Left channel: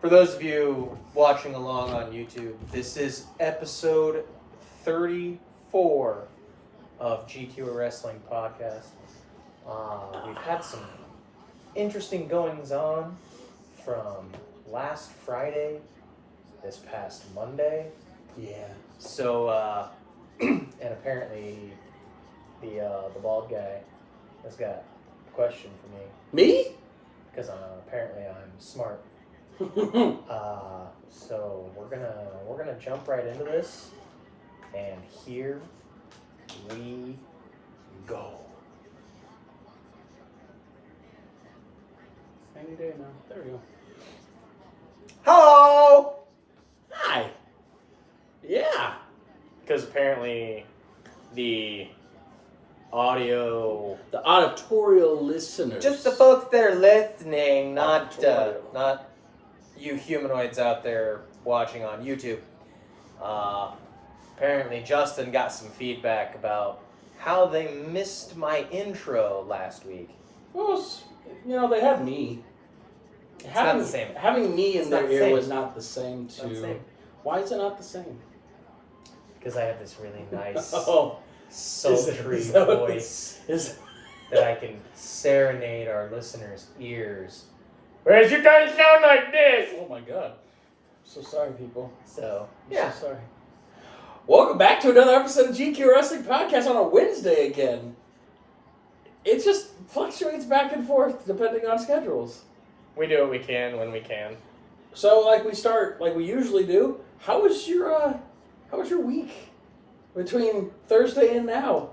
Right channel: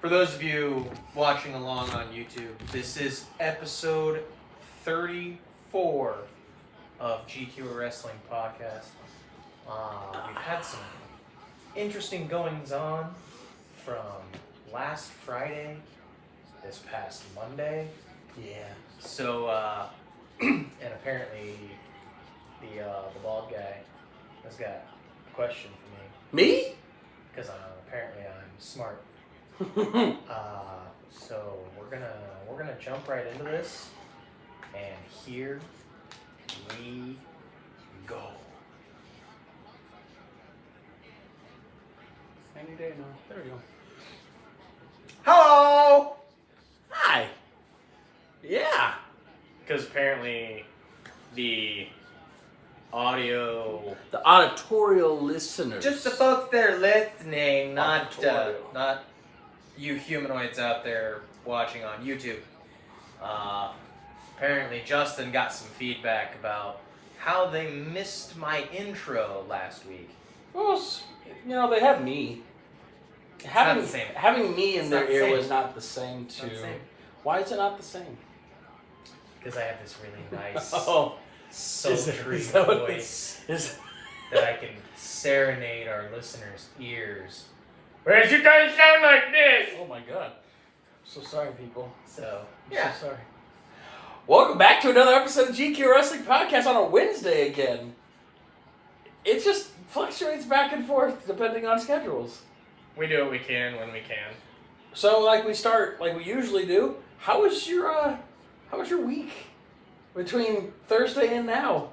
For those of you watching along on YouTube, this is episode 34 of GQ Wrestling Podcast. We've had some interesting goings on from last Friday, this past Monday. Yeah. So, and apparently the bald guy has got a question for me. Me? Because apparently I'm smart. So we're gonna jump right into this, and here we go. Any day now. There we go. Hello. Hi. Yeah. Because apparently the auditorial listeners. just the folks that are listening, not Auditorial. you humanoids out there watching on YouTube. Apparently Justin got some feedback about how they missed my intro last week. Well, they have me. Not the same. Having me in It's their not the ear same. was not the same It's not the too. same. Why is it not the same? Because I have this really nice, Oh, sultry is that what voice this is? that I can serenade our listeners' ears. Whereas you guys sound like this. Oh my god. I'm so sorry, people. So, I'm yeah. so sorry. Welcome back to another episode of GQ Wrestling Podcast on a Wednesday again. It just fluctuates back and forth depending on schedules. We do what we can when we can. So, we start like we usually do. How was your week between Thursday and now?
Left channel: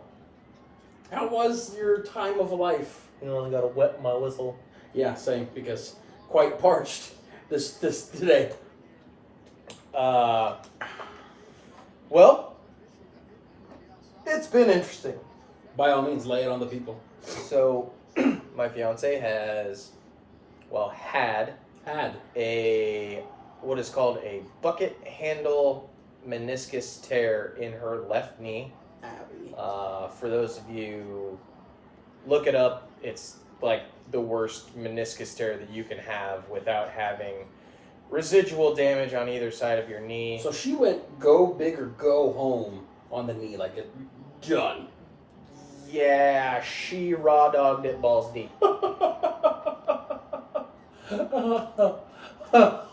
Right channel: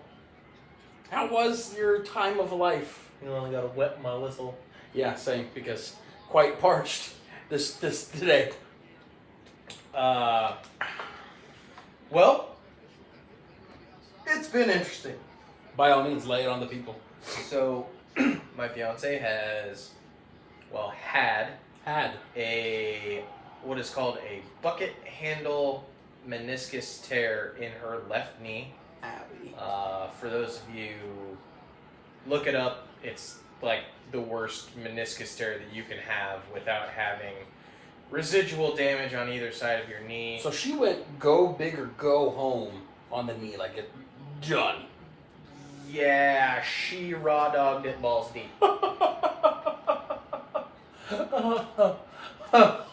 How was your time of life? You know, I gotta wet my whistle. Yeah, same, because quite parched this today. Well, it's been interesting. By all means, lay it on the people. So, my fiance had what is called a bucket handle meniscus tear in her left knee. Abby. For those of you, look it up. It's like the worst meniscus tear that you can have without having residual damage on either side of your knee. So she went go big or go home on the knee, like it done. Yeah, she raw dogged it balls deep.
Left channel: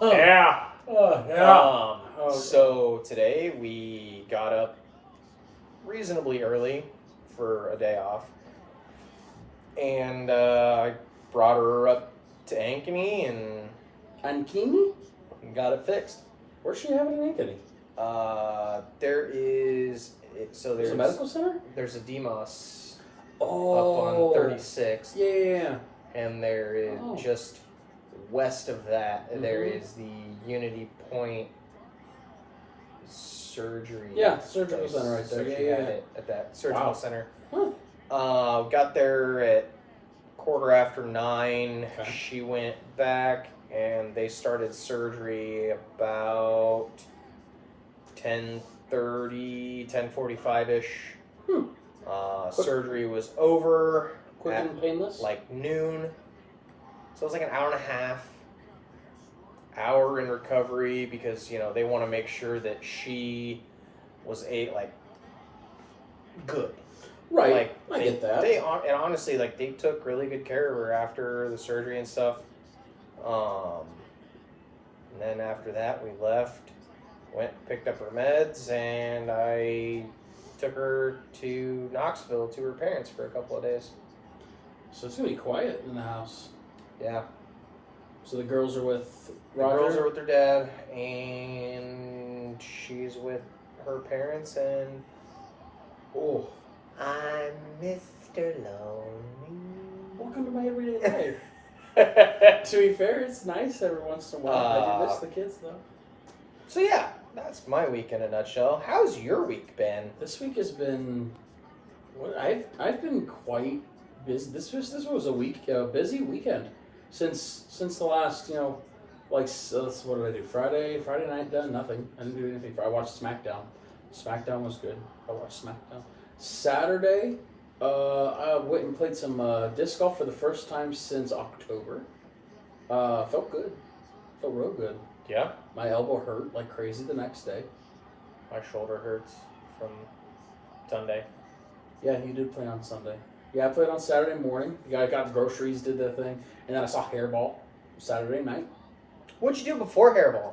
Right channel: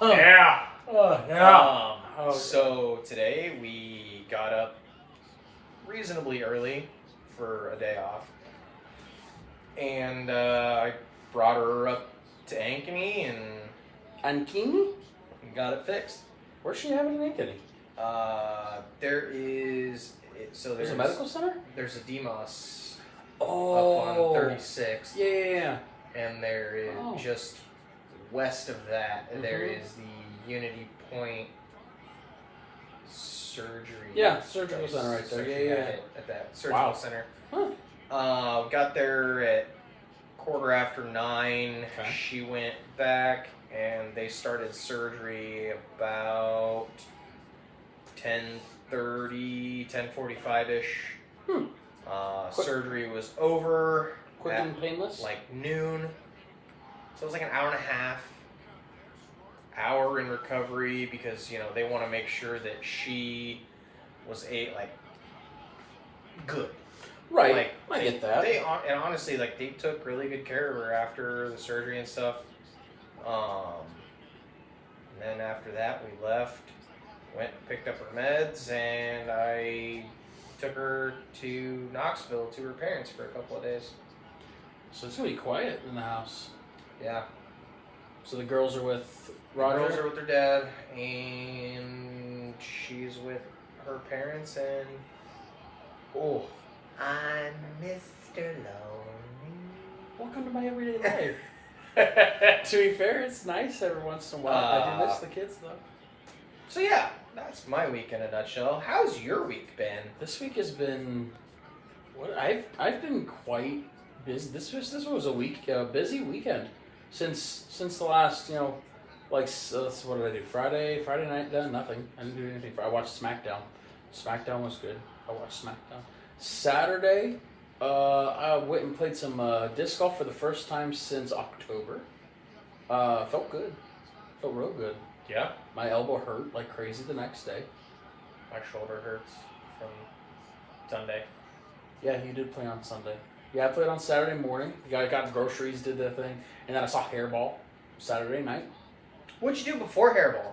Yeah. Yeah. So today we got up reasonably early for a day off, and I brought her up to Ankeny and Ankeny? got it fixed. Where's she having an Ankeny? There's a medical center? There's a Demos Oh. up on 36, Yeah. and there is just west of that. There Mhm. is the Unity Point surgery. Yeah, surgical place. center right there. So Yeah, she had yeah. it at that surgical Wow. center. Huh. Got there at 9:15. Okay. She went back, and they started surgery about 10:30, 10:45-ish. Quick. Surgery was over Quick at and painless? like noon. So it was like an hour and a half. Hour in recovery because, they want to make sure that she was good. Right. Like, I get that. And honestly, they took really good care of her after the surgery and stuff. And then after that, we left, picked up her meds, and I took her to Knoxville to her parents for a couple of days. So it's going to be quiet in the house. Yeah. So the girls are with The Roger? girls are with their dad, and she's with her parents, and I'm Mr. Lonely. Welcome to my everyday life. To be fair, it's nice every once in a while. I do miss the kids, though. So yeah, that's my week in a nutshell. How's your week been? This week has been... I've been quite busy. This was a busy weekend. Since the last, what did I do? Friday night done? Nothing. I didn't do anything. I watched SmackDown. SmackDown was good. I watched SmackDown. Saturday, I went and played some disc golf for the first time since October. Felt good. Felt real good. Yeah. My elbow hurt like crazy the next day. My shoulder hurts from Sunday. Yeah, you did play on Sunday. Yeah, I played on Saturday morning. The guy got groceries, did that thing, and then I saw Hairball Saturday night. What'd you do before Hairball?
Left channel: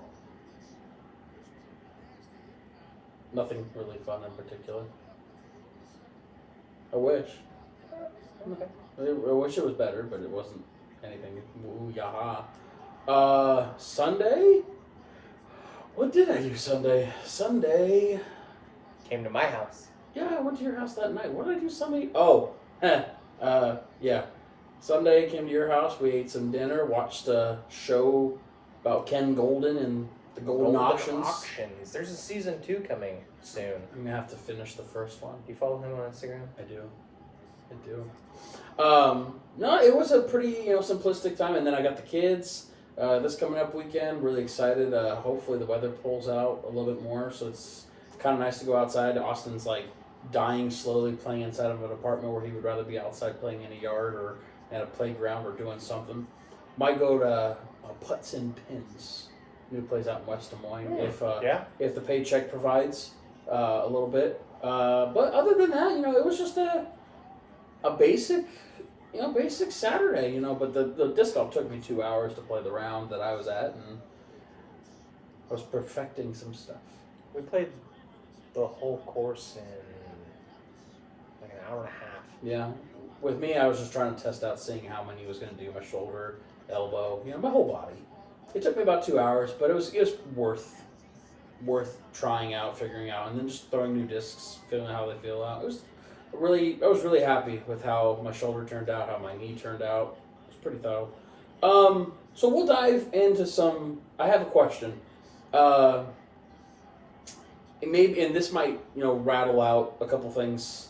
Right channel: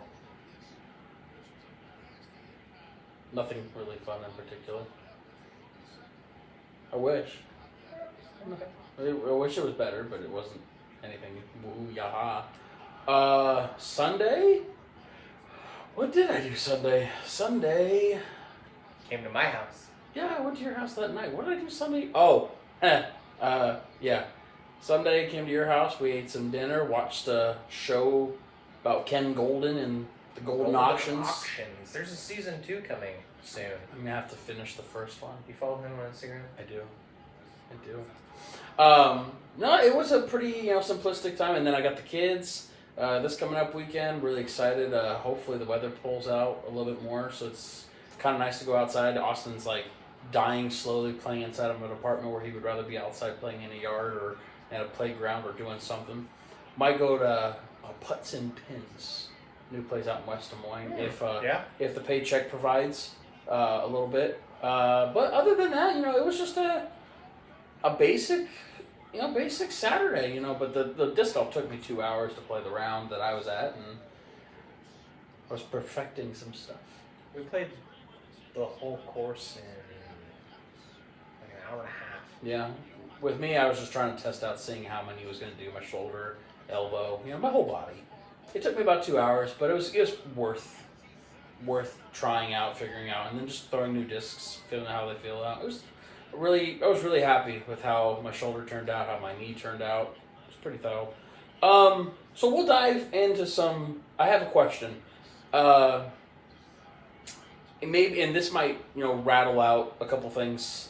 Nothing really fun in particular. I wish. Okay. I wish it was better, but it wasn't anything. Ooh, yaha. Sunday? What did I do Sunday? Sunday. Came to my house. Yeah, I went to your house that night. What did I do Sunday? Oh, yeah. Sunday, came to your house. We ate some dinner, watched a show about Ken Golden and the Golden Auctions. There's a season 2 coming soon. I'm going to have to finish the first one. You follow him on Instagram? I do. No, it was a pretty, simplistic time. And then I got the kids. This coming up weekend, really excited. Hopefully the weather pulls out a little bit more, so it's kind of nice to go outside. Austin's like dying slowly playing inside of an apartment where he would rather be outside playing in a yard or at a playground or doing something. Might go to Putts and Pins, new place out in West Des Moines, if the paycheck provides a little bit. But other than that, it was just a basic Saturday, but the disc golf took me 2 hours to play the round that I was at, and I was perfecting some stuff. We played the whole course in like an hour and a half. Yeah. With me, I was just trying to test out seeing how many he was going to do, my shoulder, elbow, my whole body. It took me about 2 hours, but it was worth trying out, figuring out, and then just throwing new discs, feeling how they feel out. I was really happy with how my shoulder turned out, how my knee turned out. It was pretty thorough. So we'll dive into some. I have a question. And this might rattle out a couple things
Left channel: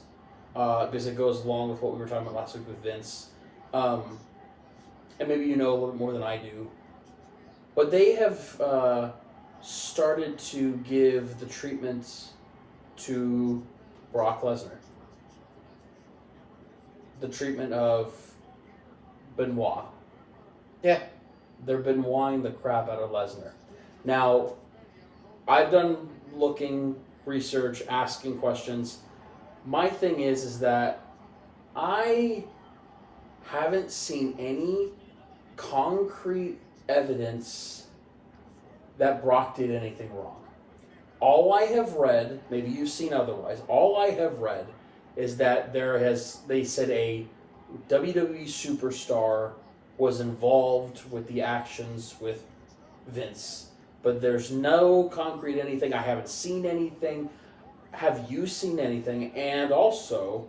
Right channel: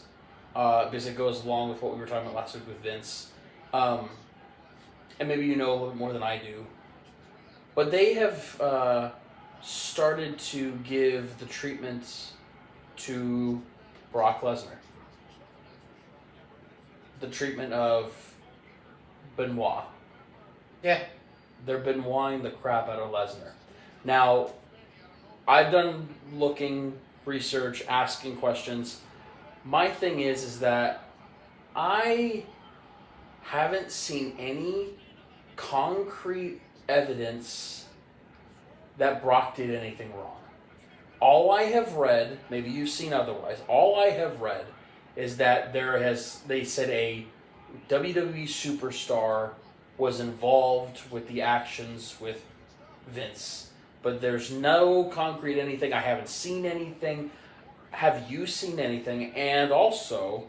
because it goes along with what we were talking about last week with Vince. And maybe a little bit more than I do. But they have started to give the treatment to Brock Lesnar. The treatment of Benoit. Yeah. They're Benoiting the crap out of Lesnar. Now, I've done research, asking questions. My thing is that I haven't seen any concrete evidence that Brock did anything wrong. All I have read, maybe you've seen otherwise, all I have read is that they said a WWE superstar was involved with the actions with Vince. But there's no concrete anything. I haven't seen anything. Have you seen anything? And also,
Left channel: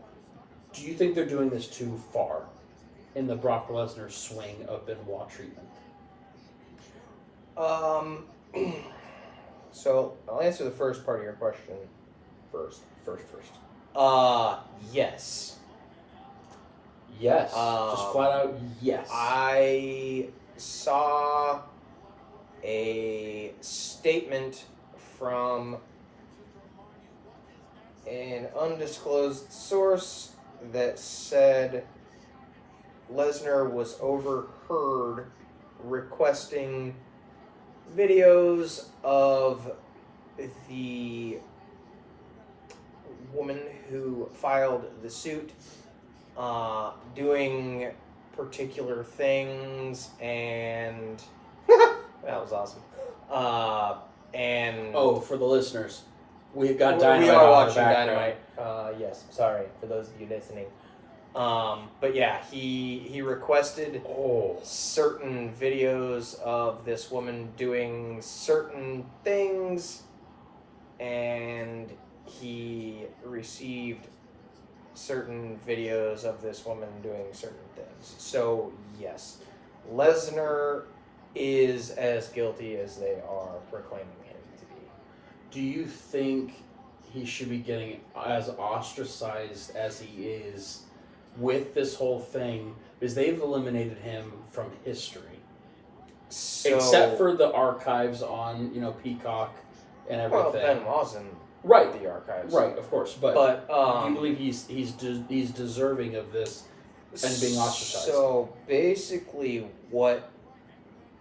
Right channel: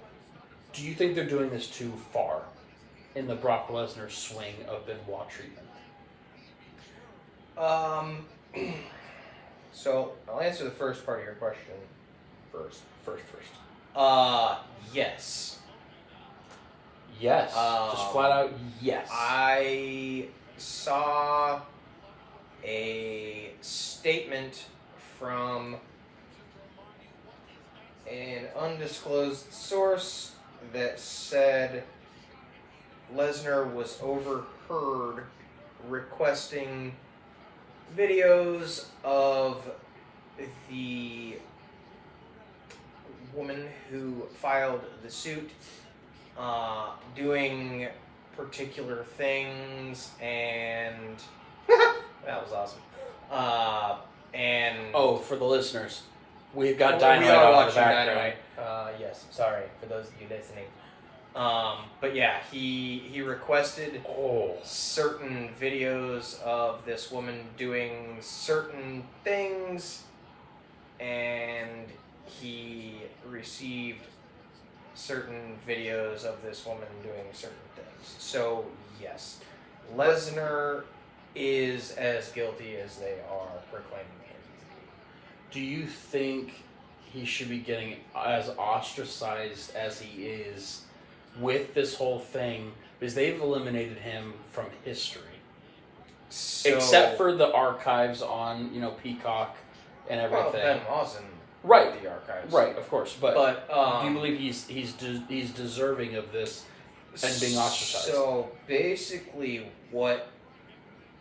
do you think they're doing this too far in the Brock Lesnar swing of Benoit treatment? So I'll answer the first part of your question first. Yes. Yes. Just flat out yes. I saw a statement from an undisclosed source that said Lesnar was overheard requesting videos of the woman who filed the suit doing particular things, and that was awesome. And for the listeners, we've got we Dynamite are on watching the background. Dynamite. Yes, sorry for those of you listening. But yeah, he requested certain videos of this woman doing certain things, and he received certain videos of this woman doing certain things. So yes, Lesnar is as guilty as they are proclaiming him to be. Do you think he should be getting as ostracized as he is with this whole thing, because they've eliminated him from history, except for the archives on Peacock and everything? Well, Benoit's in the archives, right? Of course, but do you believe he's deserving of this and being ostracized? So basically, what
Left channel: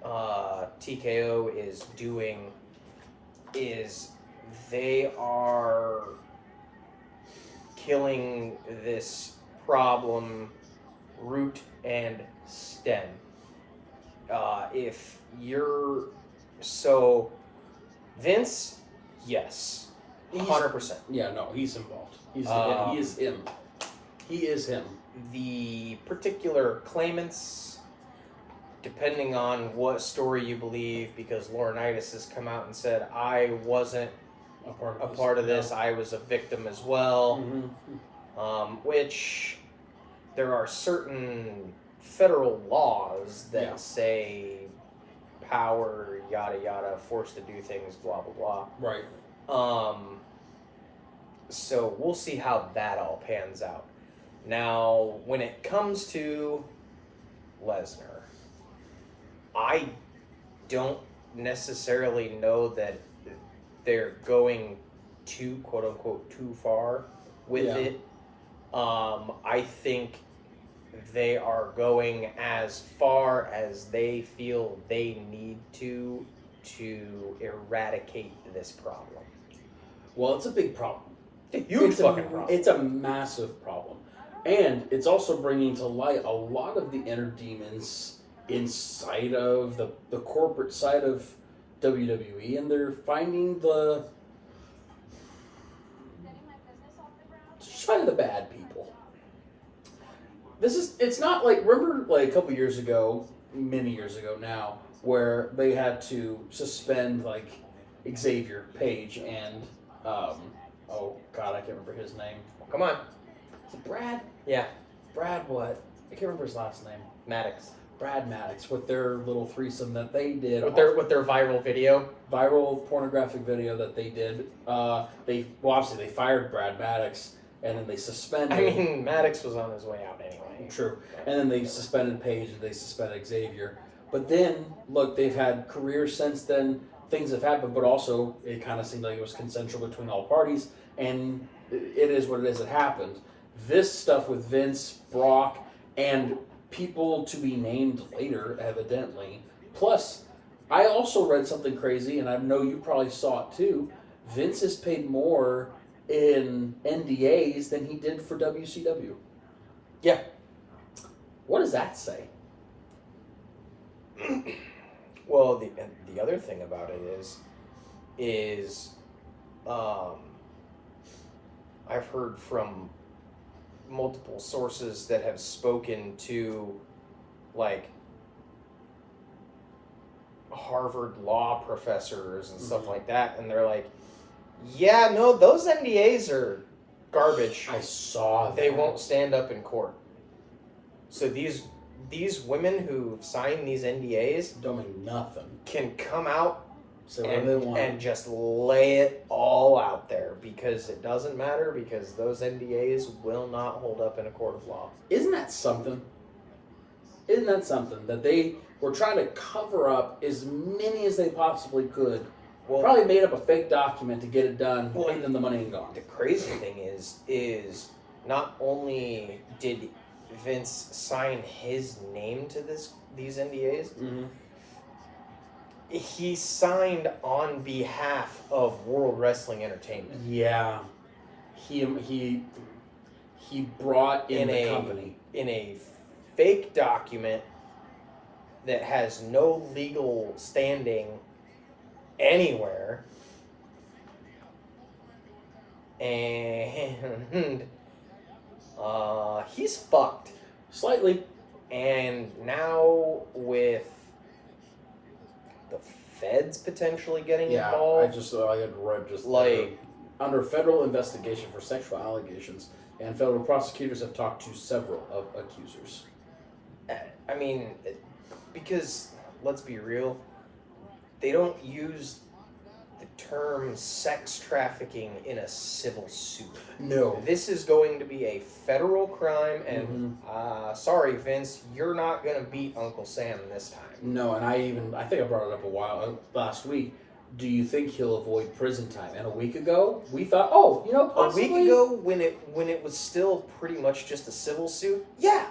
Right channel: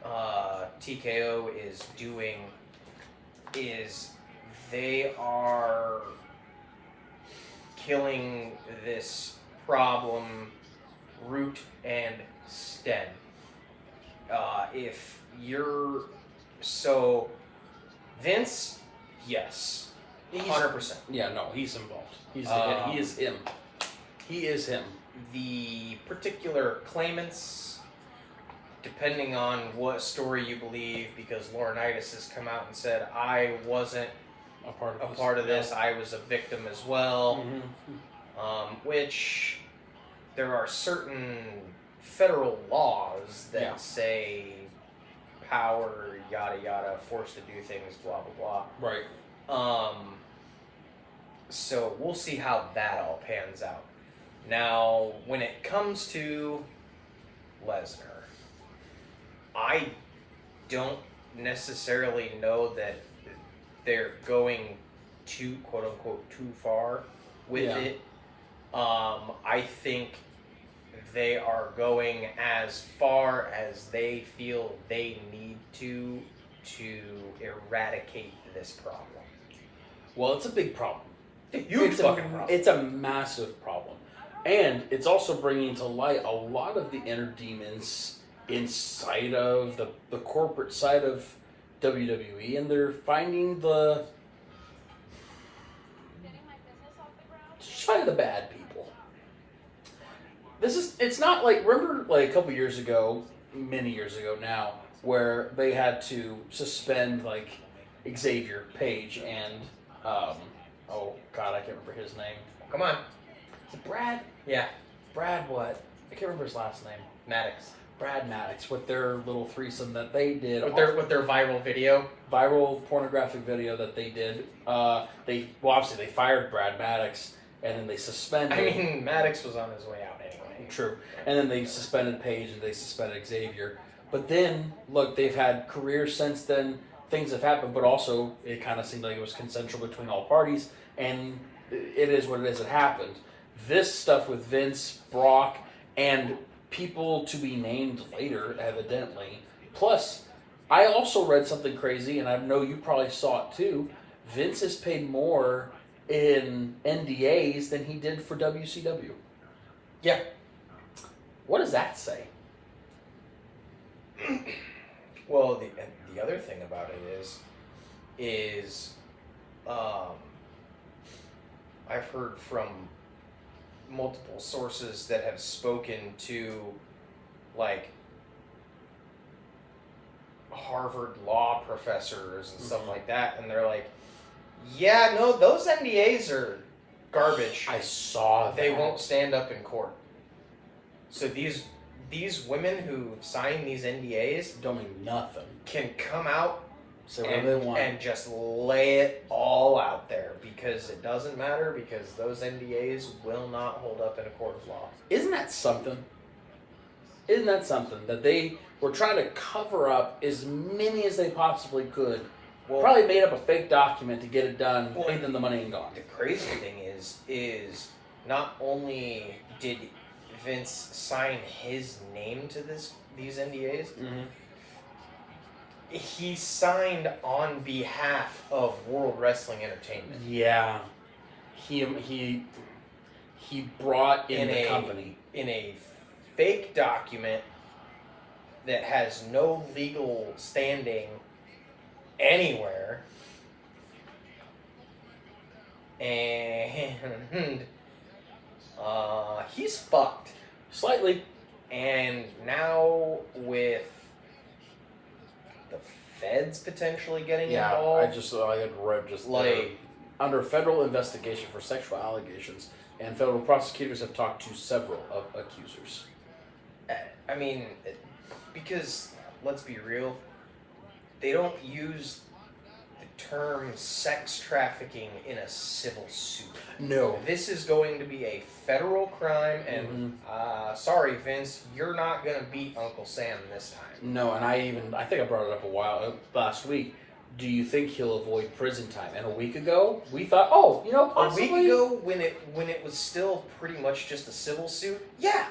TKO is doing is they are killing this problem root and stem. If you're so Vince, yes, 100%. Yeah, no, he's involved. He is him. He is him. The particular claimants, depending on what story you believe, because Laurinaitis has come out and said, I wasn't a part of this, I was a victim as well, which there are certain federal laws that say power, yada yada, forced to do things, blah blah blah. Right. So we'll see how that all pans out. Now, when it comes to Lesnar, I don't necessarily know that they're going too, quote unquote, too far with it. I think they are going as far as they feel they need to eradicate this problem. Well, it's a big problem. Huge fucking problem. It's a massive problem. And it's also bringing to light a lot of the inner demons inside of the corporate side of WWE, and they're finding just finding the bad people. It's not like, remember like a couple years ago, many years ago now, where they had to suspend like Xavier Page and oh god, I can't remember his name. Come on. Is it Brad? Yeah. Brad what? I can't remember his last name. Maddox. Brad Maddox, with their little threesome that they did. With their viral video. Viral pornographic video that they did. Obviously they fired Brad Maddox and then they suspended. I mean, Maddox was on his way out anyway. True. And then they suspended Page and they suspended Xavier. But then, look, they've had careers since then. Things have happened, but also it kind of seemed like it was consensual between all parties, and it is what it is. It happened. This stuff with Vince, Brock, and people to be named later, evidently. Plus, I also read something crazy, and I know you probably saw it too. Vince is paid more in NDAs than he did for WCW. Yeah. What does that say? Well, the other thing about it is I've heard from multiple sources that have spoken to like Harvard law professors and stuff like that, and they're like, yeah, no, those NDAs are garbage. I saw that. They won't stand up in court. So these women who sign these NDAs don't mean nothing. Can come out and just lay it all out there, because it doesn't matter, because those NDAs will not hold up in a court of law. Isn't that something? Isn't that something that they were trying to cover up as many as they possibly could? Well, probably made up a fake document to get it done, paid them the money and gone. The crazy thing is not only did Vince sign his name to these NDAs, he signed on behalf of World Wrestling Entertainment. Yeah, he brought in the company in a fake document that has no legal standing anywhere, and he's fucked slightly. And now with the feds potentially getting involved, I had read like under federal investigation for sexual allegations, and federal prosecutors have talked to several of accusers. I mean, because let's be real, they don't use the term sex trafficking in a civil suit. No. This is going to be a federal crime, and sorry, Vince, you're not going to beat Uncle Sam this time. No, and I think I brought it up last week. Do you think he'll avoid prison time? And a week ago, we thought, possibly. A week ago, when it was still pretty much just a civil suit, yeah.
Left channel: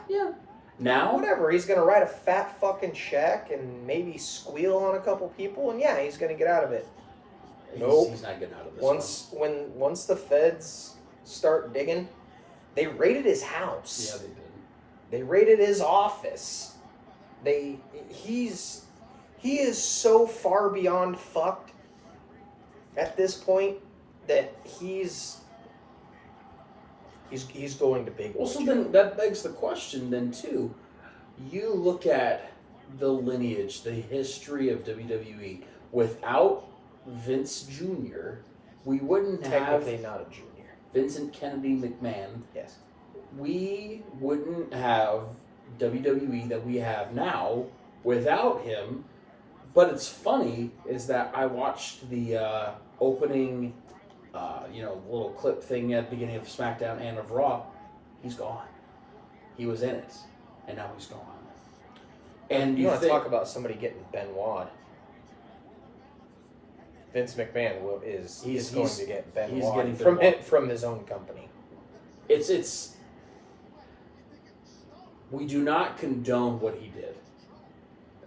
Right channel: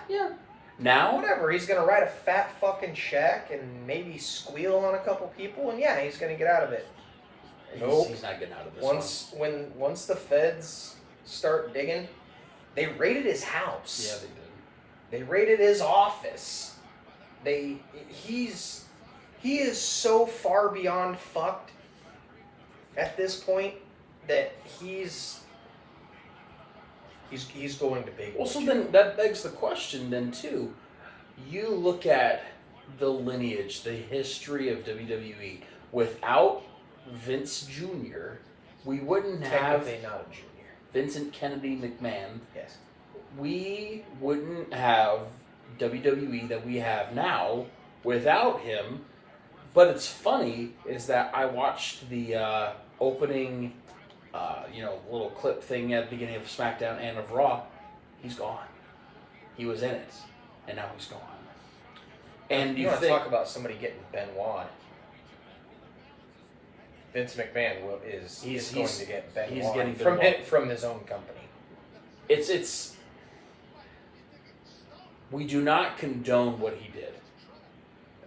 Now, whatever, he's going to write a fat fucking check and maybe squeal on a couple people, and yeah, he's going to get out of it. Nope. He's not getting out of this Once the feds start digging, they raided his house. Yeah, they did. They raided his office. He is so far beyond fucked at this point that he's going to big. Well, so then that begs the question then too. You look at the lineage, the history of WWE. Without Vince Jr., we wouldn't have Technically not a junior. Vincent Kennedy McMahon. Yes. We wouldn't have WWE that we have now without him. But it's funny is that I watched the opening, little clip thing at the beginning of SmackDown and of Raw. He's gone. He was in it, and now he's gone. And you want to talk about somebody getting Benoit? Vince McMahon is going to get Benoit he's getting from his own company. It's we do not condone what he did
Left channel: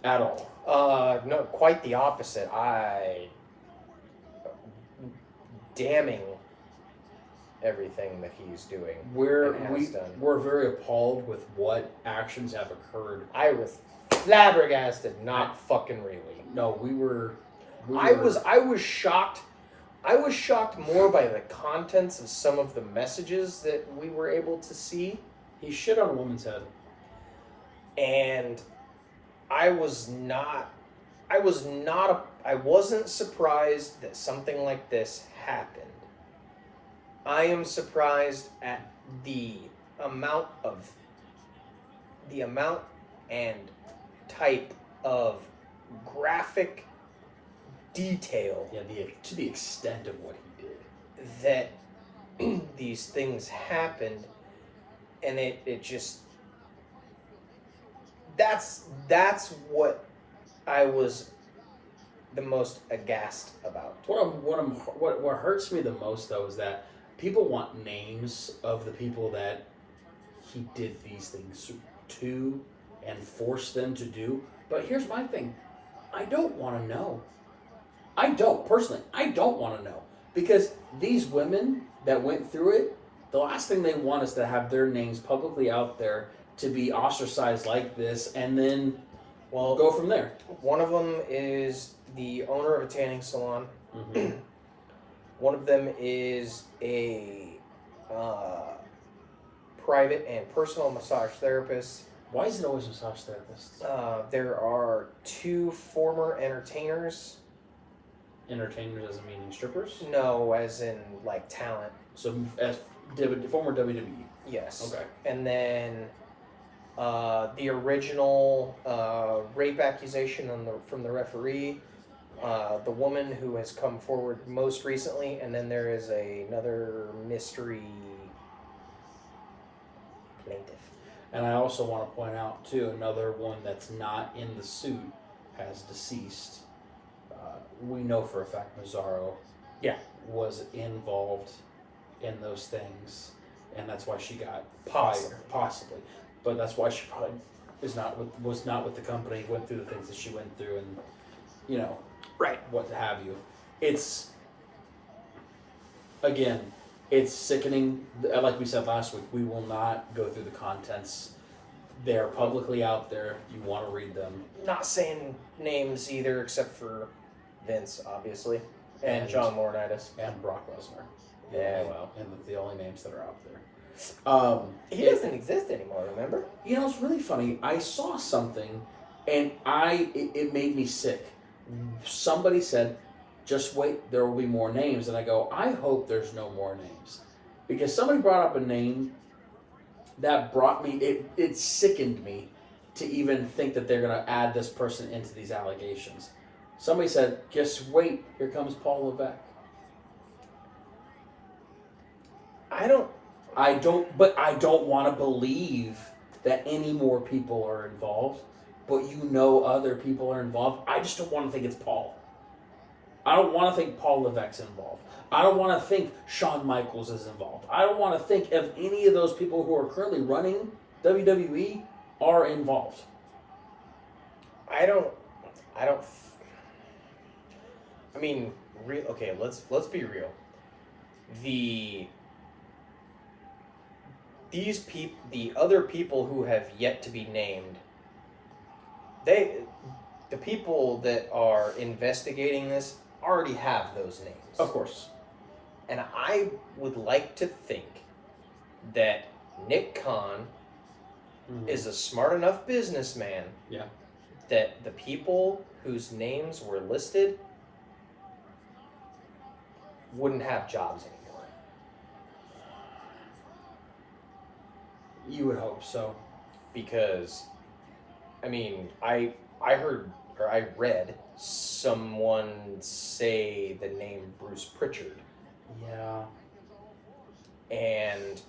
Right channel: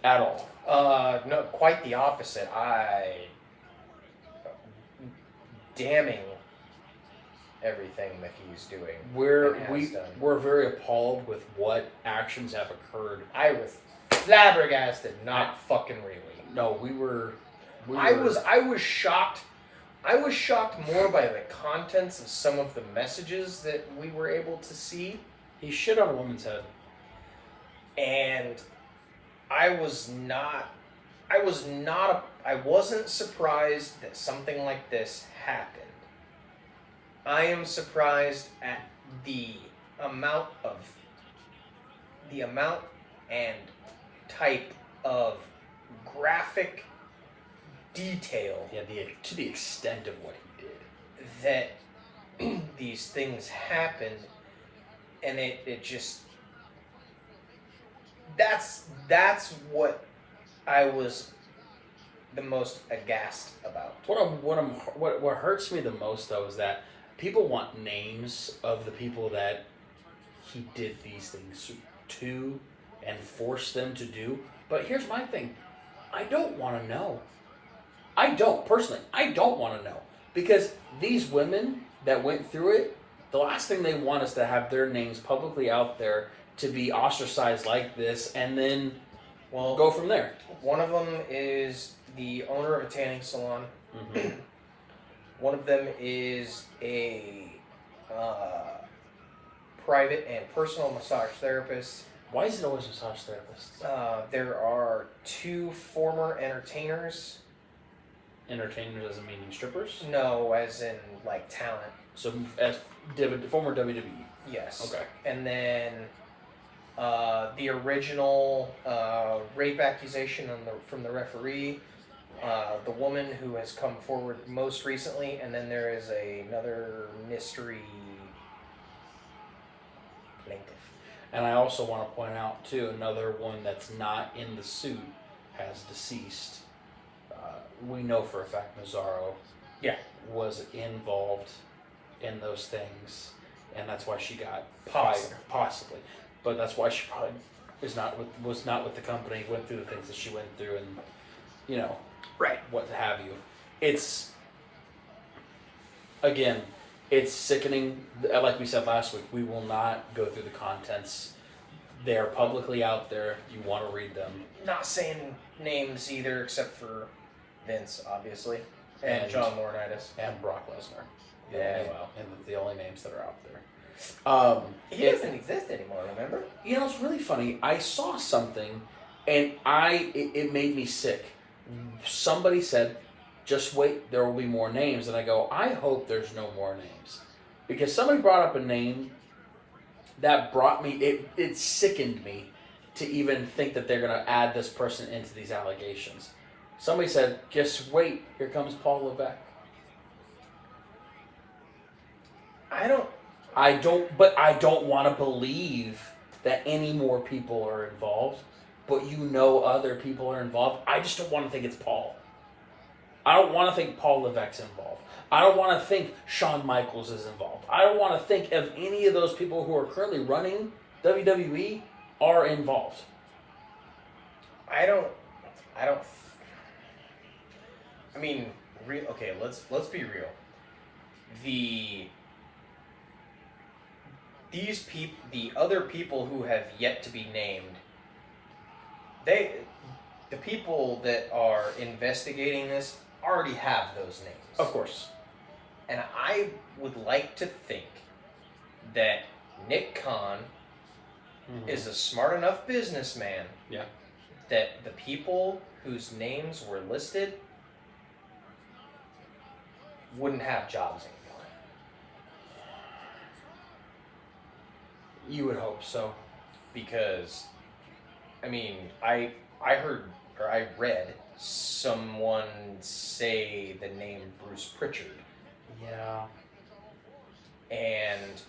at all. No, quite the opposite. Damning everything that he's doing. We're very appalled with what actions have occurred. I was flabbergasted, not fucking really. No, we were. I was shocked. I was shocked more by the contents of some of the messages that we were able to see. He shit on a woman's head. And I wasn't surprised that something like this happened. I am surprised at the amount and type of graphic detail. Yeah, to the extent of what he did. That these things happened, and it just that's what I was the most aghast about. What hurts me the most though is that people want names of the people that he did these things to and forced them to do. But here's my thing. I don't want to know. I don't want to know. Because these women that went through it, the last thing they want is to have their names publicly out there to be ostracized like this and then go from there. One of them is the owner of a tanning salon. Mm-hmm. One of them is a private and personal massage therapist. Why is it always massage therapists? There are 2 former entertainers. Entertainers as in meaning strippers? No, as in like talent. So as former WWE. Yes. Okay. And then the original rape accusation from the referee, the woman who has come forward most recently, and then there is another mystery plaintiff. And I also want to point out too, another one that's not in the suit has deceased. We know for a fact Mazzaro was involved in those things, and that's why she got possibly. But that's why she probably was not with the company, went through the things that she went through, and right, what have you. It's sickening. Like we said last week, we will not go through the contents. They're publicly out there. You want to read them. Not saying names either, except for Vince, obviously, and John Laurinaitis and Brock Lesnar. Yeah, and the only names that are out there. He doesn't exist anymore. Remember? It's really funny. I saw something, and it made me sick. Somebody said, "Just wait, there will be more names," and I go, "I hope there's no more names," because somebody brought up a name that brought me. It sickened me to even think that they're going to add this person into these allegations. Somebody said, "Just wait, here comes Paul Levesque." I don't want to believe that any more people are involved, but other people are involved. I just don't want to think it's Paul. I don't want to think Paul Levesque's involved. I don't want to think Shawn Michaels is involved. I don't want to think of any of those people who are currently running WWE are involved. I don't. I mean, okay. Let's be real. The other people who have yet to be named, the people that are investigating this already have those names. Of course. And I would like to think that Nick Khan is a smart enough businessman. Yeah. That the people whose names were listed wouldn't have jobs anymore. You would hope so. Because, I mean, I heard, or I read someone say the name Bruce Pritchard. Yeah. And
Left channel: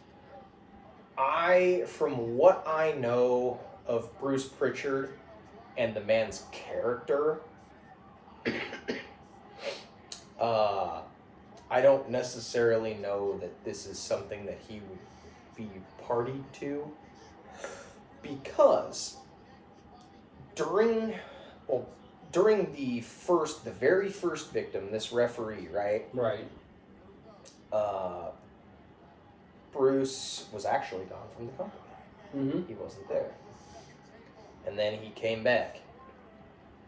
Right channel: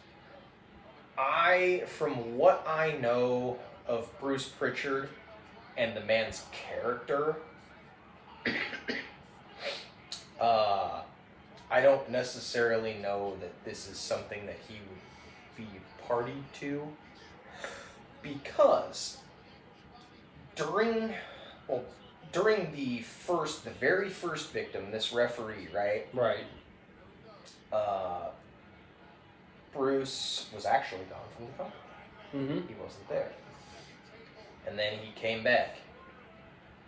from what I know of Bruce Pritchard and the man's character, I don't necessarily know that this is something that he would be party to, because during the very first victim, this referee, right? Right. Bruce was actually gone from the company. Mm-hmm. He wasn't there. And then he came back.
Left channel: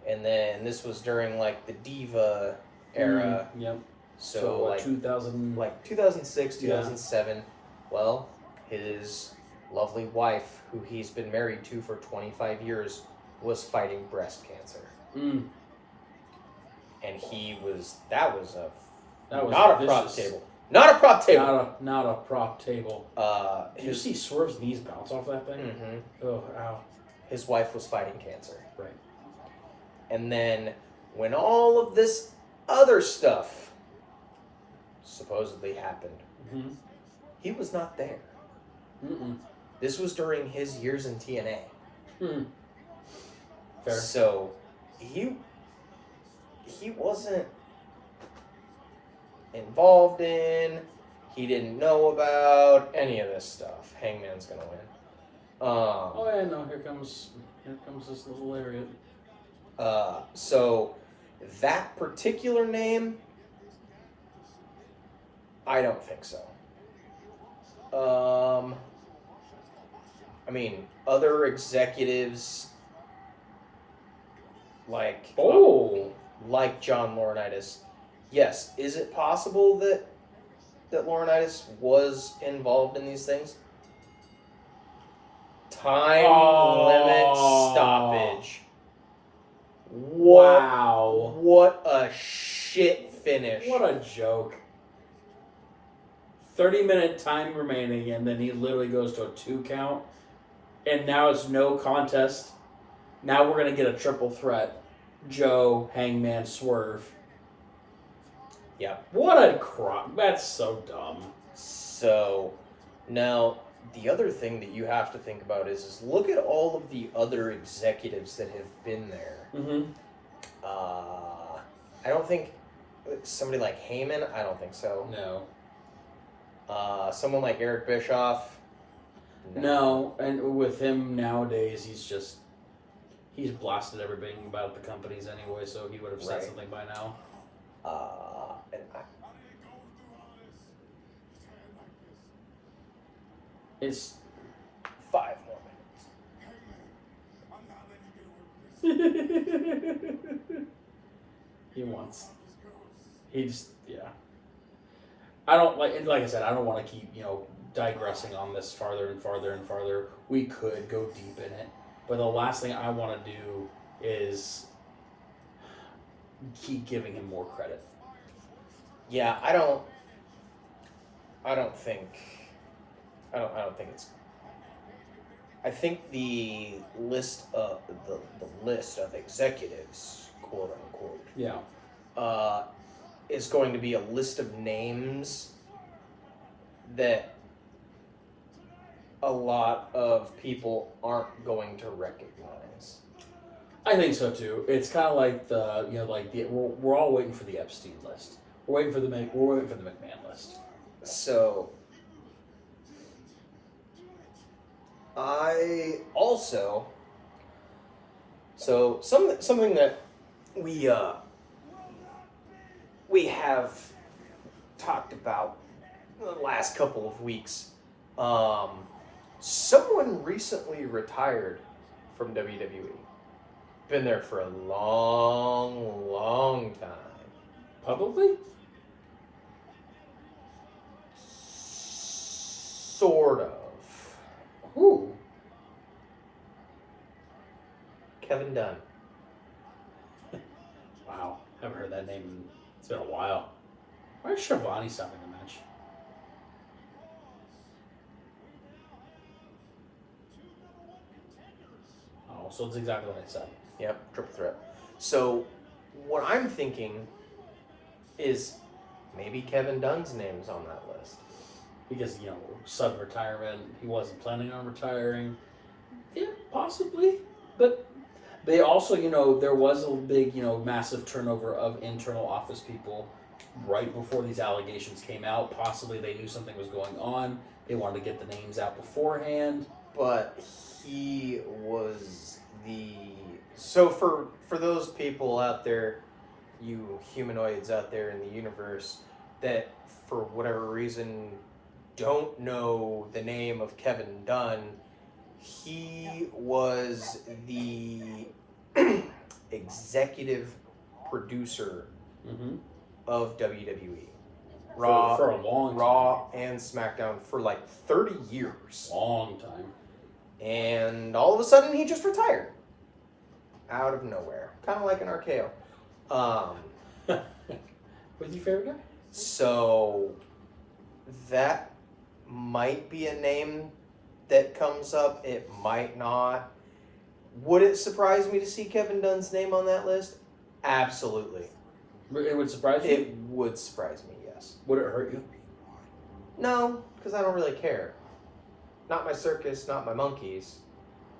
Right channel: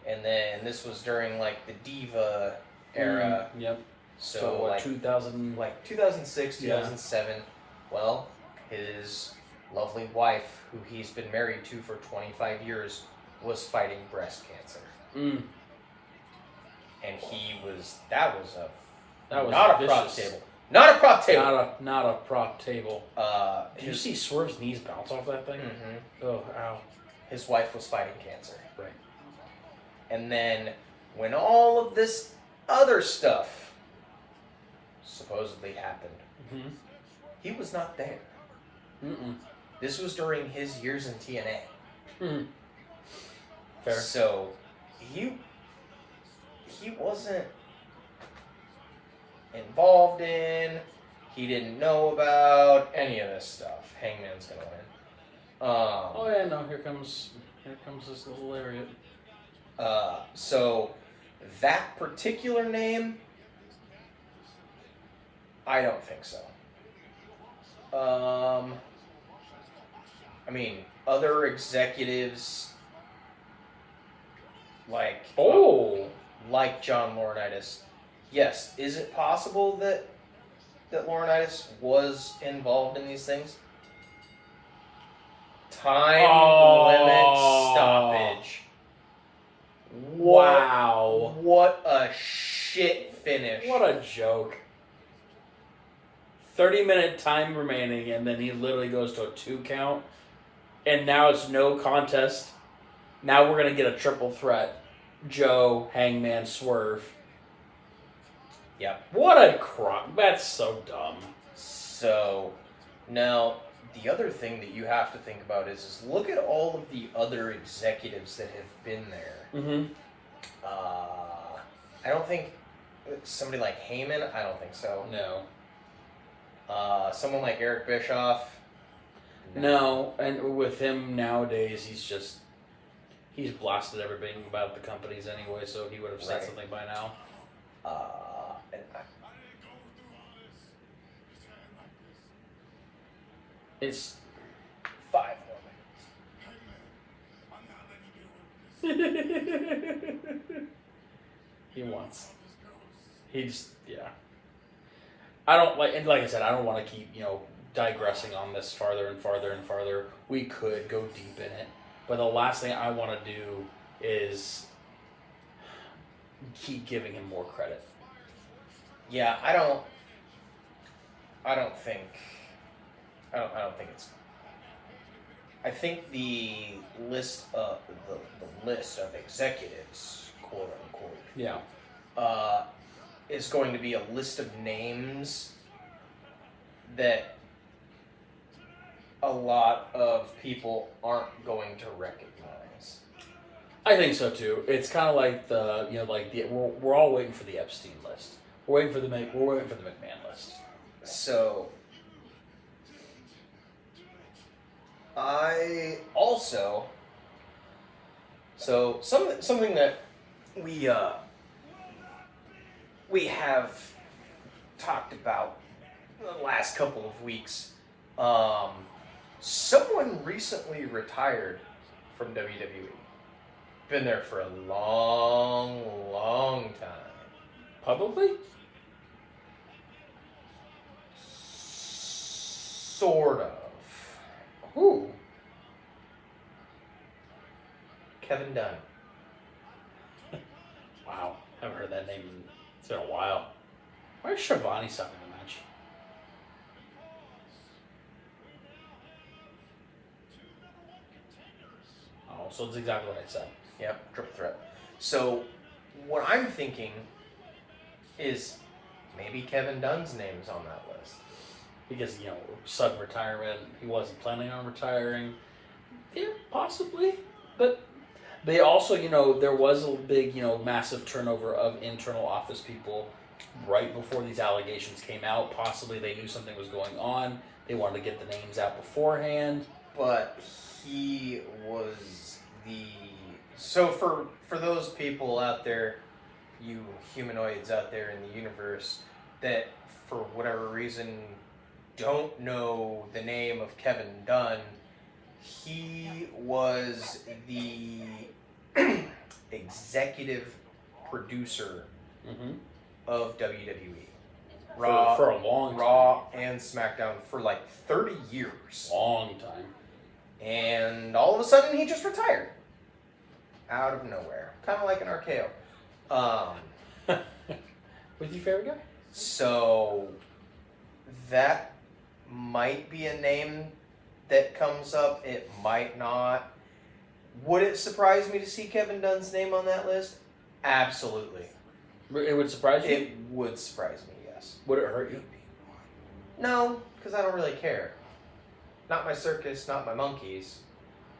And then this was during like the Diva era. Yep. So what, like 2000, like 2006, 2007. Well, his lovely wife, who he's been married to for 25 years, was fighting breast cancer. And that was not a prop table. Not a prop table. Not a prop table. Did you see Swerve's knees bounce off that thing? Mm-hmm. Oh, ow. His wife was fighting cancer. Right. And then when all of this other stuff supposedly happened, he was not there. This was during his years in TNA. Fair. So he wasn't involved in, he didn't know about any of this stuff. Hangman's gonna win. Oh yeah, no, here comes this little lariat. So that particular name, I don't think so. I mean, other executives like John Laurinaitis. Yes, is it possible that Laurinaitis was involved in these things? Time limit stoppage. Wow. What a shit finish. What a joke. 30-minute time remaining, and then he literally goes to a 2 count. And now it's no contest. Now we're going to get a triple threat. Joe, Hangman, Swerve. Yep. What a crock. That's so dumb. So, now, the other thing that you have to think about is look at all of the other executives that have been there. I don't think somebody like Heyman, I don't think so. No. Someone like Eric Bischoff. No, and with him nowadays, he's blasted everything about the companies anyway, so he would have said something by now. It's 5 more minutes. Yeah. I don't like I said, I don't want to keep, digressing on this farther and farther and farther. We could go deep in it, but the last thing I want to do is keep giving him more credit. Yeah, I don't think it's. I think the list of the list of executives, quote unquote, is going to be a list of names that a lot of people aren't going to recognize. I think so too. It's kind of like we're all waiting for the Epstein list. We're waiting for the McMahon list. So I also... So, something that we have talked about the last couple of weeks. Someone recently retired from WWE. Been there for a long, long time. Publicly? Sort of. Who? Kevin Dunn. Wow. Haven't heard that name. It's been a while. Why is Shivani stopping the match? Oh, so it's exactly what I said. Yep, triple threat. So, what I'm thinking is maybe Kevin Dunn's name's on that list. Because, sudden retirement. He wasn't planning on retiring. Yeah, possibly. But they also, there was a big, massive turnover of internal office people right before these allegations came out. Possibly they knew something was going on. They wanted to get the names out beforehand. But he was the... So for those people out there, you humanoids out there in the universe, that for whatever reason don't know the name of Kevin Dunn, he was the executive producer of WWE. Raw, for a long time. Raw and SmackDown for like 30 years. Long time. And all of a sudden he just retired. Out of nowhere. Kind of like an RKO. Who's your favorite guy? So that might be a name that comes up. It might not. Would it surprise me to see Kevin Dunn's name on that list? Absolutely. It would surprise you? It would surprise me, yes. Would it hurt you? No, because I don't really care. Not my circus, not my monkeys.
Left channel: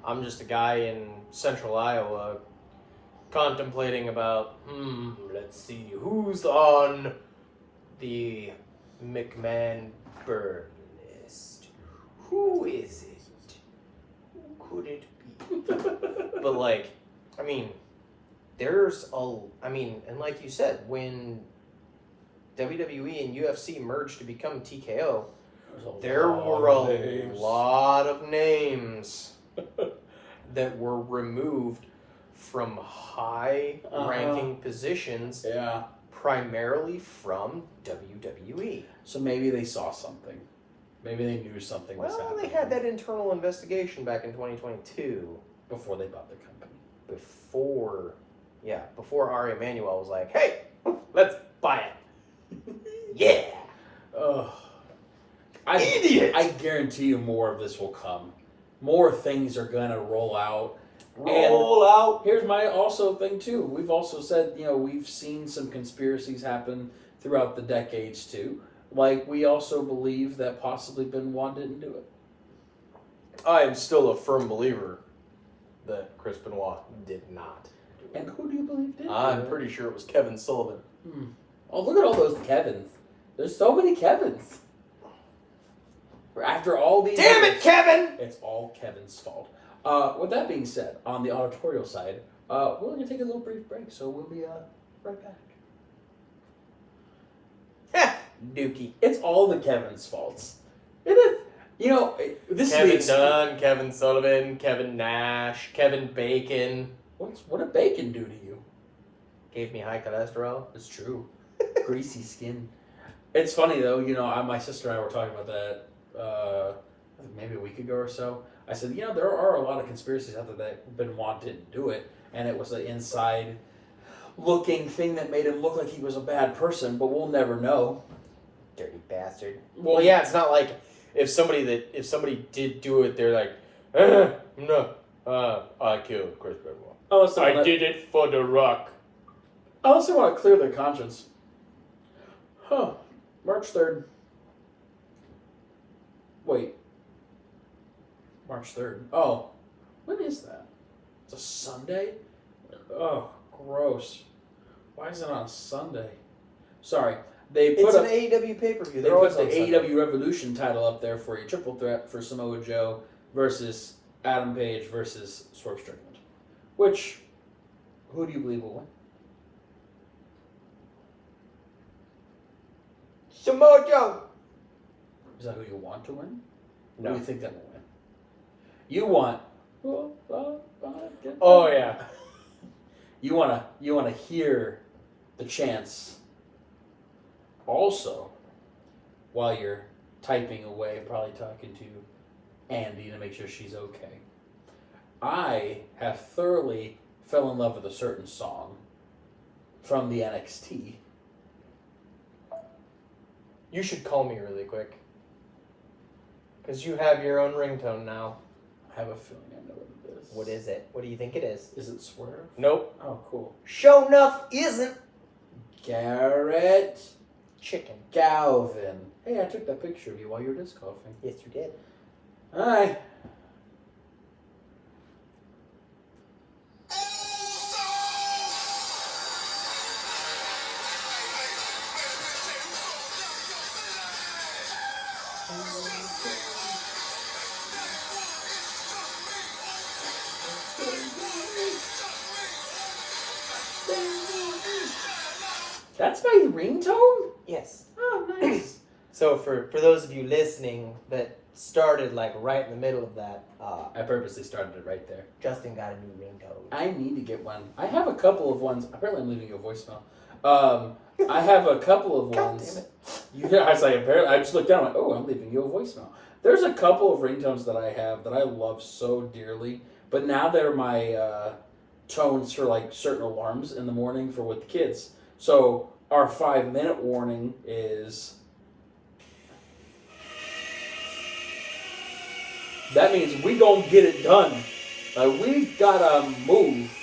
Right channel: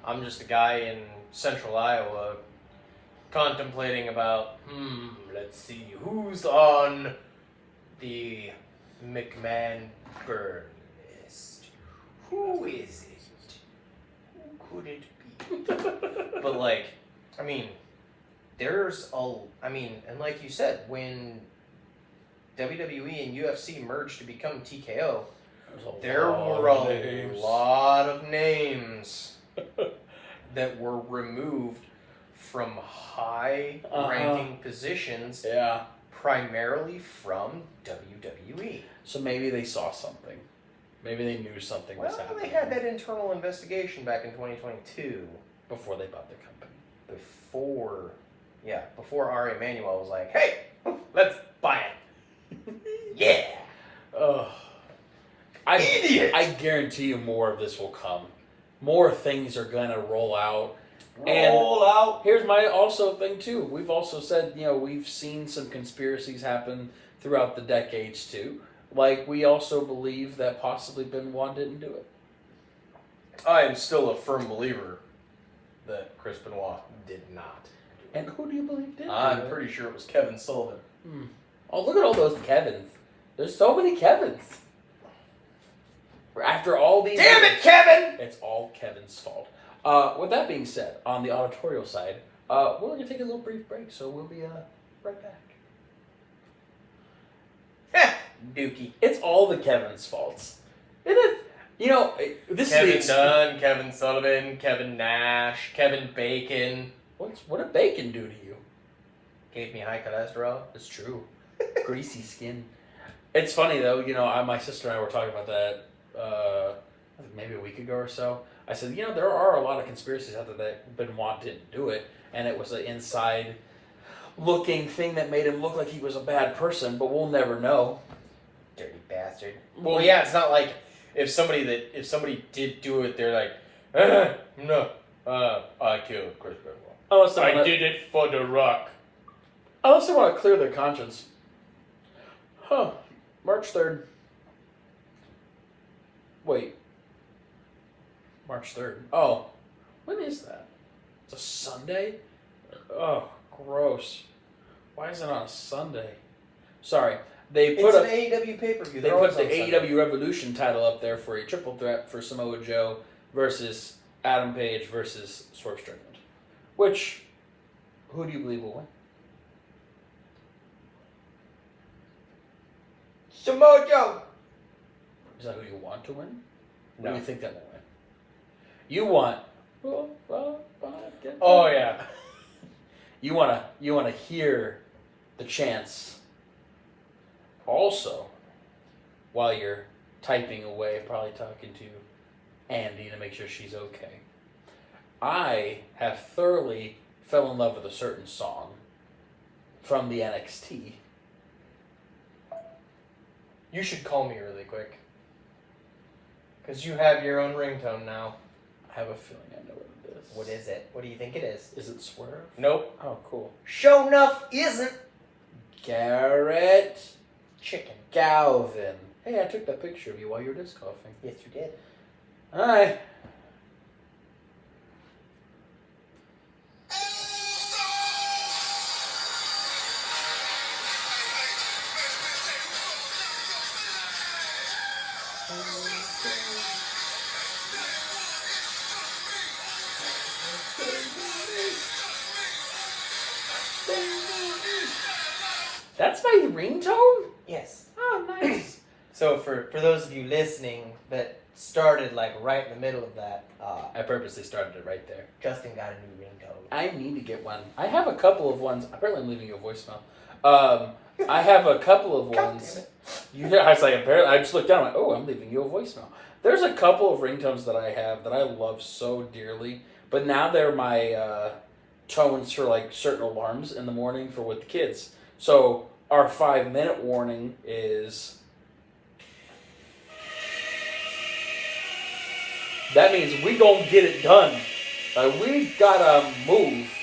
I'm just a guy in central Iowa contemplating about, let's see, who's on the McMahon burn list? Who is it? Who could it be? But and like you said, when WWE and UFC merged to become TKO, there were a lot of names that were removed from high-ranking positions, primarily from WWE. So maybe they saw something. Maybe they knew something was happening. Well, they had that internal investigation back in 2022. Before they bought the company. Before Ari Emanuel was like, hey, let's buy it. Yeah. Idiot. I guarantee you more of this will come. More things are going to roll out. Out. Here's my also thing, too. We've also said, we've seen some conspiracies happen throughout the decades, too. Like, we also believe that possibly Benoit didn't do it. I am still a firm believer that Chris Benoit did not. And who do you believe did? I'm pretty sure it was Kevin Sullivan. Oh, look at all those Kevins. There's so many Kevins. After all these... Damn it, Kevin! It's all Kevin's fault. With that being said, on the auditorial side, we're going to take a little brief break, so we'll be right back. Dookie. It's all the Kevin's faults. It is. This Kevin is Dunn, Kevin Sullivan, Kevin Nash, Kevin Bacon. What did bacon do to you? Gave me high cholesterol. It's true. Greasy skin. It's funny, though. My sister and I were talking about that I think maybe a week ago or so. I said, there are a lot of conspiracies out there that Benoit didn't do it, and it was an inside-looking thing that made him look like he was a bad person, but we'll never know. Dirty bastard. Well, yeah, it's not like if somebody did do it, they're like, no, I killed Chris Benoit. I did it for The Rock. Unless they want to clear their conscience. March 3rd. Wait. March 3rd. Oh. When is that? It's a Sunday? Oh, gross. Why is it on a Sunday? Sorry. It's an AEW pay-per-view. They put the AEW Revolution title up there for a triple threat for Samoa Joe versus Adam Page versus Swerve Strickland. Which, who do you believe will win? Samoa Joe. Is that who you want to win? No. Or do you think that will win? You want. Oh yeah. You wanna hear the chants. Also, while you're typing away, probably talking to Andy to make sure she's okay. I have thoroughly fell in love with a certain song from the NXT. You should call me really quick. Because you have your own ringtone now. I have a feeling I know what it is. What is it? What do you think it is? Is it Swerve? Nope. Oh, cool. Sure enough, isn't. Garrett Chicken. Galvin. Hey, I took that picture of you while you were disc golfing. Yes, you did. Hi. That's my ringtone? Yes. Oh, nice. So for those of you listening that started like right in the middle of that, I purposely started it right there. Justin got a new ringtone. I need to get one. I have a couple of ones. Apparently, I'm leaving you a voicemail. I have a couple of ones. I was like, apparently, I just looked down and went, oh, I'm leaving you a voicemail. There's a couple of ringtones that I have that I love so dearly, but now they're my tones for like certain alarms in the morning for with the kids. So our 5-minute warning is. That means we gonna get it done. We gotta move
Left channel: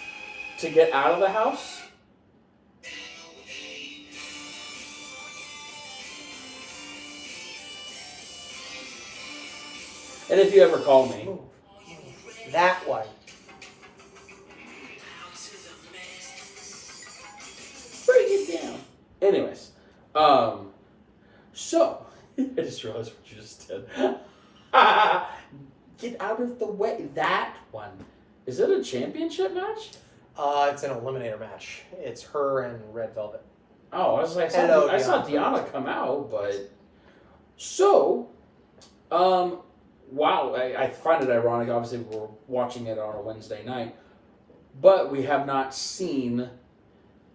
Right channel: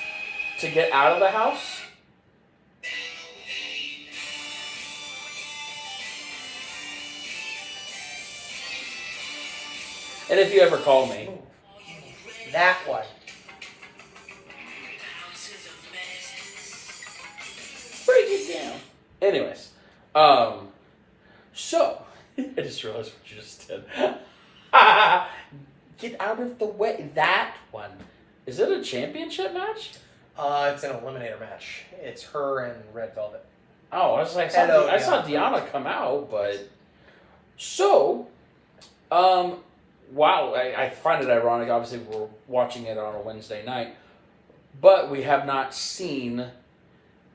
to get out of the house. And if you ever call me, That one. break it down. Anyways, so I just realized what you just did. Get out of the way. That one. Is it a championship match? It's an eliminator match. It's her and Red Velvet. Oh, I was like, Hello, I saw Deanna. Deanna come out, but so, wow, I find it ironic. Obviously, we're watching it on a Wednesday night, but we have not seen.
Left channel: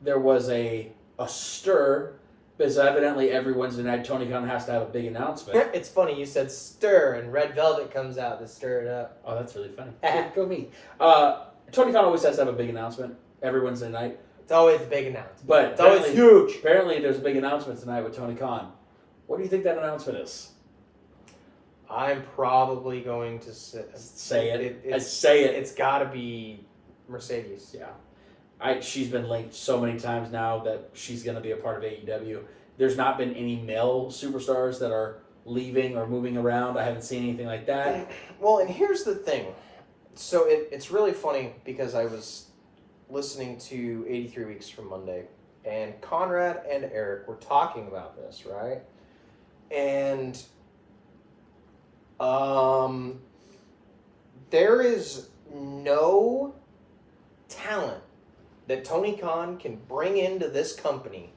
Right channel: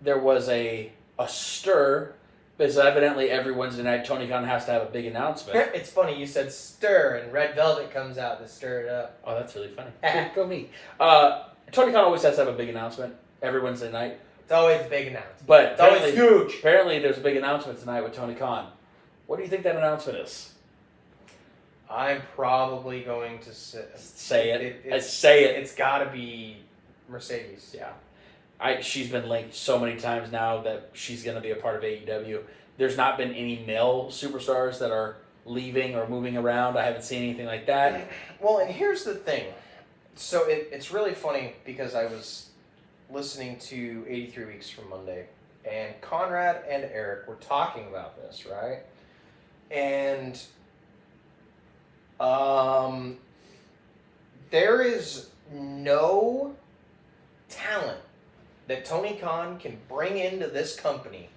There was a stir because evidently every Wednesday night Tony Khan has to have a big announcement. It's funny, you said stir, and Red Velvet comes out to stir it up. Oh, that's really funny. Go me. Tony Khan always has to have a big announcement every Wednesday night. It's always a big announcement. But It's always huge. Apparently, there's a big announcement tonight with Tony Khan. What do you think that announcement is? I'm probably going to Say it. It's got to be Mercedes. Yeah. She's been linked so many times now that she's going to be a part of AEW. There's not been any male superstars that are leaving or moving around. I haven't seen anything like that. Well, and here's the thing. So it's really funny because I was listening to 83 Weeks from Monday, and Conrad and Eric were talking about this, right? And there is no talent that Tony Khan can bring into this company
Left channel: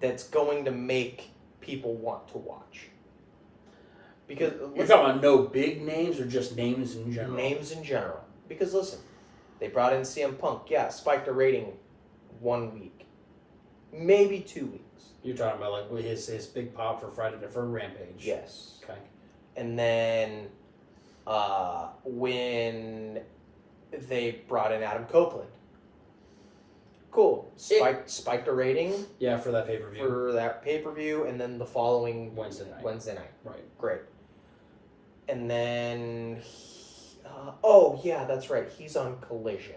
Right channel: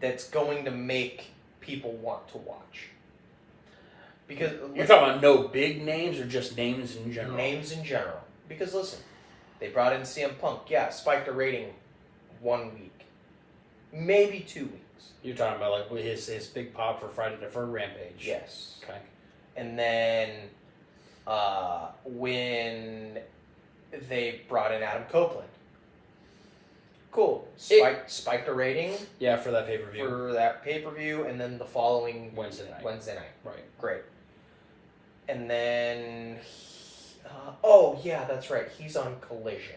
that's going to make people want to watch. Because You're talking about no big names or just names in general? Names in general. Because listen, they brought in CM Punk. Yeah, spiked the rating 1 week. Maybe 2 weeks. You're talking about like his big pop for for Rampage. Yes. Okay. And then when they brought in Adam Copeland. Cool. Spiked the rating. Yeah, for that pay-per-view. For that pay-per-view, and then the following Wednesday night. Right. Great. And then, oh yeah, that's right. He's on Collision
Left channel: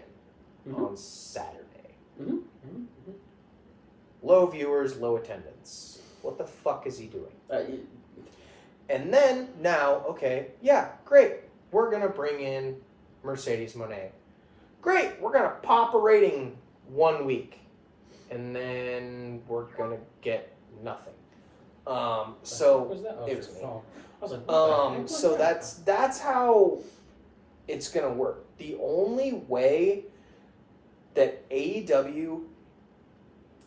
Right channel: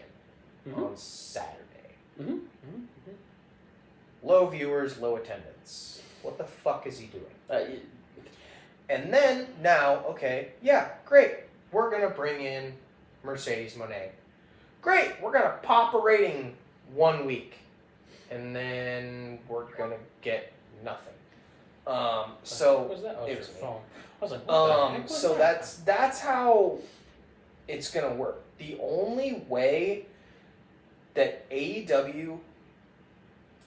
on Saturday. Mm-hmm. Mm-hmm. Low viewers, low attendance. What the fuck is he doing? And then now, okay, yeah, great. We're gonna bring in Mercedes Moné. Great. We're gonna pop a rating 1 week, and then we're gonna get nothing. So what was that? Oh, it was phone. I was like, what the heck was so that? that's how it's gonna work. The only way that AEW,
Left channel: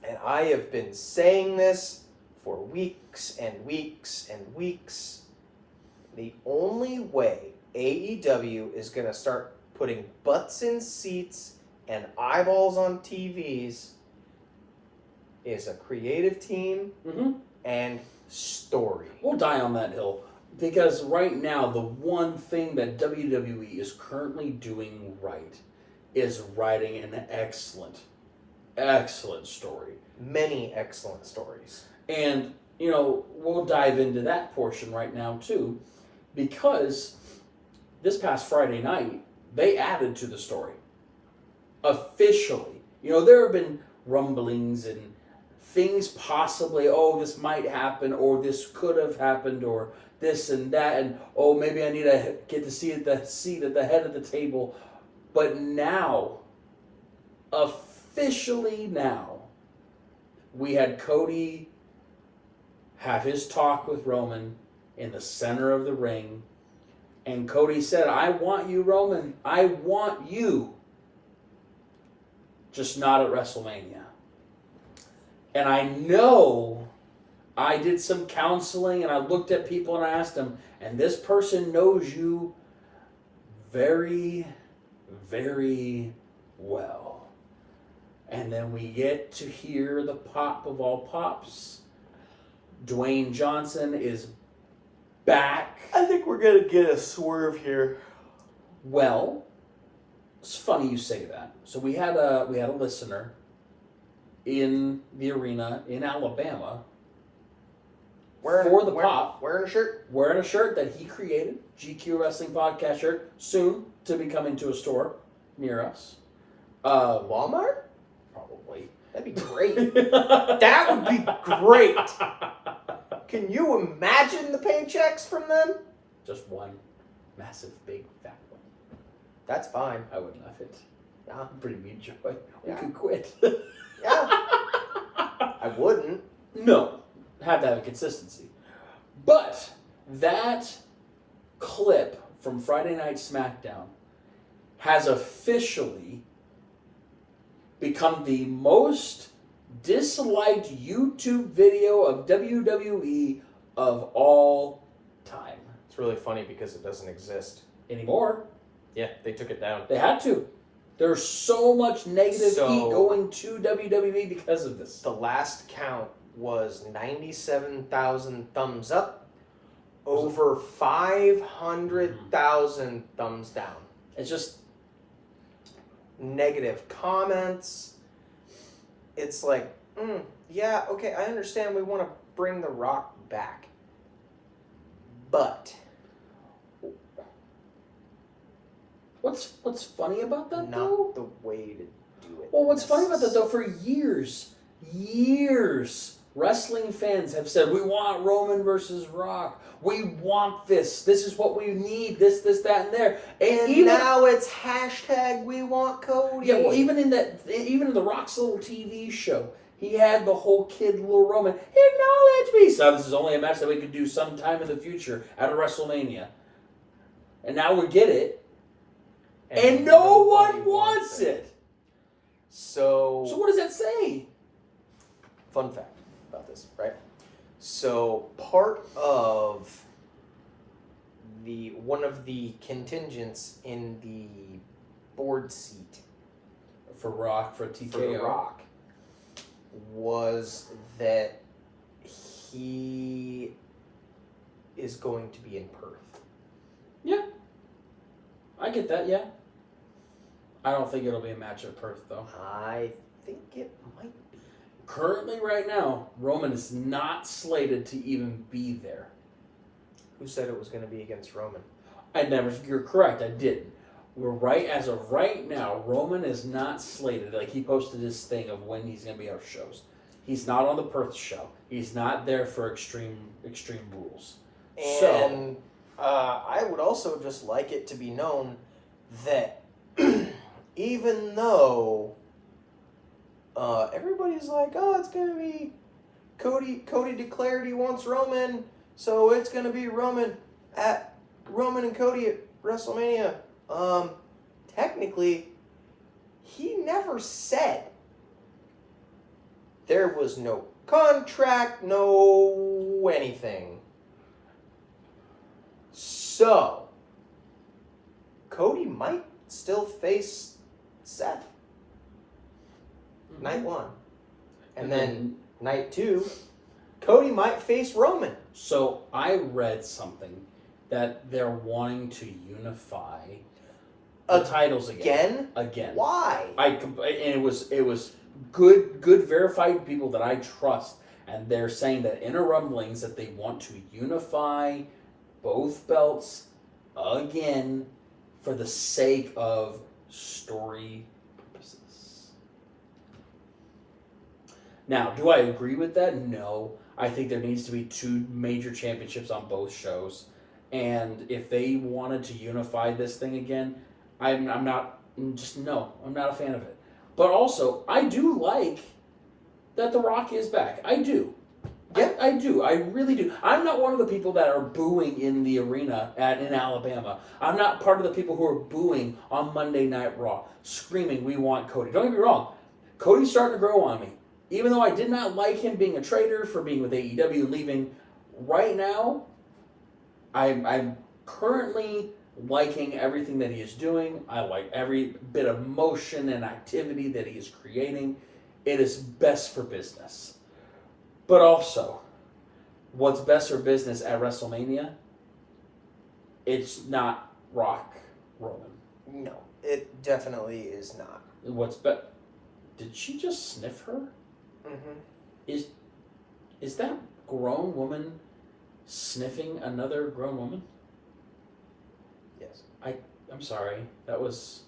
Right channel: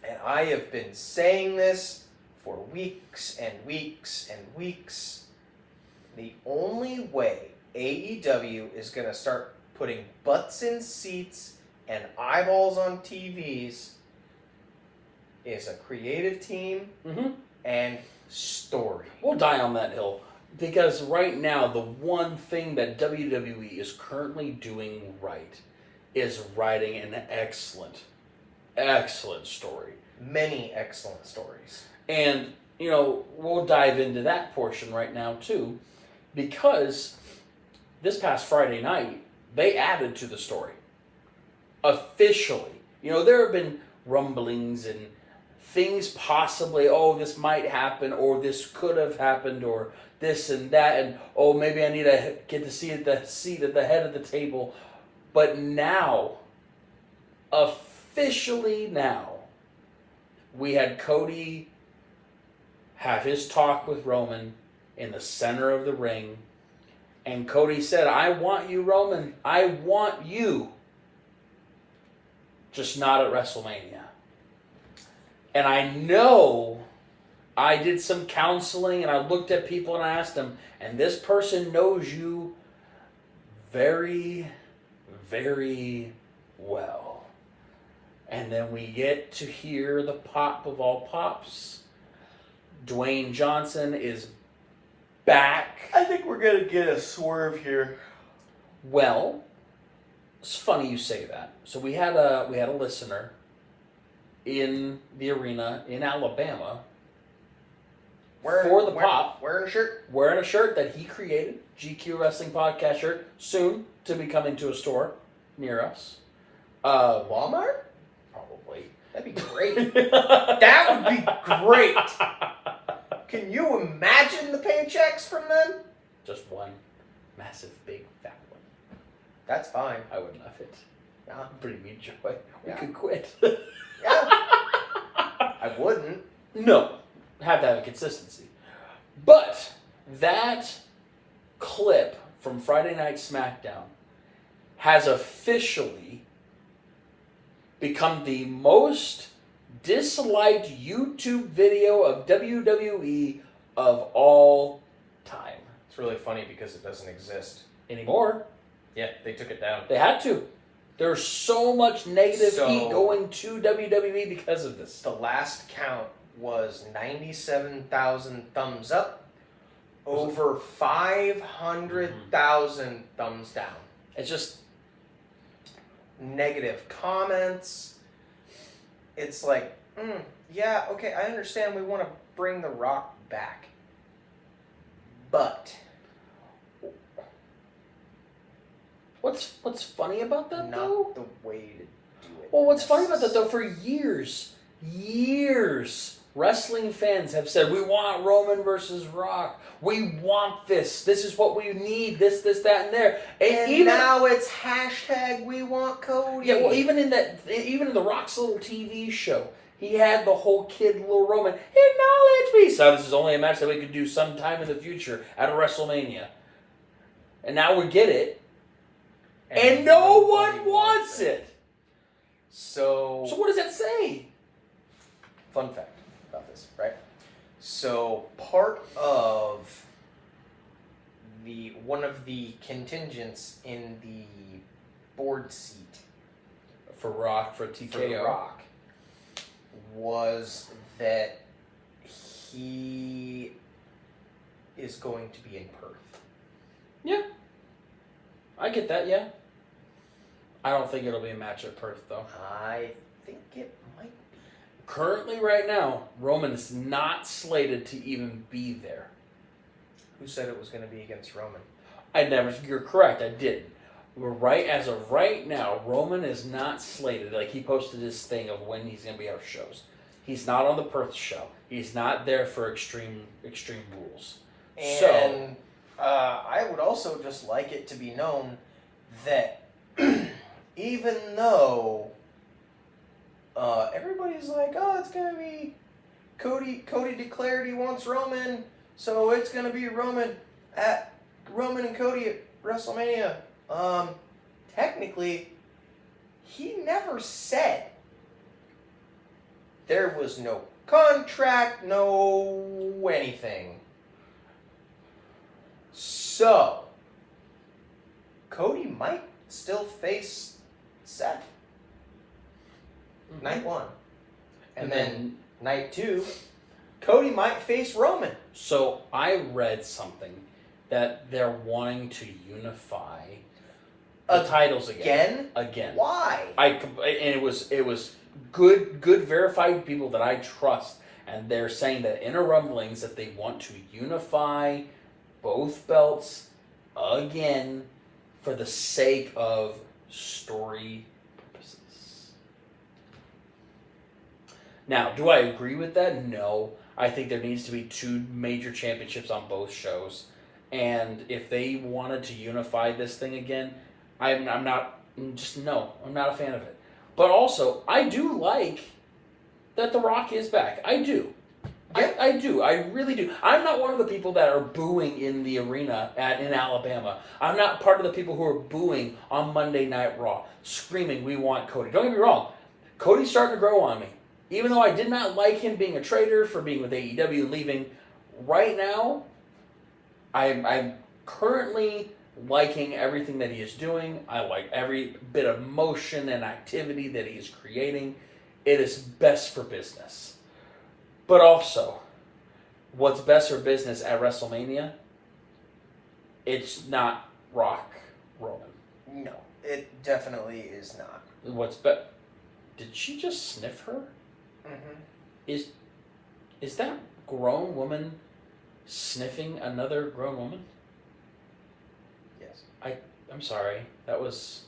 and I have been saying this for weeks and weeks and weeks, the only way AEW is gonna start putting butts in seats and eyeballs on TVs is a creative team and story. We'll die on that hill. Because right now, the one thing that WWE is currently doing right is writing an excellent story. Many excellent stories. And, we'll dive into that portion right now, too. Because this past Friday night, they added to the story. Officially. There have been rumblings and things possibly, this might happen, or this could have happened, or this and that, and maybe I need to get to see the seat at the head of the table. But now, officially now, we had Cody have his talk with Roman in the center of the ring, and Cody said, I want you, Roman. I want you. Just not at WrestleMania. And I know I did some counseling and I looked at people and I asked them, and this person knows you very, very well. And then we get to hear the pop of all pops. Dwayne Johnson is back. I think we're going to get a swerve here. Well, it's funny you say that. So we had a listener in the arena in Alabama for the pop. Wearing a shirt? Wearing a shirt that he created, GQ Wrestling Podcast shirt, soon to be coming to a store near us. Walmart? Probably. That'd be great. That would be great. Can you imagine the paychecks from them? Just one massive, big, fat one. That's fine. I would love it. Yeah. Pretty mean joy. We Yeah. could quit. Yeah. I wouldn't. No. Have to have a consistency. But that clip from Friday Night SmackDown has officially become the most disliked YouTube video of WWE of all time. It's really funny because it doesn't exist Anymore. Yeah, they took it down. They had to. There's so much negative So- heat going to WWE because of this. The last count was 97,000 thumbs up, over 500,000 thumbs down. It's just Negative comments. It's like, yeah, okay, I understand we want to bring The Rock back. But what's funny about that not though? the way to do it. Well, what's funny about that though, for years, wrestling fans have said, we want Roman versus Rock. We want this. This is what we need. This, that, and there. And even now it's hashtag we want Cody. Yeah, well, even in the Rock's little TV show, he had the whole kid, little Roman, acknowledge me. So this is only a match that we could do sometime in the future at a WrestleMania. And now we get it. And no one wants it. So what does that say? Fun fact about this, right? So part of one of the contingents in the board seat For Rock, for TKO. for The Rock was that he is going to be in Perth. Yeah. I get that, yeah. I don't think it'll be a match at Perth, though. I think it might be. Currently, right now, Roman is not slated to even be there. Who said it was going to be against Roman? You're correct, I didn't. As of right now, Roman is not slated. Like, he posted his thing of when he's going to be out shows. He's not on the Perth show. He's not there for Extreme Rules. And I would also just like it to be known that even though everybody's like, oh, it's going to be Cody declared he wants Roman, so it's going to be Roman. at Roman and Cody at WrestleMania. Technically, he never said there was no contract, no anything. So, Cody might still face Seth. Night 1. And then night 2, Cody might face Roman. So I read something that they're wanting to unify the titles again. Why? And it was good verified people that I trust, and they're saying that inner rumblings that they want to unify both belts again for the sake of story purposes. Now, do I agree with that? No. I think there needs to be 2 major championships on both shows. And if they wanted to unify this thing again, I'm not a fan of it. But also, I do like that The Rock is back. I do. Yeah. I do. I really do. I'm not one of the people that are booing in the arena in Alabama. I'm not part of the people who are booing on Monday Night Raw, screaming, "We want Cody." Don't get me wrong. Cody's starting to grow on me. Even though I did not like him being a traitor for being with AEW and leaving, right now, I'm currently liking everything that he is doing. I like every bit of motion and activity that he is creating. It is best for business. But also, what's best for business at WrestleMania? It's not Rock Roman. No, it definitely is not. What's Did she just sniff her? Mm-hmm. Is that grown woman sniffing another grown woman? Yes. I'm sorry. That was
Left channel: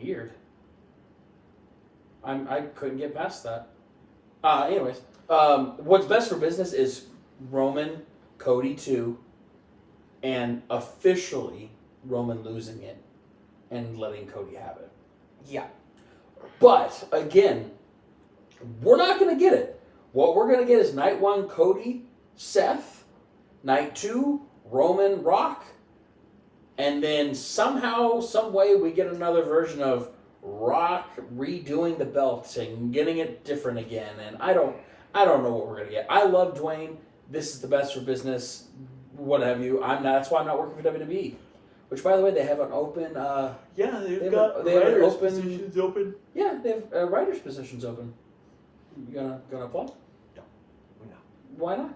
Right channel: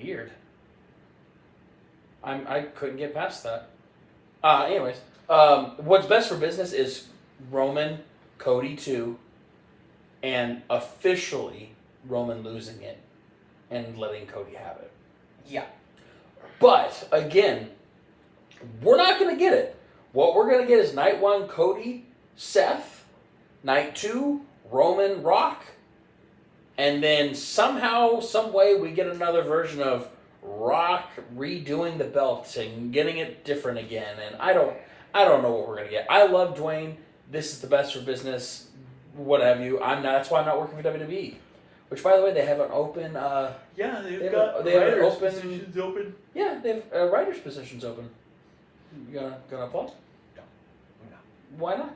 weird. I couldn't get past that. Anyways, what's best for business is Roman, Cody 2, and officially Roman losing it and letting Cody have it. Yeah. But, again, we're not going to get it. What we're going to get is night 1, Cody, Seth. Night 2, Roman, Rock. And then somehow, some way, we get another version of Rock redoing the belt and getting it different again. And I don't know what we're going to get. I love Dwayne. This is the best for business. What have you. That's why I'm not working for WWE. Which, by the way, they have an open... yeah, they have writers' positions open. Yeah, they have writers' positions open. You gonna apply? No. Why not?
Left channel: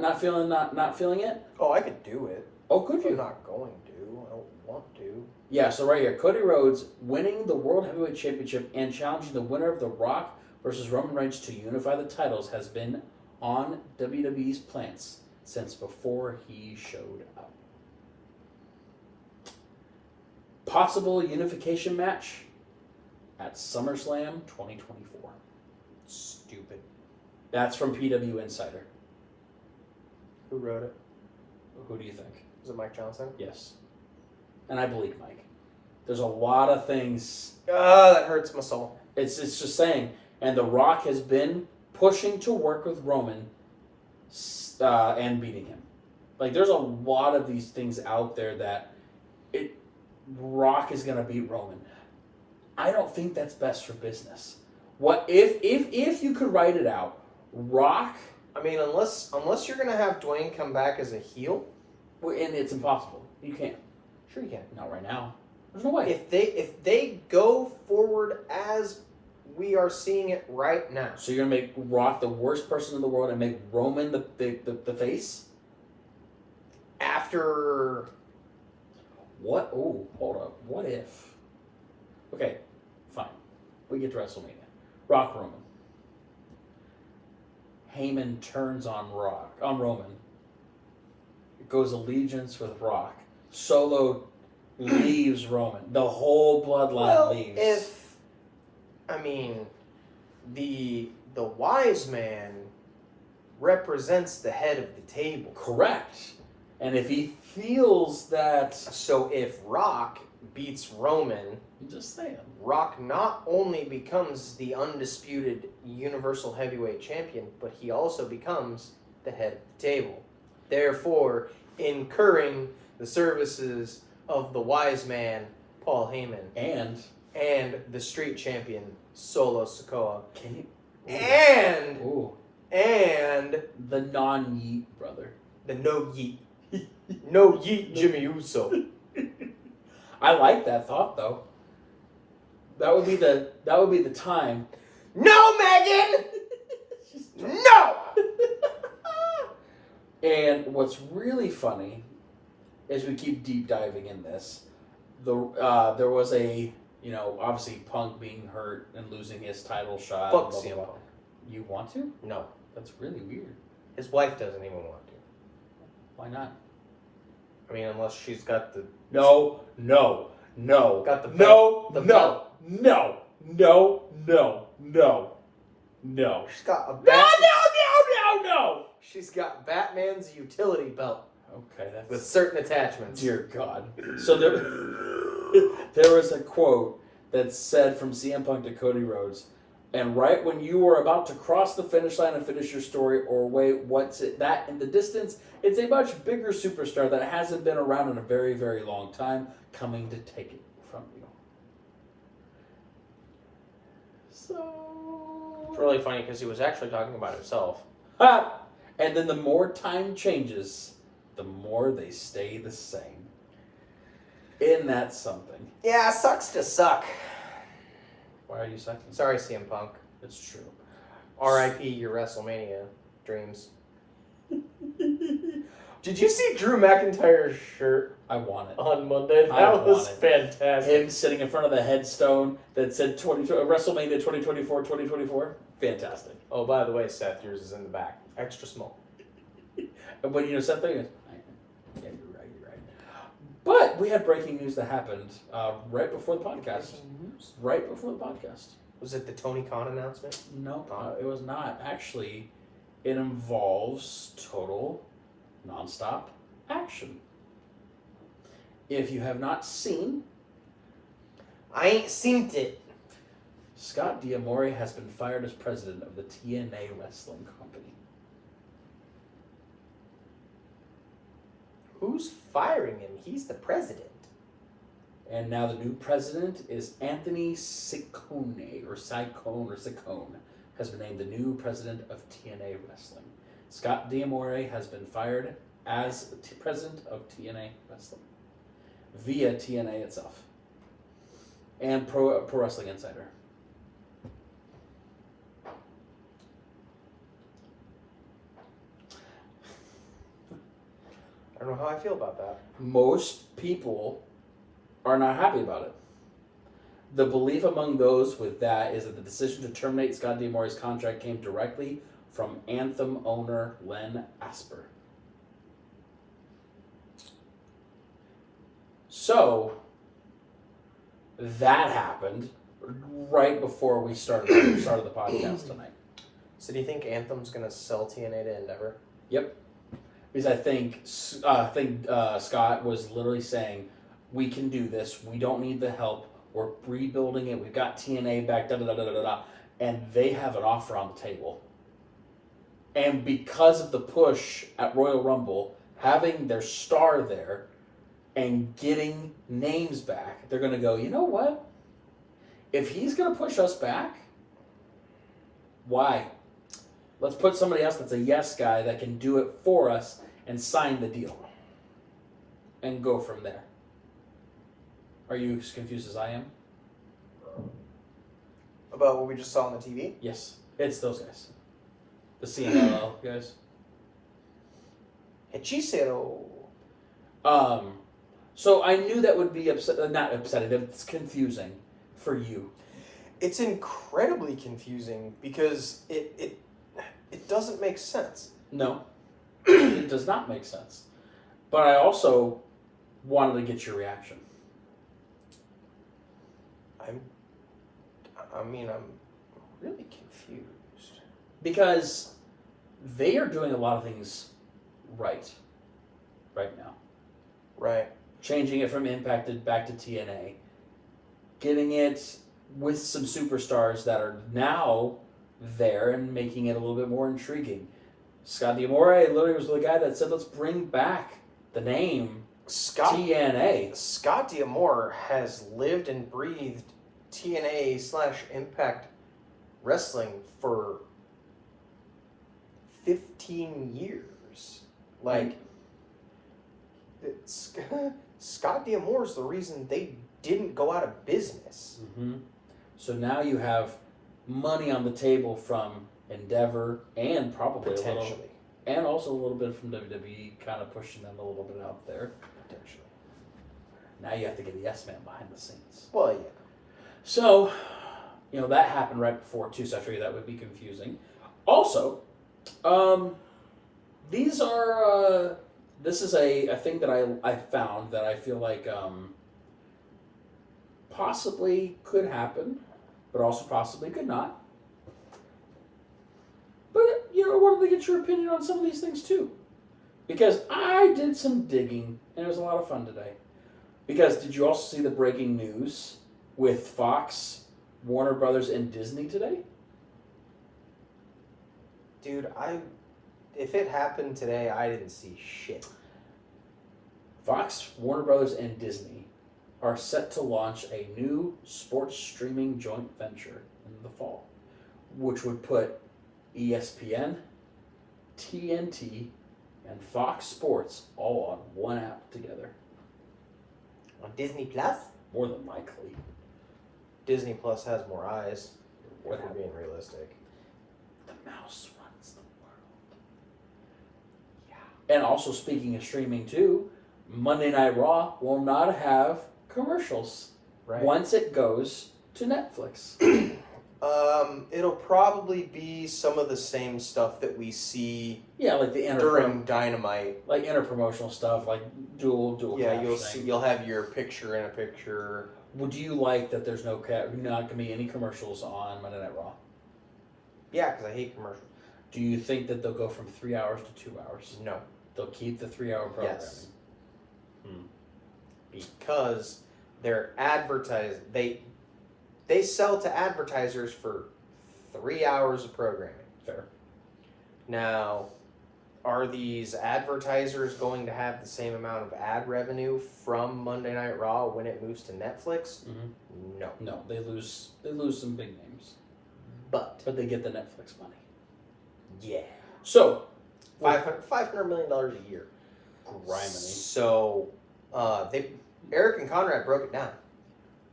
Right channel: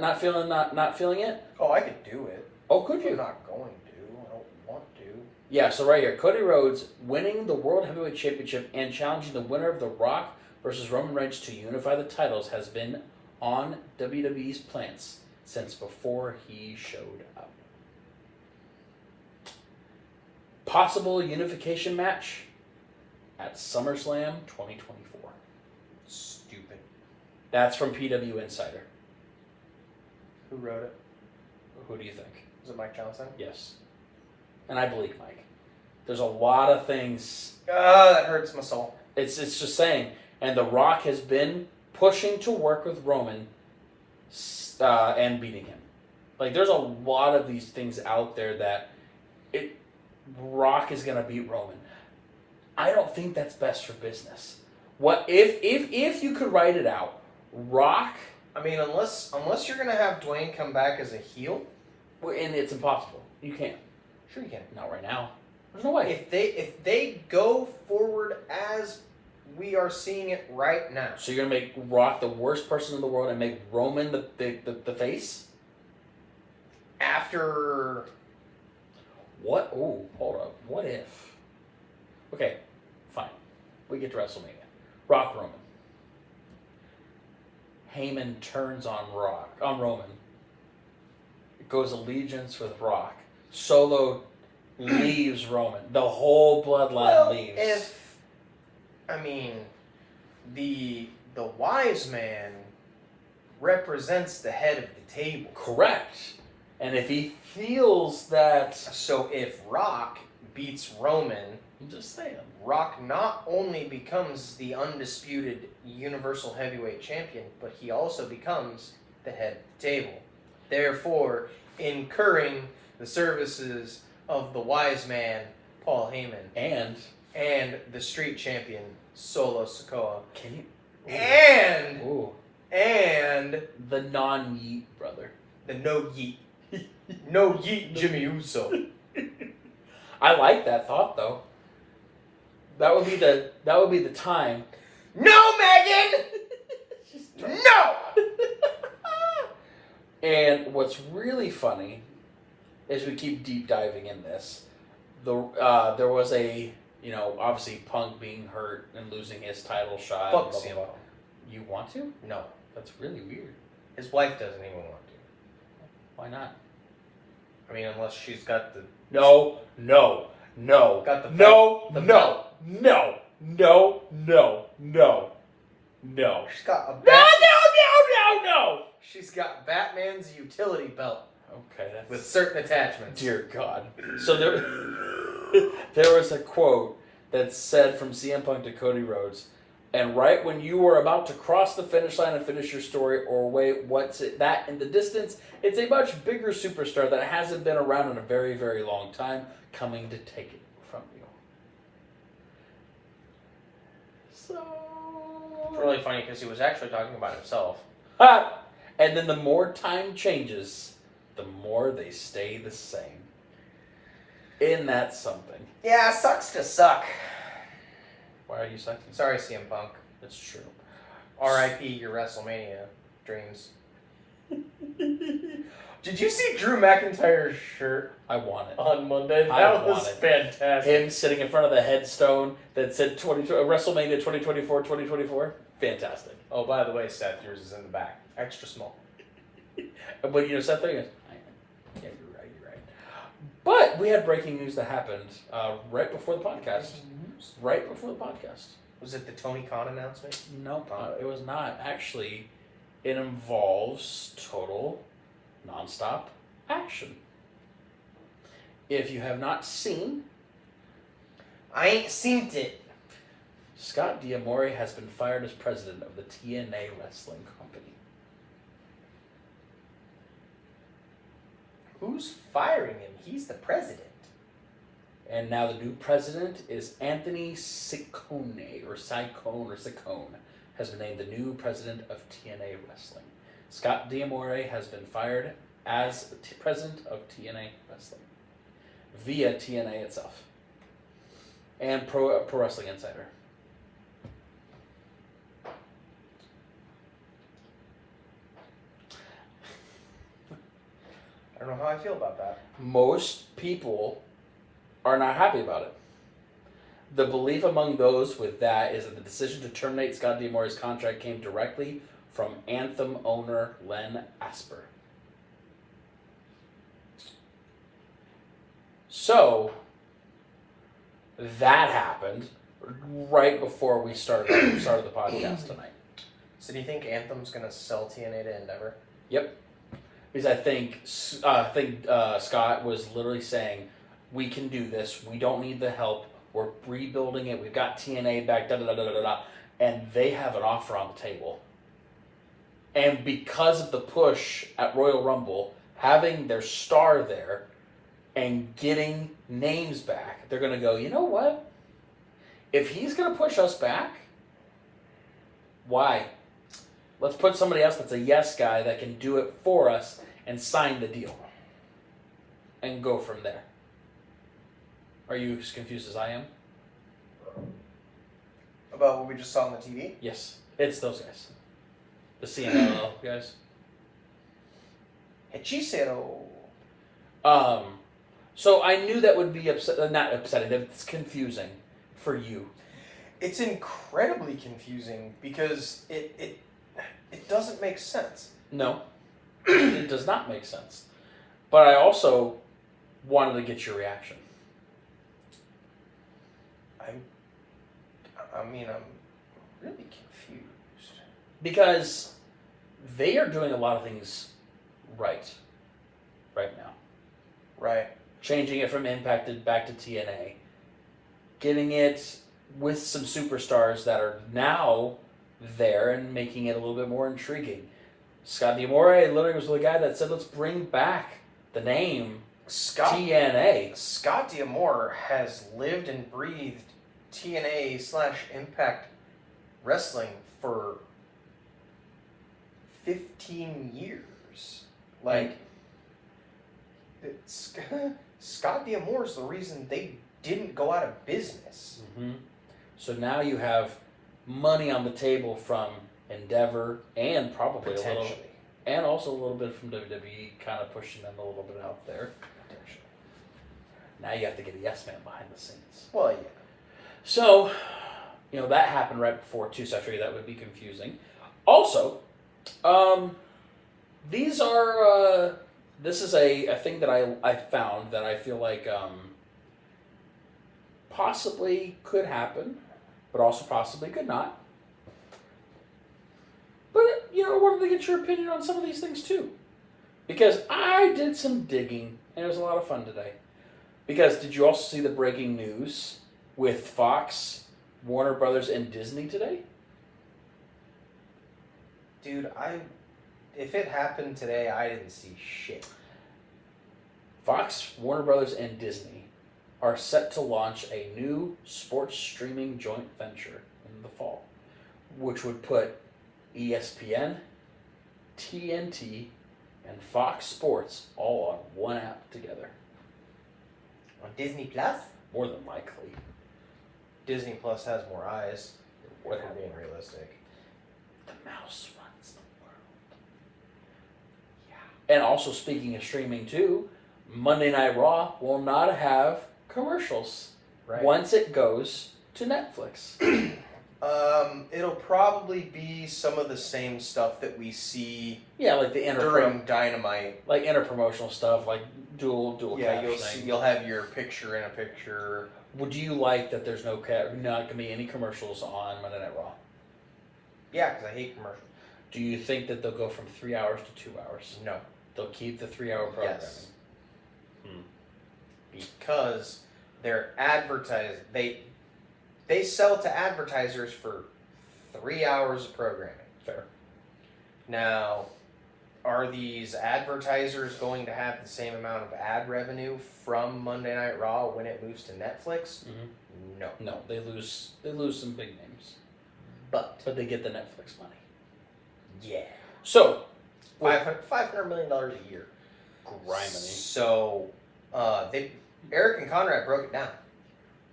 Not feeling it? Oh, I could do it. Oh, could you? I'm not going to. I don't want to. Yeah, so right here, Cody Rhodes winning the World Heavyweight Championship and challenging the winner of The Rock versus Roman Reigns to unify the titles has been on WWE's plans since before he showed up. Possible unification match at SummerSlam 2024. Stupid. That's from PW Insider. Who wrote it? Who do you think? Was it Mike Johnson? Yes. And I believe Mike. There's a lot of things. That hurts my soul. It's just saying. And The Rock has been pushing to work with Roman and beating him. Like, there's a lot of these things out there that Rock is going to beat Roman. I don't think that's best for business. What if you could write it out, Rock... I mean, unless you're going to have Dwayne come back as a heel... And it's impossible. You can't. Sure you can. Not right now. There's no way. If they go forward as we are seeing it right now... So you're going to make Rock the worst person in the world and make Roman the face? After... What? Oh, hold up. What if? Okay, fine. We get to WrestleMania. Rock Roman. Heyman turns on Roman. It goes allegiance with Rock. Solo leaves Roman. The whole bloodline leaves. The wise man represents the head of the table. Correct. And if he feels that... So if Rock beats Roman... I'm just saying. Rock not only becomes the undisputed Universal Heavyweight Champion, but he also becomes the head of the table, therefore incurring the services of the wise man Paul Heyman and the street champion Solo Sikoa. Can you? And the non-Yeet brother. The no yeet. No yeet Jimmy Uso. I like that thought though. That would be the time. No, Megan! No! And what's really funny is we keep deep diving in this. There was a, obviously Punk being hurt and losing his title shot. Fuck blah, CM blah, blah. Punk. You want to? No. That's really weird. His wife doesn't even want to. Why not? I mean, unless she's got the... No. Got the no. She's got a No. She's got Batman's utility belt Okay, that's... with certain attachments. Dear God. So there was a quote that said from CM Punk to Cody Rhodes, and right when you were about to cross the finish line and finish your story, or wait, what's it, that in the distance, it's a much bigger superstar that hasn't been around in a very, very long time coming to take it from you. So... It's really funny because he was actually talking about himself. Ha! And then the more time changes, the more they stay the same. Isn't that something? Yeah, sucks to suck. Why are you sucking? Sorry, CM Punk. It's true. R.I.P. your WrestleMania dreams. Did you see Drew McIntyre's shirt I want it. on Monday? I That was want it. fantastic. Him sitting in front of the headstone that said WrestleMania 2024. Fantastic. Oh, by the way, Seth, yours is in the back. Extra small. But Seth there goes, yeah, you're right. But we had breaking news that happened right before the podcast. Right before the podcast. Was it the Tony Khan announcement? No, it was not. Actually, it involves total, non-stop action. If you have not seen... I ain't seen it. Scott D'Amore has been fired as president of the TNA Wrestling Company. Who's firing him? He's the president. And now the new president is Anthony Ciccone, has been named the new president of TNA Wrestling. Scott D'Amore has been fired as president of TNA Wrestling via TNA itself and Pro Wrestling Insider. I don't know how I feel about that. Most people are not happy about it. The belief among those with that is that the decision to terminate Scott D'Amore's contract came directly from Anthem owner Len Asper. So, that happened right before we started the podcast tonight. So do you think Anthem's going to sell TNA to Endeavor? Yep. Because I think Scott was literally saying, we can do this. We don't need the help. We're rebuilding it. We've got TNA back, da-da-da-da-da-da. And they have an offer on the table. And because of the push at Royal Rumble, having their star there and getting names back, they're going to go, you know what? If he's going to push us back, why? Let's put somebody else that's a yes guy that can do it for us and sign the deal. And go from there. Are you as confused as I am? About what we just saw on the TV? Yes. It's those guys. The CMLL guys. Hechicero. So I knew that would be not upsetting, that's confusing for you. It's incredibly confusing because it doesn't make sense. No. It does not make sense. But I also wanted to get your reaction. I'm really confused. Because they are doing a lot of things right now. Right. Changing it from Impact back to TNA. Getting it with some superstars that are now there and making it a little bit more intriguing. Scott D'Amore literally was the guy that said, let's bring back the name TNA. Scott D'Amore has lived and breathed TNA/Impact Wrestling for 15 years. Like, Scott D'Amore is the reason they didn't go out of business. Mm-hmm. So now you have money on the table from Endeavor and probably Potentially. and also a little bit from WWE, kind of pushing them a little bit out there. Potentially. Now you have to get a yes man behind the scenes. Well, yeah. So, that happened right before too, so I figured that would be confusing. Also, these are this is a thing that I found that I feel like possibly could happen, but also possibly could not. But, I wanted to get your opinion on some of these things too. Because I did some digging, and it was a lot of fun today. Because did you also see the breaking news with Fox, Warner Brothers, and Disney today? Dude, if it happened today, I didn't see shit. Fox, Warner Brothers, and Disney are set to launch a new sports streaming joint venture in the fall, which would put ESPN, TNT, and Fox Sports all on one app together. On Disney Plus? More than likely. Disney Plus has more eyes. If we're being realistic. The mouse runs the world. Yeah. And also, speaking of streaming too, Monday Night Raw will not have commercials once it goes to Netflix. It'll probably be some of the same stuff that we see. Yeah, like the during Dynamite, like interpromotional stuff, like dual. Yeah, you'll have your picture in a picture. Would you like that? There's not going to be any commercials on Monday Night Raw? Yeah, because I hate commercials. Do you think that they'll go from 3 hours to 2 hours? No. They'll keep the 3-hour programming. Yes. Because they're advertising. They sell to advertisers for 3 hours of programming. Fair. Now, are these advertisers going to have the same amount of ad revenue from Monday Night Raw when it moves to Netflix? Mm-hmm. No. No, they lose some big names. But they get the Netflix money. Yeah. So, $500 million a year. Grimy. So, Eric and Conrad broke it down.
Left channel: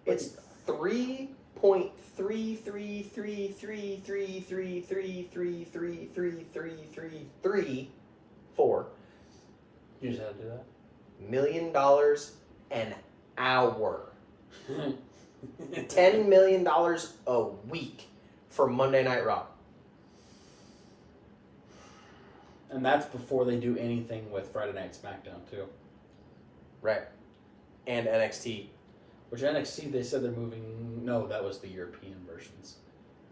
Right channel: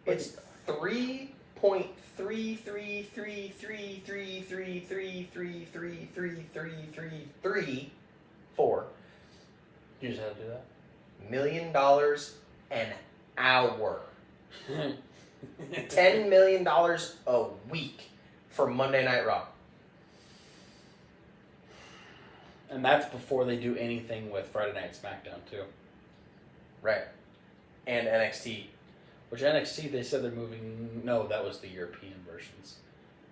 It's 3.333333333333334 You just had to do that? $1 million an hour. $10 million a week for Monday Night Raw. And that's before they do anything with Friday Night SmackDown, too. Right. And NXT. Which NXT, they said they're moving... No, that was the European versions.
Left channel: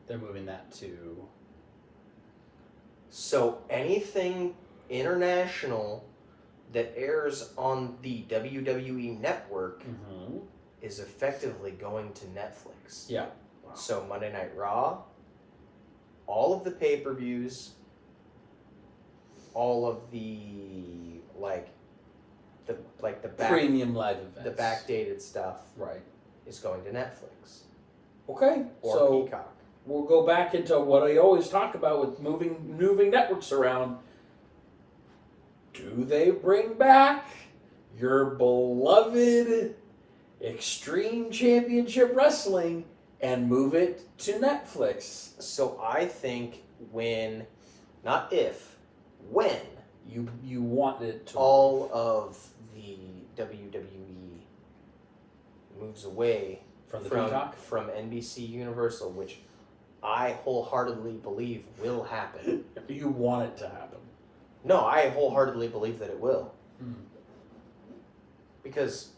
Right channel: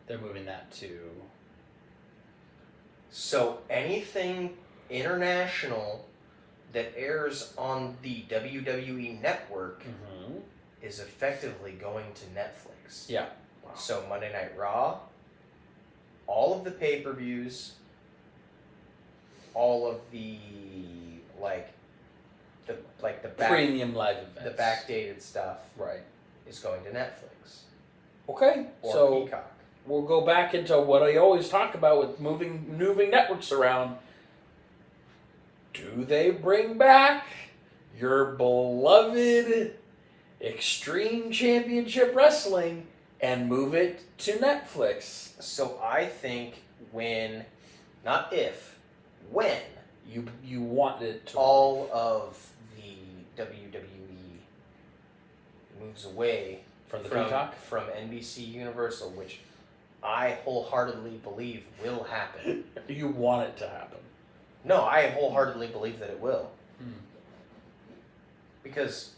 They're moving that to... So anything international that airs on the WWE Network is effectively going to Netflix. Yeah. Wow. So Monday Night Raw, all of the pay-per-views, all of the premium live events, the backdated stuff, right, is going to Netflix. Okay, or so Peacock. We'll go back into what I always talk about with moving networks around. Do they bring back your beloved Extreme Championship Wrestling and move it to Netflix? So I think when you want it to all of the WWE moves away from Peacock, from NBC Universal, which I wholeheartedly believe will happen. You want it to happen? No, I wholeheartedly believe that it will. Because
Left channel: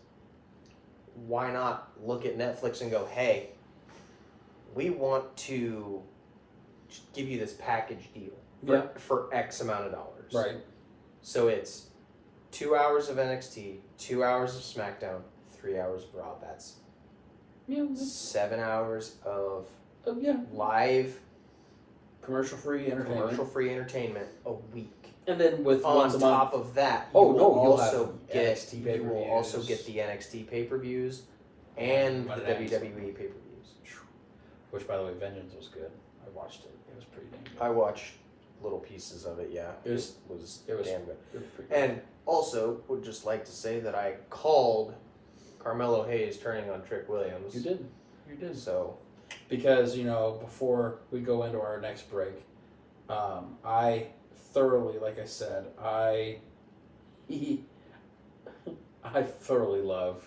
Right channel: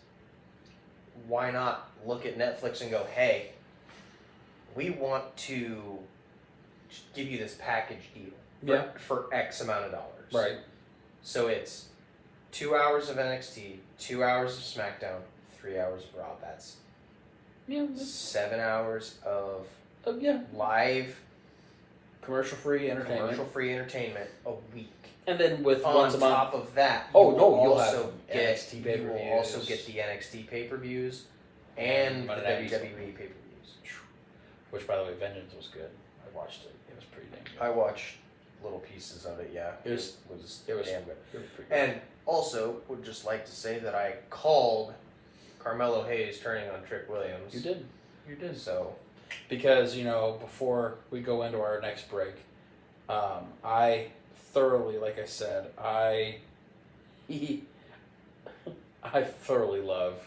why not look at Netflix and go, hey, we want to give you this package deal for X amount of dollars. Right. So it's 2 hours of NXT, 2 hours of SmackDown, 3 hours of Raw. That's 7 hours of live Commercial-free entertainment a week. And then with on once a month. top of that, you'll also get NXT pay-per-views. You will also get the NXT pay-per-views and the WWE pay-per-views. Which, by the way, Vengeance was good. I watched it. It was pretty dang good. I watched little pieces of it. Yeah, it was damn good. It was pretty good. And also, would just like to say that I called Carmelo Hayes turning on Trick Williams. You did. So, because before we go into our next break, I thoroughly, like I said, I thoroughly love,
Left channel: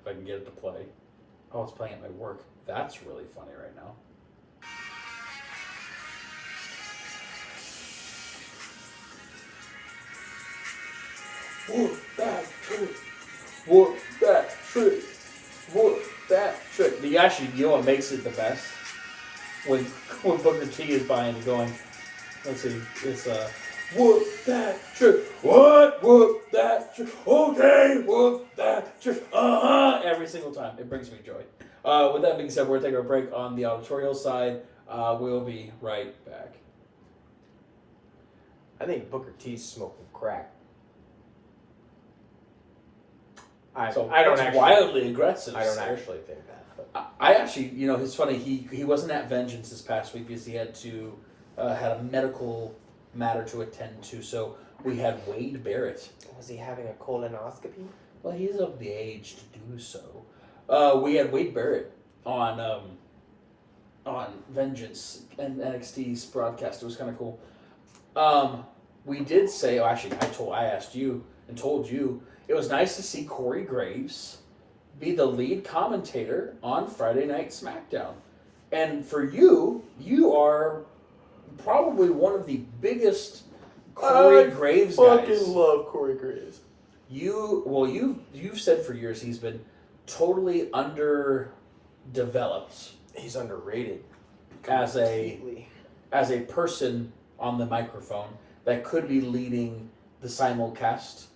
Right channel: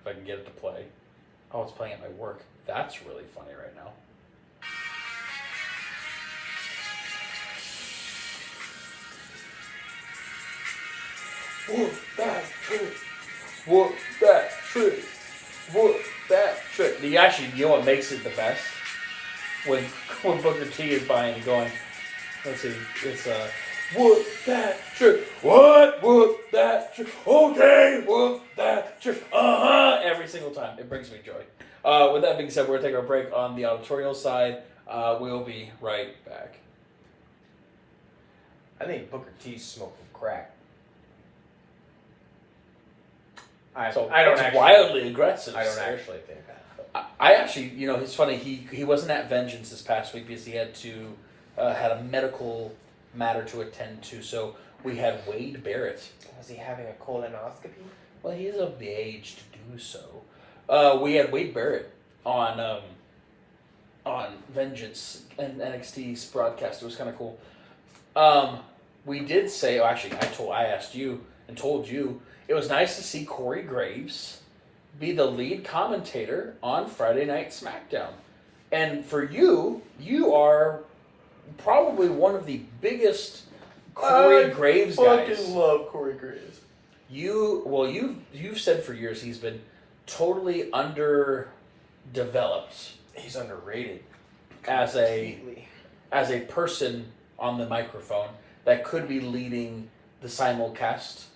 if I can get it to play. Oh, it's playing at my work. That's really funny right now. Whoop that trick. Whoop that trick. Whoop that trick. You know what makes it the best? When Booker T is buying and going, let's see, it's whoop that trick. What? Whoop that trick. Okay, whoop that trick. Every single time. It brings me joy. With that being said, we're going to take our break on the auditorial side. We'll be right back. I think Booker T's smoking crack. I don't actually, wildly aggressive. I don't actually think that. I actually, it's funny. He wasn't at Vengeance this past week because he had a medical matter to attend to. So we had Wade Barrett. Was he having a colonoscopy? Well, he's of the age to do so. We had Wade Barrett on Vengeance and NXT's broadcast. It was kind of cool. We did say, I asked you and told you it was nice to see Corey Graves be the lead commentator on Friday Night SmackDown. And for you are probably one of the biggest Corey Graves guys. I fucking love Corey Graves. You've said for years he's been totally underdeveloped. He's underrated. As a person on the microphone that could be leading the simulcast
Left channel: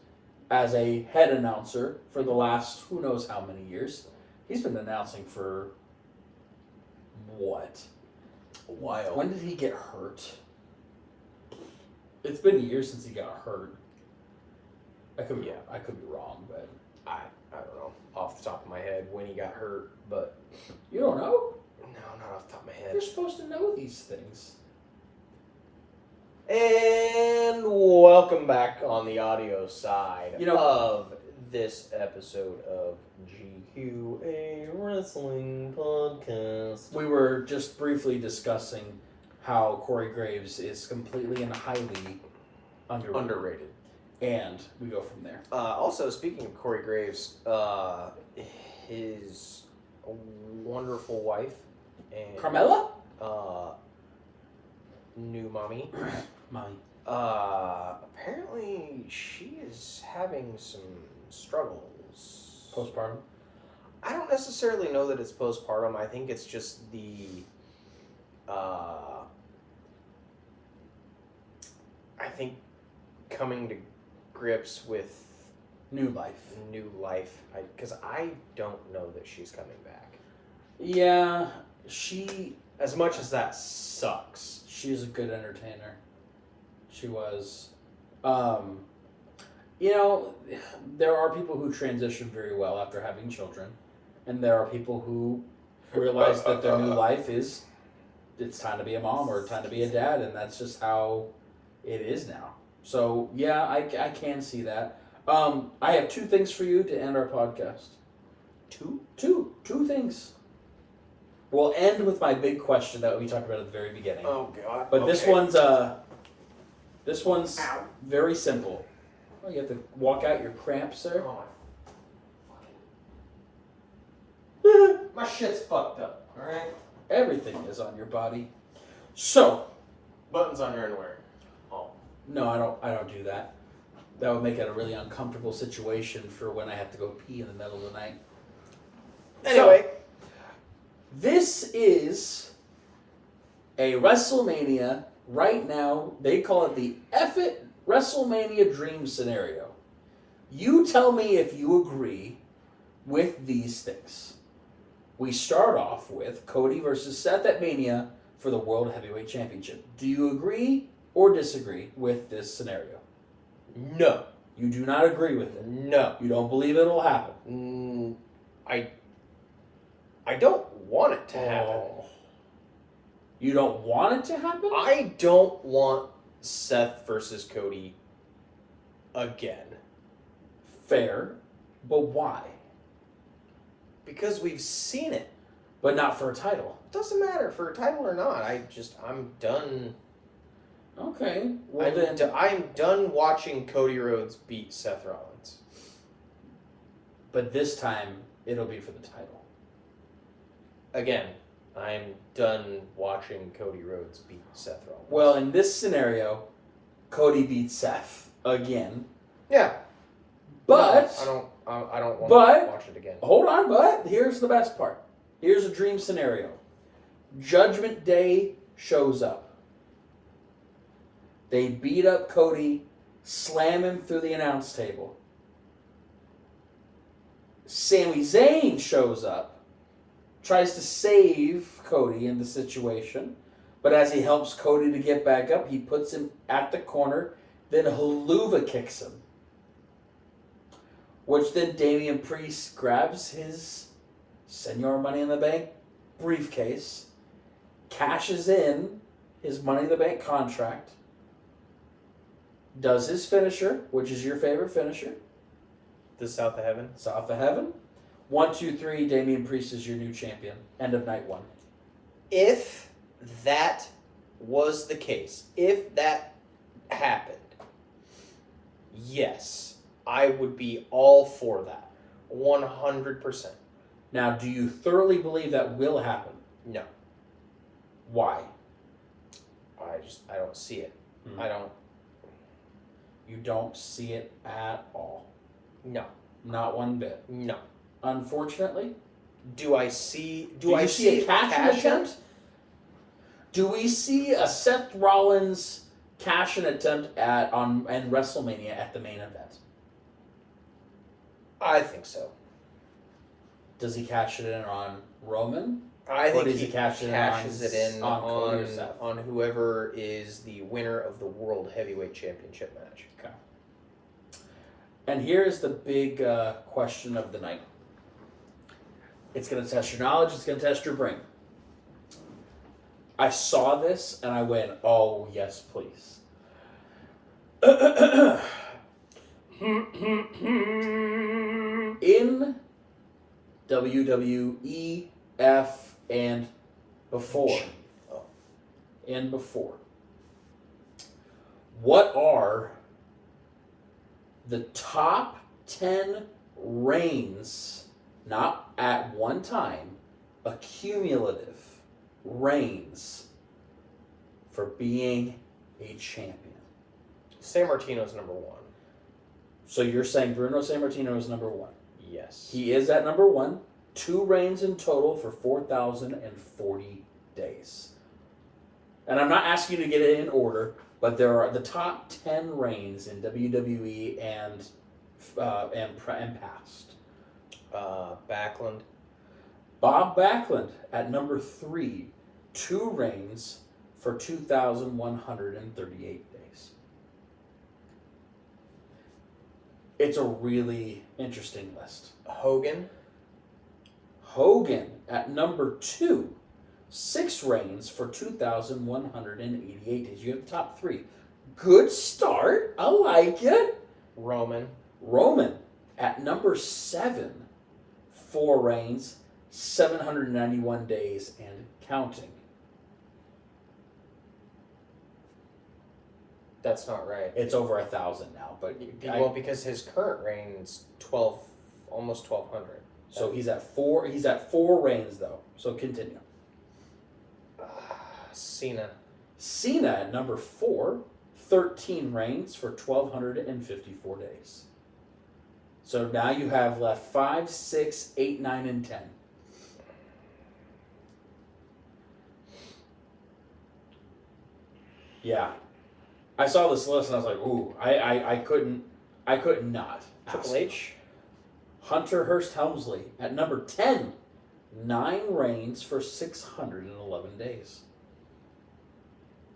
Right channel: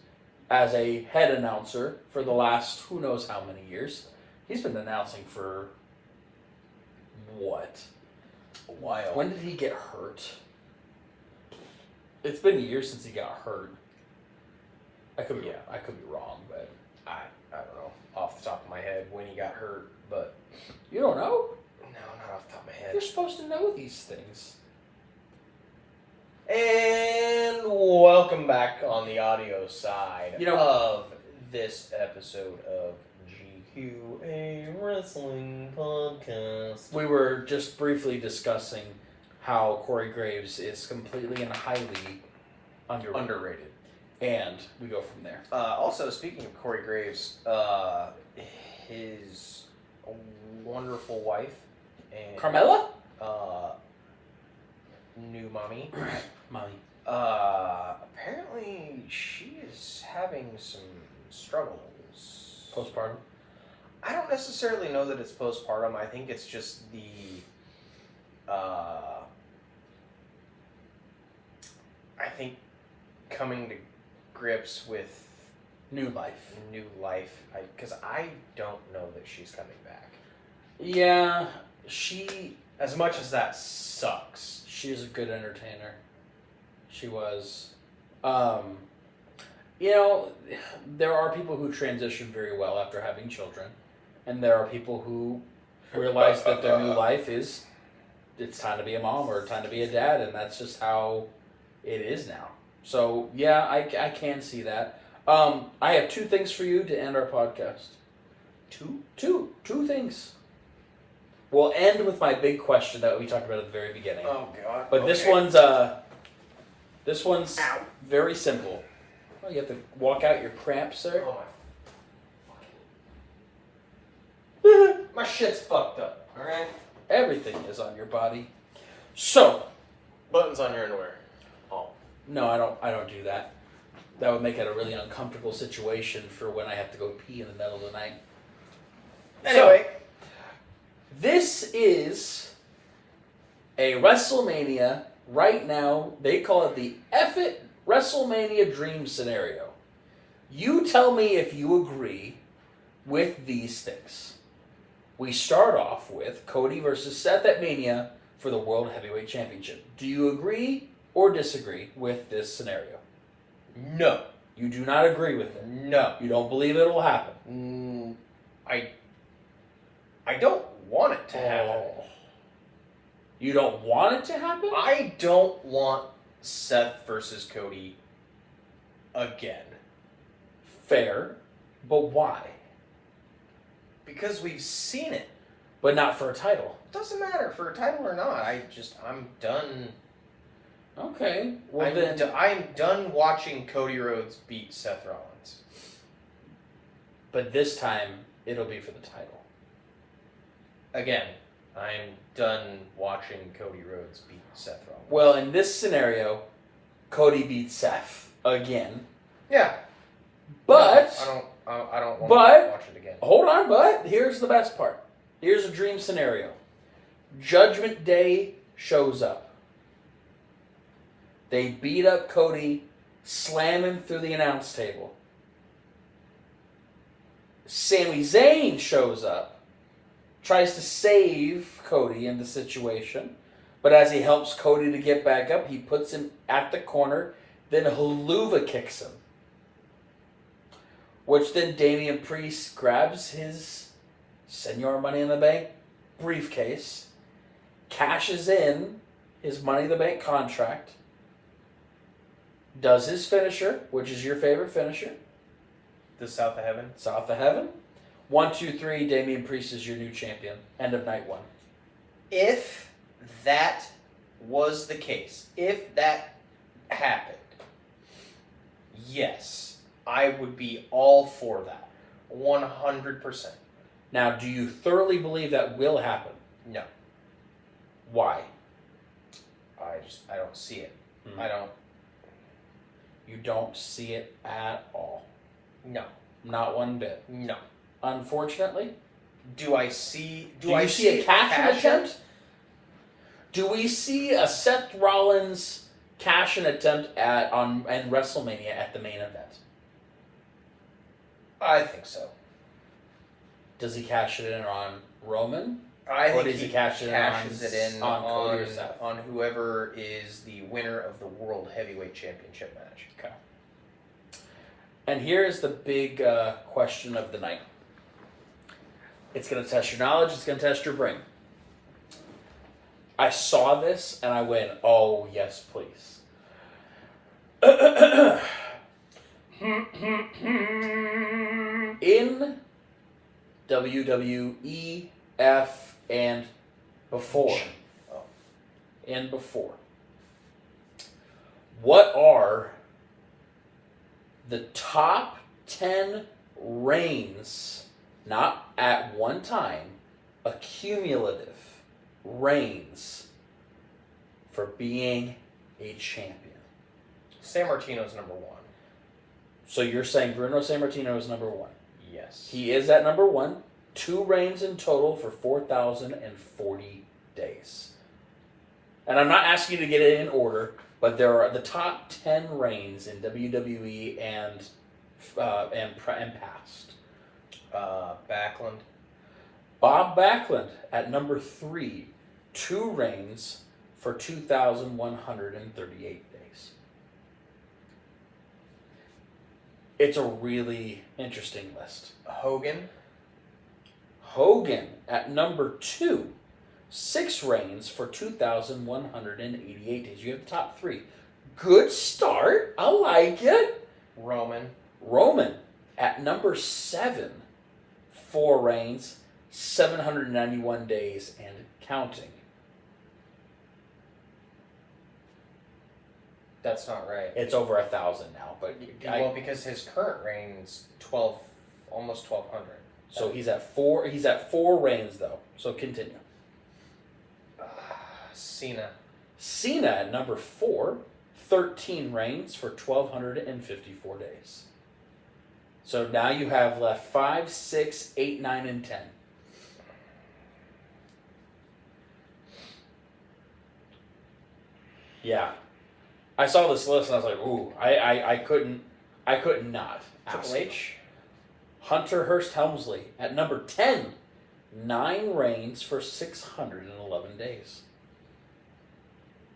as a head announcer for the last who knows how many years. He's been announcing for what? A while. When did he get hurt? It's been years since he got hurt. I could be wrong, but I don't know off the top of my head when he got hurt, but you don't know? No, not off the top of my head. You're supposed to know these things. And welcome back on the audio side of this episode of GQA Wrestling Podcast. We were just briefly discussing how Corey Graves is completely and highly underrated. And we go from there. Also, speaking of Corey Graves, his wonderful wife and Carmella? New mommy. Apparently she is having some struggles. Postpartum? I don't necessarily know that it's postpartum. I think it's just the I think coming to grips with new life. Because I don't know that she's coming back. Yeah, as much as that sucks. She's a good entertainer. She was. There are people who transition very well after having children. And there are people who realize that their new life is, it's time to be a mom or time to be a dad. And that's just how it is now. So, yeah, I can see that. I have two things for you to end our podcast. Two things. We'll end with my big question that we talked about at the very beginning. Oh God! But this one's very simple. Oh, you have to walk out your cramp, sir. Oh, my shit's fucked up. All right. Everything is on your body. So, buttons on your underwear. Oh. No, I don't do that. That would make it a really uncomfortable situation for when I have to go pee in the middle of the night. Anyway. So, this is a WrestleMania. Right now, they call it the F It WrestleMania Dream Scenario. You tell me if you agree with these things. We start off with Cody versus Seth at Mania for the World Heavyweight Championship. Do you agree or disagree with this scenario? No. You do not agree with it? No. You don't believe it'll happen? I don't want it to happen. You don't want it to happen? I don't want Seth versus Cody again. Fair, but why? Because we've seen it. But not for a title. Doesn't matter for a title or not. I'm done. Okay. I'm done watching Cody Rhodes beat Seth Rollins. But this time, it'll be for the title. Again, I'm done watching Cody Rhodes beat Seth Rollins. Well, in this scenario, Cody beats Seth again. Yeah. But no, I don't want to watch it again. Hold on, but here's the best part. Here's a dream scenario. Judgment Day shows up. They beat up Cody, slam him through the announce table. Sami Zayn shows up, tries to save Cody in the situation, but as he helps Cody to get back up, he puts him at the corner, then Haluva kicks him. Which then Damian Priest grabs his Senor Money in the Bank briefcase, cashes in his Money in the Bank contract, does his finisher, which is your favorite finisher. The South of Heaven. South of Heaven. 1, 2, 3, Damian Priest is your new champion. End of night 1. If that was the case, if that happened, yes, I would be all for that. 100%. Now, do you thoroughly believe that will happen? No. Why? I don't see it. I don't. You don't see it at all? No. Not one bit? No. Unfortunately? Do I see a cash-in attempt? Do we see a Seth Rollins cash-in attempt on WrestleMania at the main event? I think so. Does he cash it in on Roman? I think does he cashes it in on on whoever is the winner of the World Heavyweight Championship match. Okay. And here's the big question of the night. It's going to test your knowledge. It's going to test your brain. I saw this and I went, oh, yes, please. In WWE, and before. And before. What are the top 10 reigns, not at one time, accumulative reigns for being a champion? San Martino's number 1. So you're saying Bruno Sammartino is number 1? Yes. He is at number 1. 2 reigns in total for 4,040 days. And I'm not asking you to get it in order, but there are the top 10 reigns in WWE and past. Backlund. Bob Backlund at number 3. 2 reigns for 2,138 days. It's a really interesting list. Hogan at number 2. 6 reigns for 2,188 days. You have the top 3. Good start. I like it. Roman at number 7. 4 reigns, 791 days and counting. That's not right. It's over 1,000 now, but because his current reign is almost 1,200. So he's at 4. He's at 4 reigns though. So continue. Cena at number 4, 13 reigns for 1,254 days. So now you have left 5, 6, 8, 9, and 10. Yeah. I saw this list and I was like, ooh, I couldn't not. Triple H. Hunter Hearst Helmsley at number 10. 9 reigns for 611 days.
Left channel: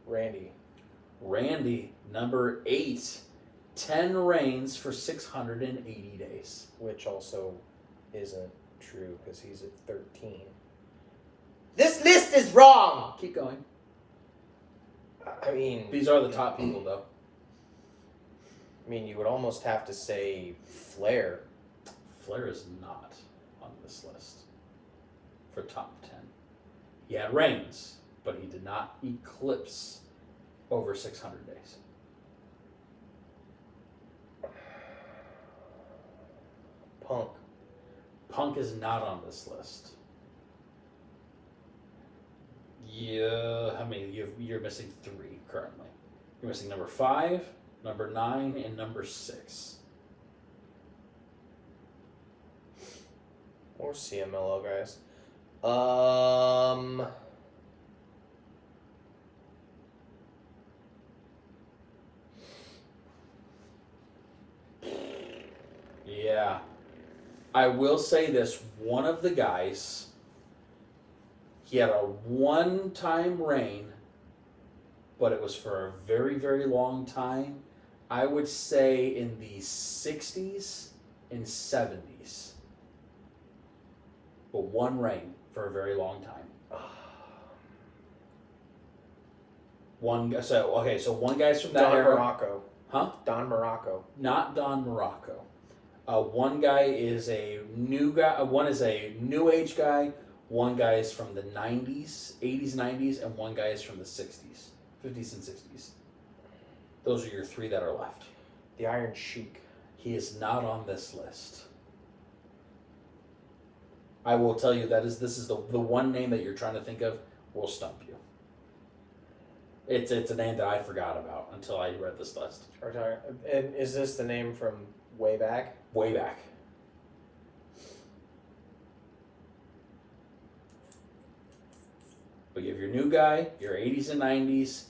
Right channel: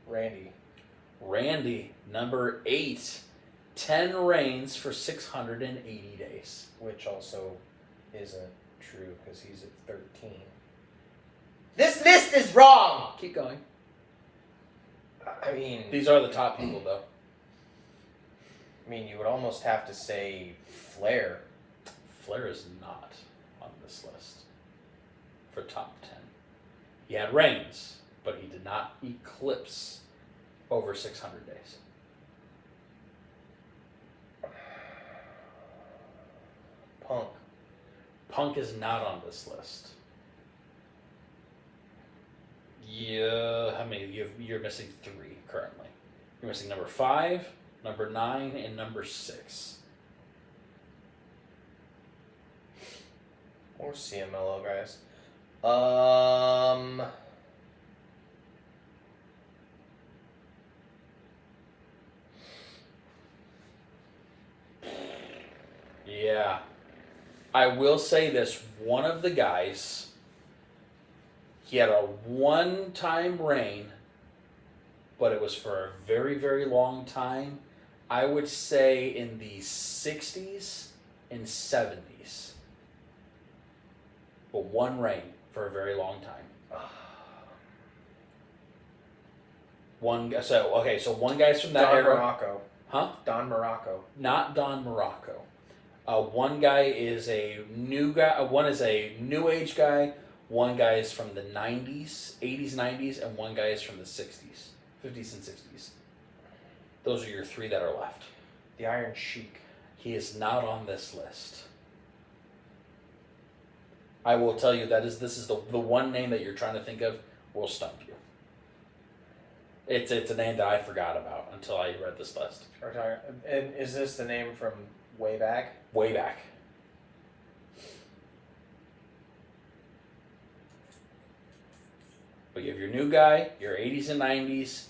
Randy, number 8. 10 reigns for 680 days. Which also isn't true because he's at 13. This list is wrong! Keep going. I mean... These are the top people, though. I mean, you would almost have to say Flair. Flair is not on this list for top 10. He had reigns, but he did not eclipse over 600 days. Punk. Punk is not on this list. Yeah, how many? You're missing 3 currently. You're missing number 5, number 9, and number 6. Or CMLL guys. Yeah. I will say this, one of the guys, he had a one-time reign, but it was for a very, very long time. I would say in the 60s and 70s. But one reign for a very long time. So one guy's from that Don era. Morocco. Huh? Don Morocco. Not Don Morocco. One guy is a new guy. One is a new age guy. One guy is from the 90s, 80s, 90s, and one guy is from the 60s, 50s, and 60s. Those are your 3 that are left. The Iron Sheik. He is not on this list. I will tell you this is the one name that you're trying to think of will stump you. It's a name that I forgot about until I read this list. And is this the name from way back? Way back. But you have your new guy, your 80s and 90s,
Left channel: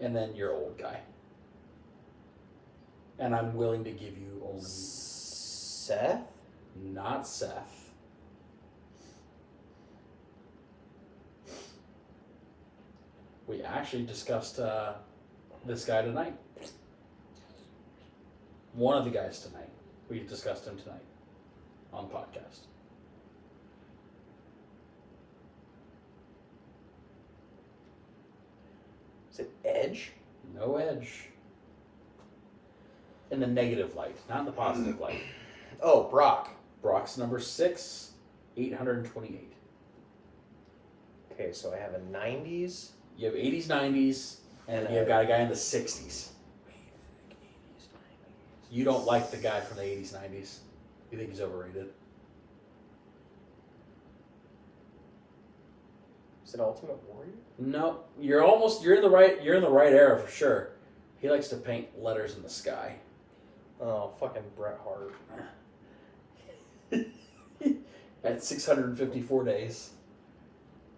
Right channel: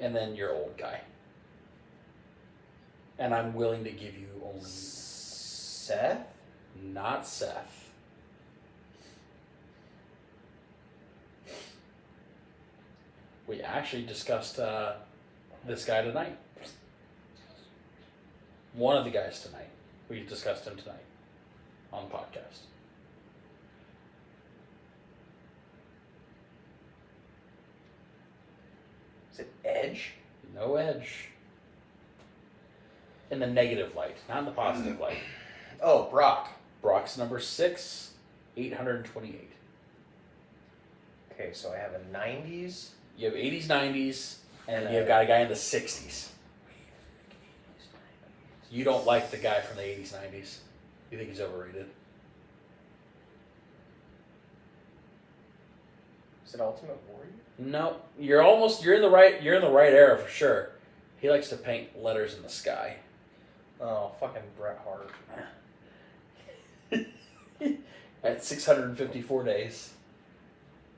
and then your old guy. And I'm willing to give you only... Seth? Not Seth. We actually discussed this guy tonight. One of the guys tonight. We discussed him tonight on the podcast. Is it Edge? No Edge. In the negative light, not in the positive light. Oh, Brock. Brock's number 6, 828. Okay, so I have a 90s. You have 80s, 90s, and you've got a guy in the 60s. You don't like the guy from the 80s, 90s. You think he's overrated. Is it Ultimate Warrior? No, you're in the right era for sure. He likes to paint letters in the sky. Oh, fucking Bret Hart. At 654 days.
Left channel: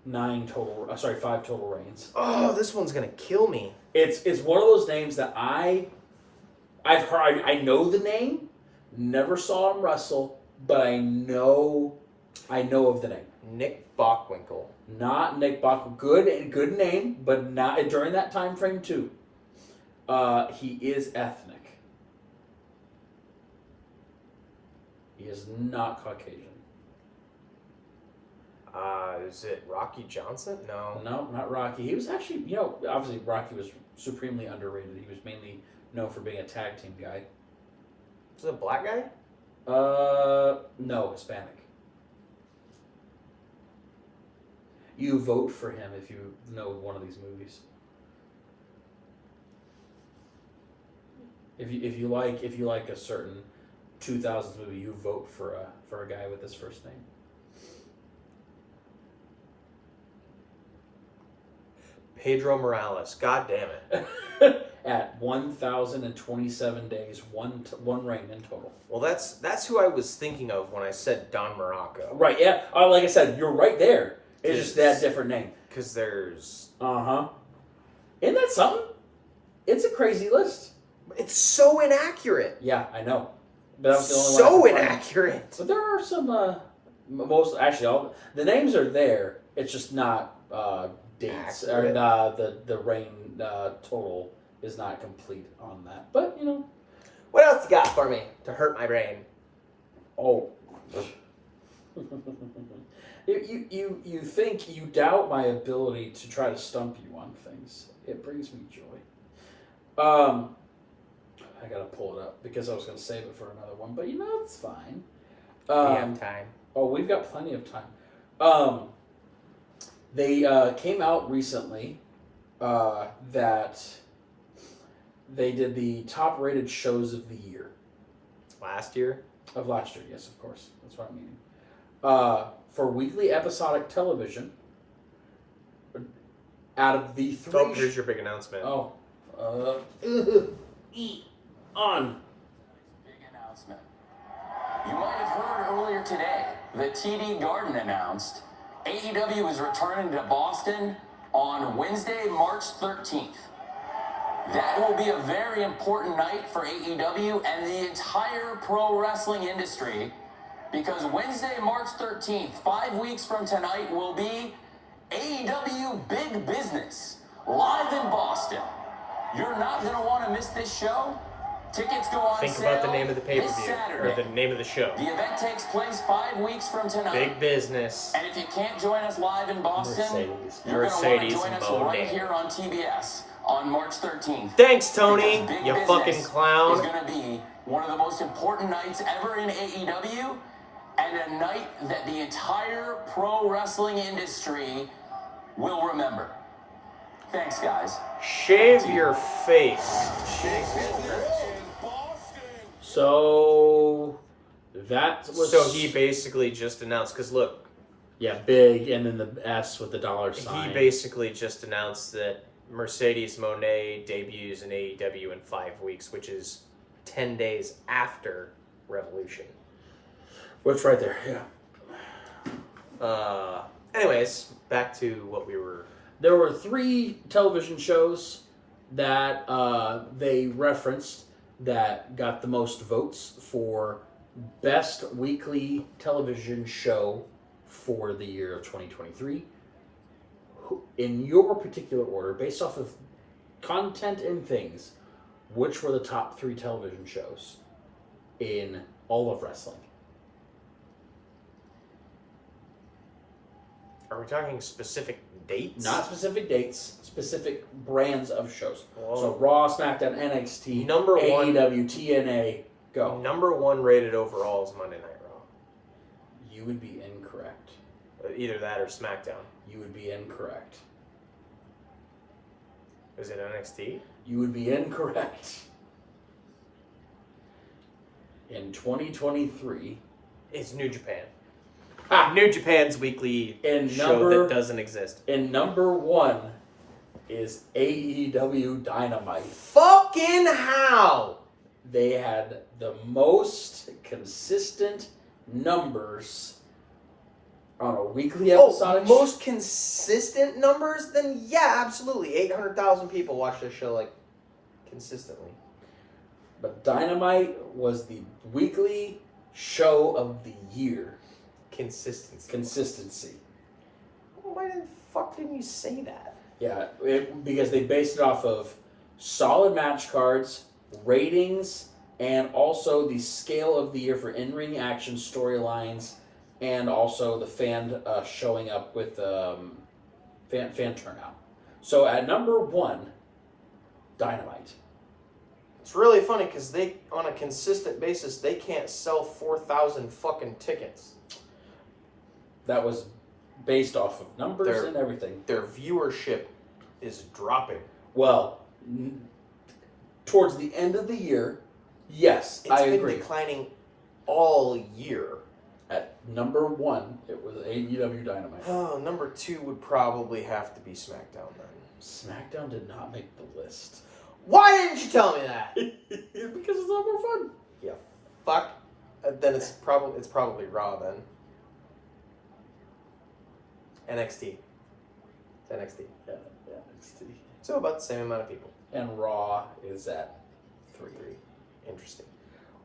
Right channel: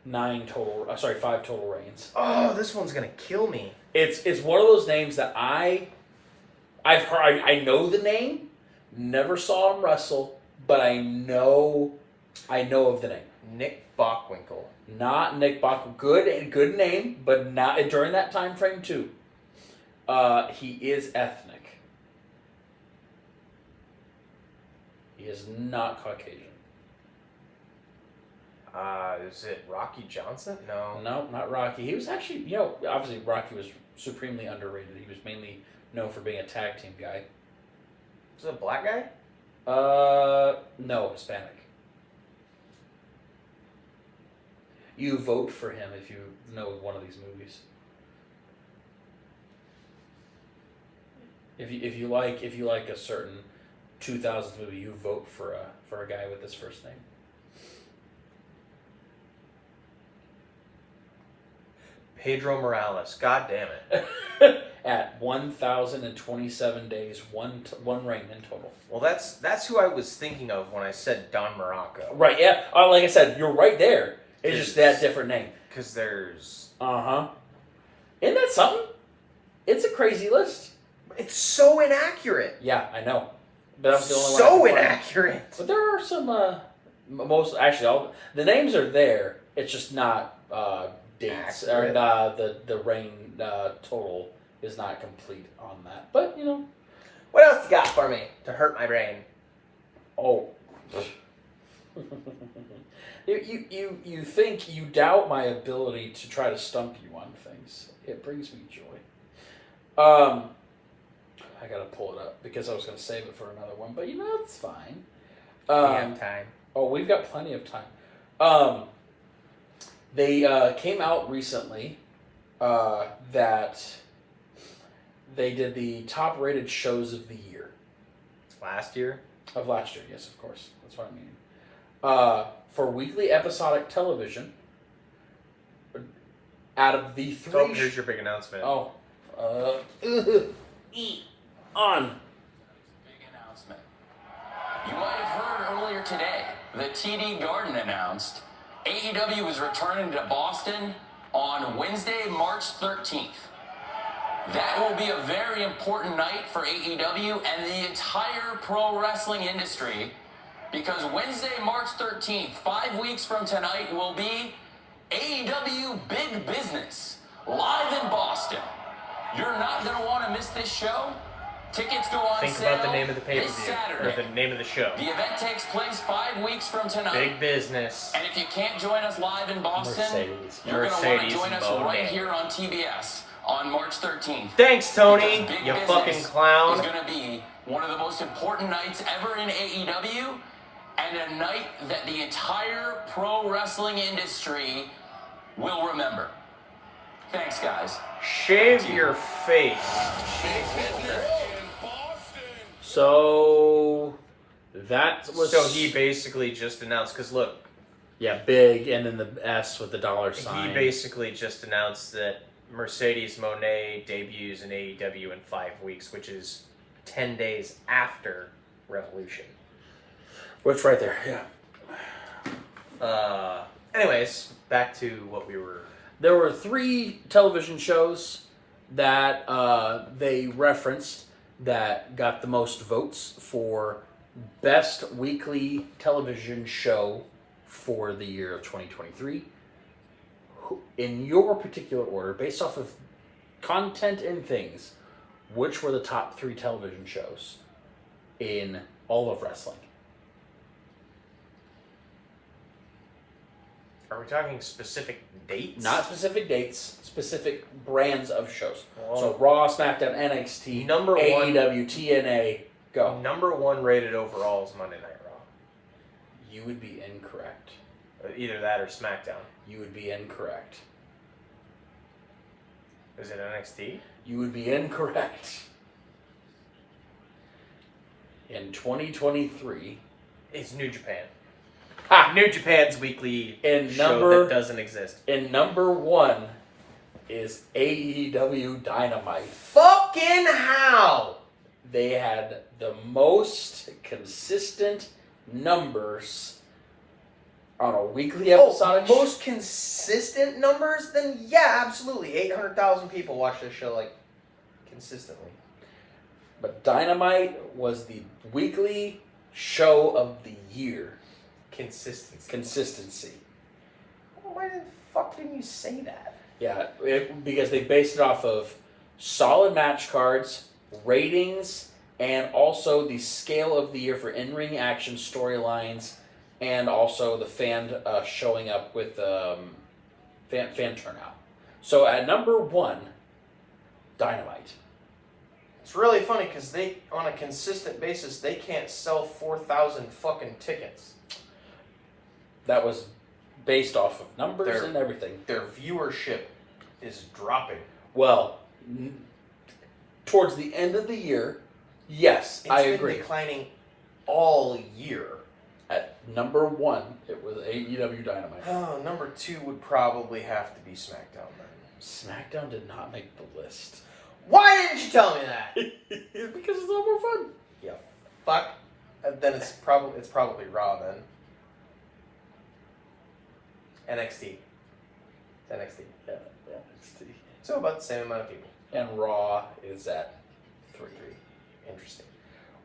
5 total reigns. Oh, this one's gonna kill me. It's one of those names that I've heard. I know the name, never saw him wrestle, but I know of the name. Nick Bockwinkel. Not Nick Bockwinkel. Good name, but not during that time frame too. He is ethnic. He is not Caucasian. Is it Rocky Johnson? No. No, not Rocky. He was actually, obviously Rocky was supremely underrated. He was mainly known for being a tag team guy. Is it a black guy? No, Hispanic. You vote for him if you know one of these movies. If you like a certain 2000s movie, you vote for a guy with this first name. Pedro Morales. God damn it. At 1,027 days, one reign in total. Well, that's who I was thinking of when I said Don Morocco. Right, yeah. Like I said, you're right there. It's just that different name. Because there's... Uh-huh. Isn't that something? It's a crazy list. It's so inaccurate. Yeah, I know. But that was the only one. So inaccurate. But there are some, the names are there. It's just not dates accurate. or the reign total is not complete on that. But What else you got for me to hurt my brain? oh. You think you doubt my ability to try to stump you on things. It brings me joy. I gotta pull it up because I was gonna save it for another one, but it's fine. We have time. Oh, we've got plenty of time. They came out recently that they did the top rated shows of the year. Last year? Of last year, yes, of course. That's what I mean. For weekly episodic television, out of the three... Oh, here's your big announcement. On. Big announcement. You might have heard earlier today, the TD Garden announced AEW is returning to Boston on Wednesday, March 13th. That will be a very important night for AEW and the entire pro wrestling industry, because Wednesday, March 13th, 5 weeks from tonight, will be AEW Big Business, live in Boston. You're not going to want to miss this show. Tickets go on Think sale about the name of the pay-per-view, this or Saturday. the name of the show. The event takes place 5 weeks from tonight. Big Business. And if you can't join us live in Boston, Mercedes. you're going to want to Mercedes join us Monet. right here on TBS on March 13th. Thanks, Tony, Because Big you Business fucking clown. is going to be one of the most important nights ever in AEW, and a night that the entire pro wrestling industry will remember. Thanks, guys. Shave your face. So that was... So he basically just announced, because look, Yeah, big, and then the S with the dollar sign. he basically just announced that Mercedes Monet debuts in AEW in 5 weeks, which is 10 days after Revolution. Which right there, yeah. Anyways, back to what we were... There were 3 television shows that they referenced that got the most votes for best weekly television show for the year of 2023. In your particular order, based off of content and things, which were the top 3 television shows in all of wrestling? Are we talking specific dates? Not specific dates, specific brands of shows. Well, So Raw, SmackDown, NXT, Number one- AEW, TNA, go. Number 1 rated overall is Monday Night Raw. You would be incorrect. Either that or SmackDown. You would be incorrect. Is it NXT? You would be incorrect. In 2023, It's New Japan. ha! New Japan's weekly In show number- that doesn't exist. In number 1 is AEW Dynamite. Fucking how? They had the most consistent numbers on a weekly episodic most consistent numbers? Then yeah, absolutely. 800,000 people watch this show like consistently. But Dynamite was the weekly show of the year. Consistency. Well, why the fuck didn't you say that? Yeah, because they based it off of solid match cards, ratings, and also the scale of the year for in-ring action storylines, and also the fan showing up with fan turnout. So at number 1, Dynamite. It's really funny because they, on a consistent basis, they can't sell 4,000 fucking tickets. That was based off of numbers and everything. Their viewership is dropping. Well, towards the end of the year, yes, I It's agree. been declining all year. At number 1, it was AEW Dynamite. Oh, number 2 would probably have to be SmackDown then. SmackDown did not make the list. Why didn't you tell me that? Because it's a lot more fun. Yeah, fuck. Then it's probably Raw then. NXT. It's NXT. Yeah, NXT. So about the same amount of people. And Raw is at 3. Interesting.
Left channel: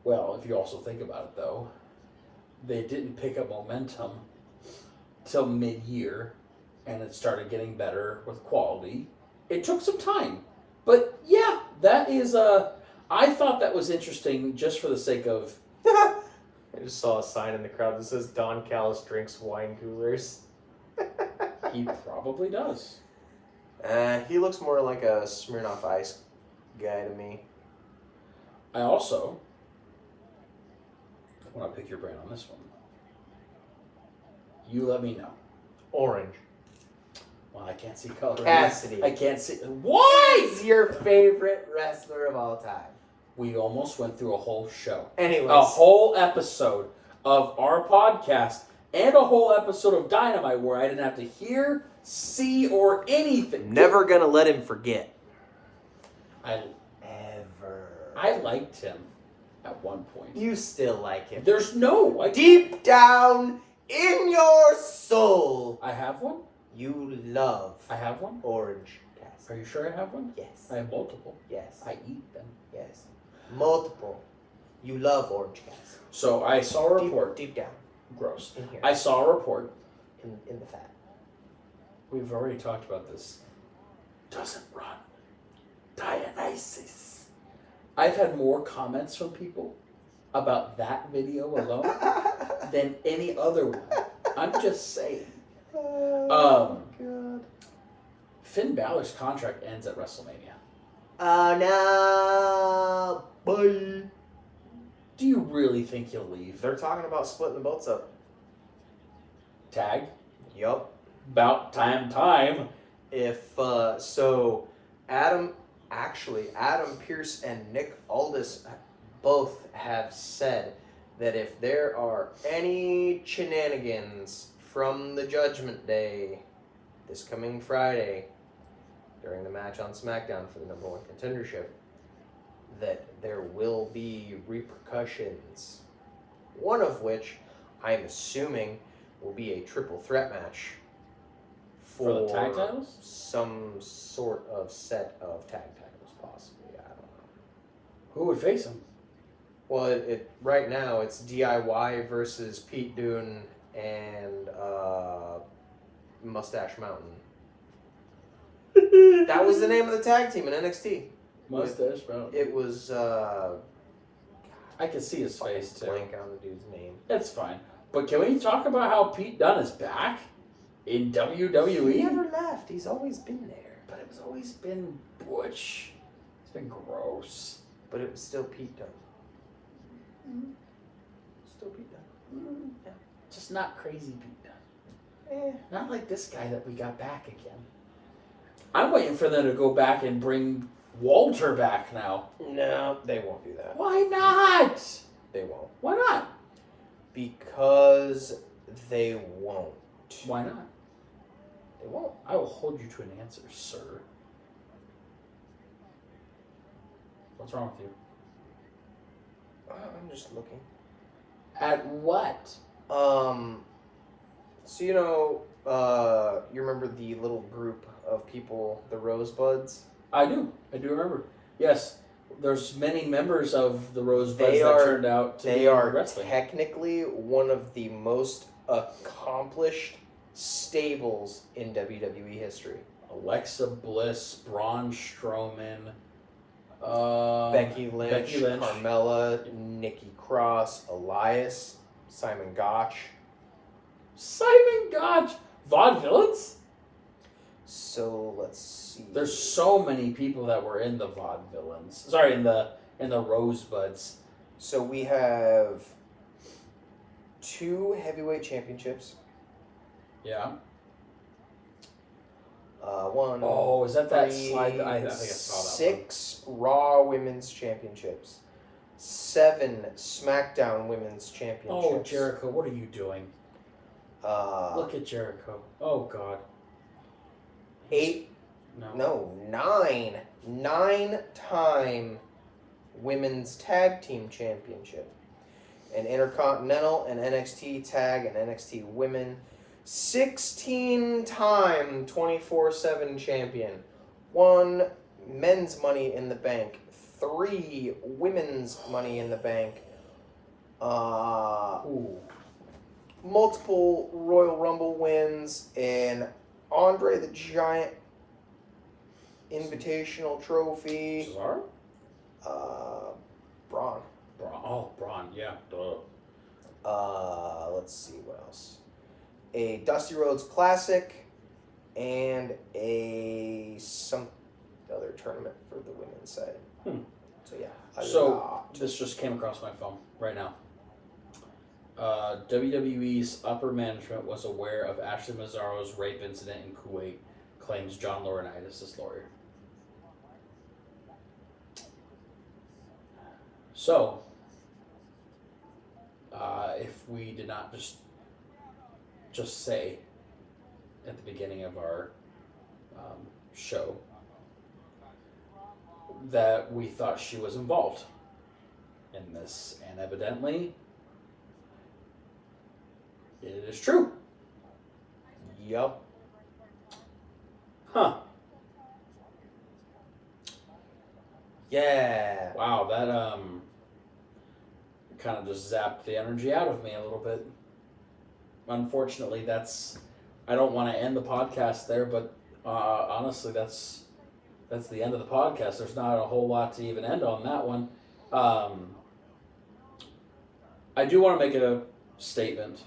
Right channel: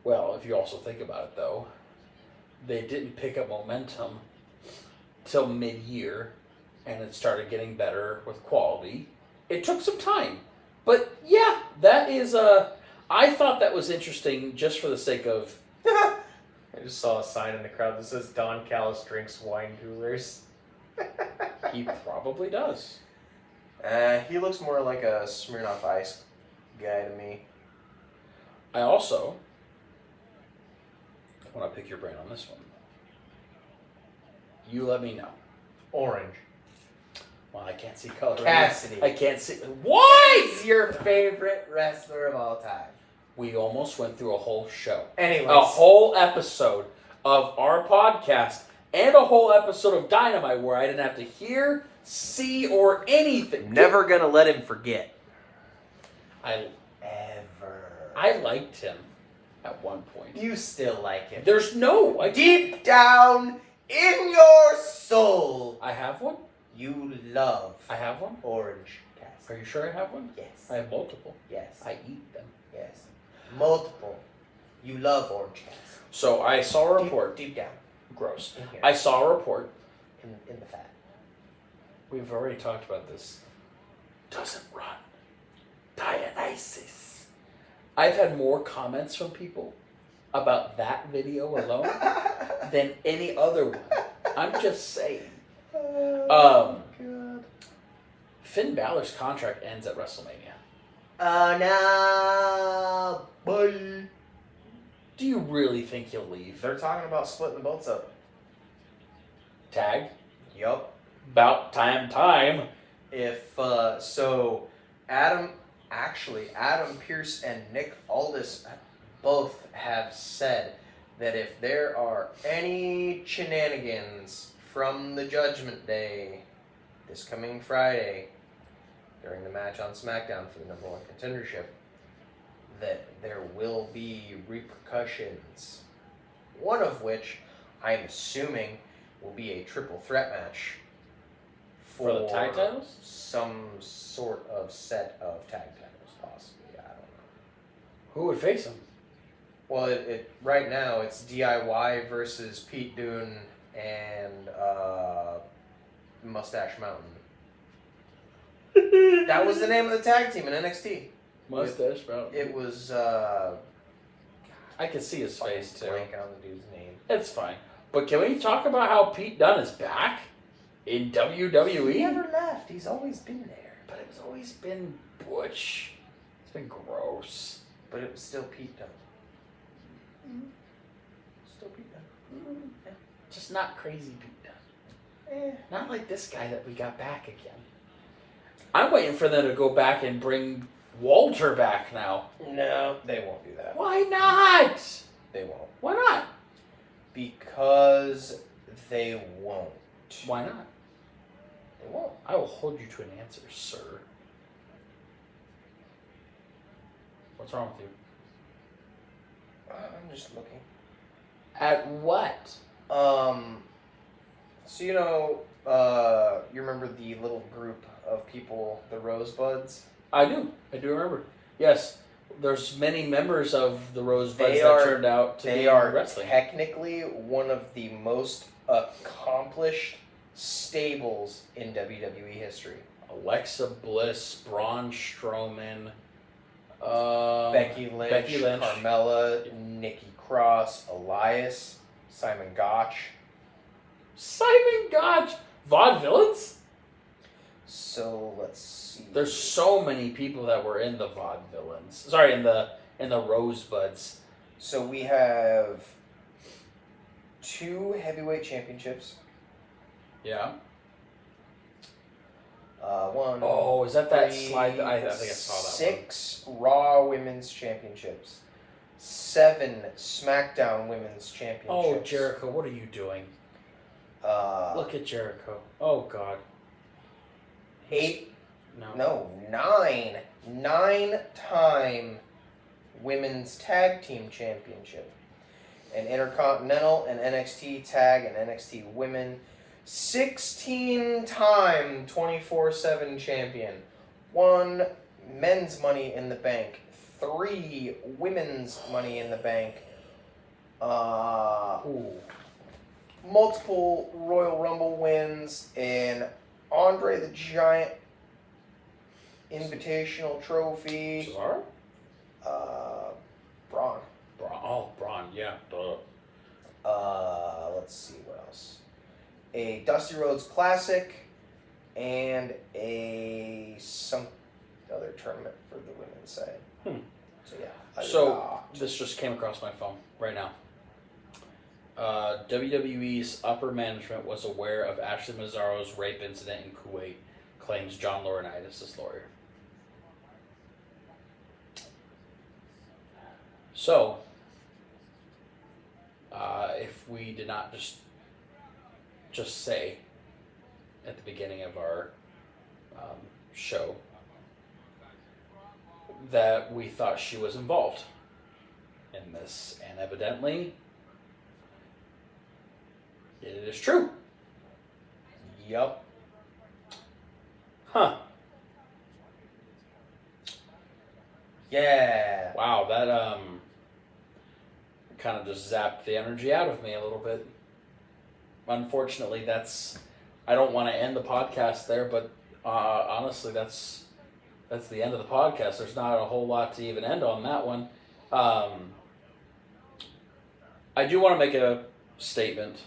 Well, if you also think about it, though, they didn't pick up momentum till mid-year and it started getting better with quality. It took some time. But yeah, that is I thought that was interesting just for the sake of I just saw a sign in the crowd that says Don Callis drinks wine coolers. he probably does. He looks more like a Smirnoff Ice guy to me. I also want to pick your brain on this one. You let me know. Orange. Well, I can't see color. Cassidy. I can't see. Why? He's your favorite wrestler of all time. We almost went through a whole show. Anyways. A whole episode of our podcast and a whole episode of Dynamite where I didn't have to hear, see, or anything. Never gonna let him forget. I liked him at one point. You still like him. There's no... Deep down in your soul. I have one? You love I have one? Orange Cassidy. Are you sure I have one? Yes. I have multiple. Yes. I eat them. Yes. Multiple. You love Orange Cassidy. So I saw a report. Deep down. Gross. In here. I saw a report. In the fat. We've already talked about this. Doesn't run. Dionysus. I've had more comments from people about that video alone than any other one. I'm just saying. Oh, God. Finn Balor's contract ends at WrestleMania. Oh, no. Bye. Do you really think he'll leave? They're talking about splitting the belts up. Tag? Yup. About time. If, so, Adam Pearce and Nick Aldis both have said that if there are any shenanigans from the Judgment Day this coming Friday during the match on SmackDown for the number one contendership, that there will be repercussions. One of which I'm assuming will be a triple threat match For the tag titles? Some sort of set of tag titles, possibly. I don't know. Who would face him? Well, it right now it's DIY versus Pete Dunne and Mustache Mountain. That was the name of the tag team in NXT. Mustache Mountain. It was. I can see his face too. Blank on the dude's name. It's fine. But can we talk about how Pete Dunne is back in WWE? He never left. He's always been there. But it's always been butch. It's been gross. But it was still Pete Dunne. Mm-hmm. Still Pete Dunne. Mm-hmm. Yeah. Just not crazy Pete Dunne. Not like this guy that we got back again. I'm waiting for them to go back and bring Walter back now. No, they won't do that. Why not? They won't. Why not? Because they won't. Why not? They won't. I will hold you to an answer, sir. What's wrong with you? I'm just looking. At what? So you remember the little group of people, the Rosebuds? I do remember. Yes, there's many members of the Rosebuds that turned out to be wrestling. Technically one of the most accomplished stables in WWE history. Alexa Bliss, Braun Strowman, Becky Lynch, Carmella, Nikki Cross, Elias, Simon Gotch. Simon Gotch! Vaudevillains? So let's see. There's so many people that were in the Vaudevillains. Sorry, in the Rosebuds. So we have 2 heavyweight championships. Yeah. One. Oh, is that 3, slide? I think I saw that 6 Raw Women's Championships. 7 SmackDown Women's Championships. Oh, Jericho, what are you doing? Look at Jericho. Oh, God. 8. No. 9. 9-time Women's Tag Team Championship. An Intercontinental, an NXT Tag, and NXT Women. 16-time 24/7 champion. 1 men's Money in the Bank. 3 women's Money in the Bank. Multiple Royal Rumble wins, and Andre the Giant Invitational Trophy. Cesaro? Braun. Braun, yeah. Duh. Let's see what else. A Dusty Rhodes Classic and some other tournament for the women's side. So yeah. This just came across my phone right now. WWE's upper management was aware of Ashley Mazzaro's rape incident in Kuwait, claims John Laurinaitis' lawyer. So, if we did not just say at the beginning of our show that we thought she was involved in this, and evidently it is true. Yup. Huh. Yeah. Wow, that kind of just zapped the energy out of me a little bit. Unfortunately, I don't want to end the podcast there, but honestly, that's the end of the podcast. There's not a whole lot to even end on that one. I do want to make a statement.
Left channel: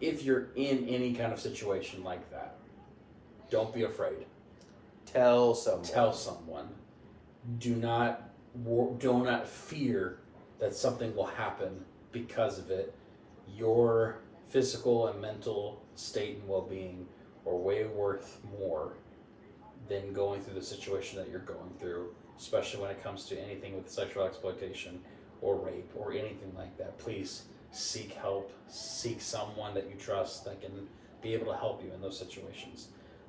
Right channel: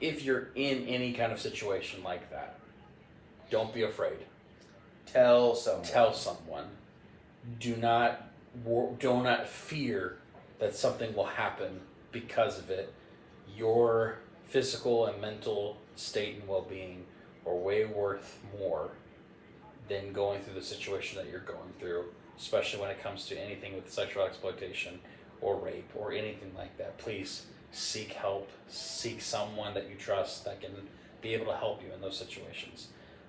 If you're in any kind of situation like that, don't be afraid. Tell someone. Tell someone. Do not fear that something will happen because of it. Your physical and mental state and well-being are way worth more than going through the situation that you're going through, especially when it comes to anything with sexual exploitation or rape or anything like that. Please seek help. Seek someone that you trust that can be able to help you in those situations.